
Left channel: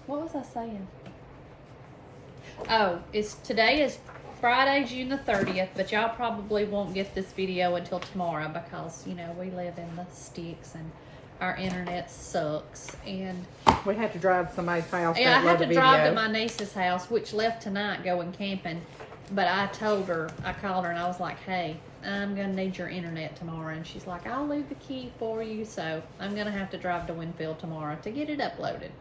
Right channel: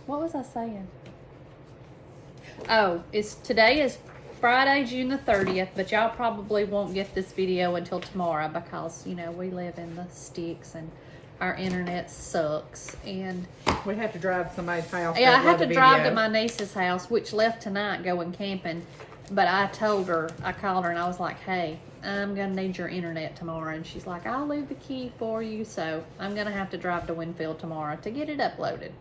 What was I saying? Oh, today is Friday, June the 30th, but y'all probably won't get this video until tomorrow because, you know, we live in the sticks and our internet sucks. And we have to drive to somebody's house. yeah, I have to drive to my niece's house, which left tonight going camping. But I told her, I called her and I was like, hey, I'm going to need your internet tomorrow. And she's like, I'll leave the key for you. So I'm going to have to drive to Winfield tomorrow to get it uploaded.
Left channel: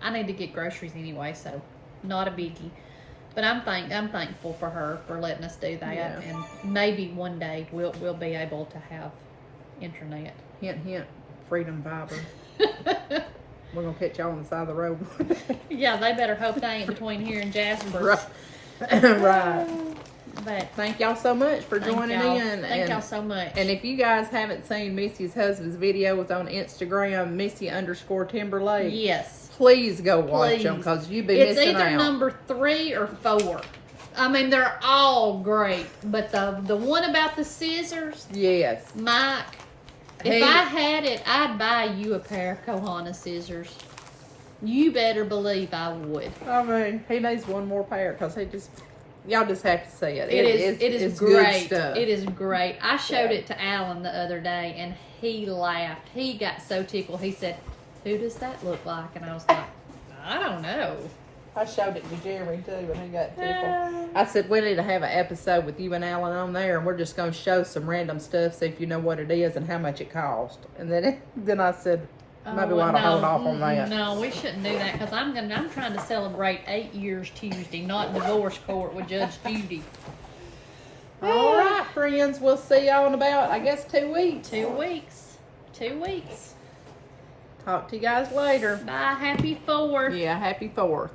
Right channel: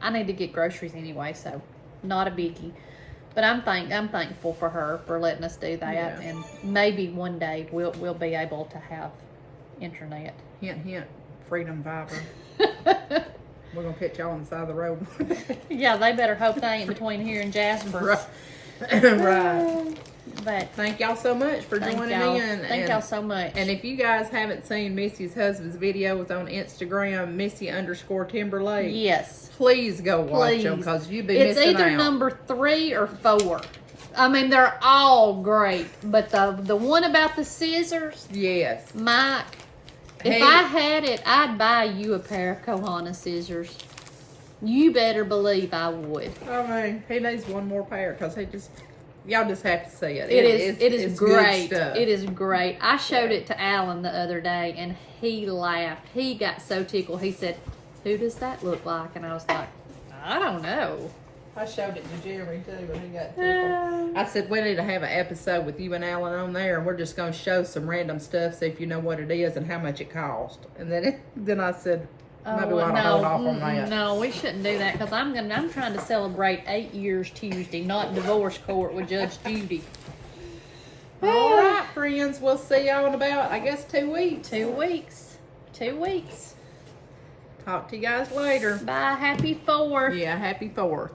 I need to get groceries anyway, so not a biggie. But I'm thankful for her for letting us do that. Yeah. And maybe one day we'll be able to have internet. Hint, hint. Freedom Fiber. We're going to catch y'all on the side of the road one day. Yeah, they better hope they ain't between here and Jasper. Right. Right. But thank y'all so much for joining in. Thank y'all so much. And if you guys haven't seen Missy's husband's videos on Instagram, Missy_Timberlake. Yes. Please go watch them because you'll be missing out. It's either number 3 or 4. I mean, they're all great. But the one about the scissors. Yes. Mike, if I had it, I'd buy you a pair of Kohana scissors. You better believe I would. I mean, he needs one more pair because y'all just have to see it. It is great. Good stuff. It is great. I showed it to Alan the other day and he laughed. He got so tickled. He said, who does that look like? And I was like, I don't know. I showed it to Jayme too when he got tickled. I said, we need to have an episode with you and Alan on there and we're just going to show some random stuff, see if you know what it is and how much it cost. And then I said, maybe we ought to hold off on that. No, we shouldn't do that because I'm trying to celebrate 8 years Tuesday, not divorce court with Judge Judy. All right, friends. We'll see y'all in about, I guess, 2 weeks. 2 weeks. 2 weeks. Talk to you guys later. Bye. Happy 4th. Yeah, happy 4th.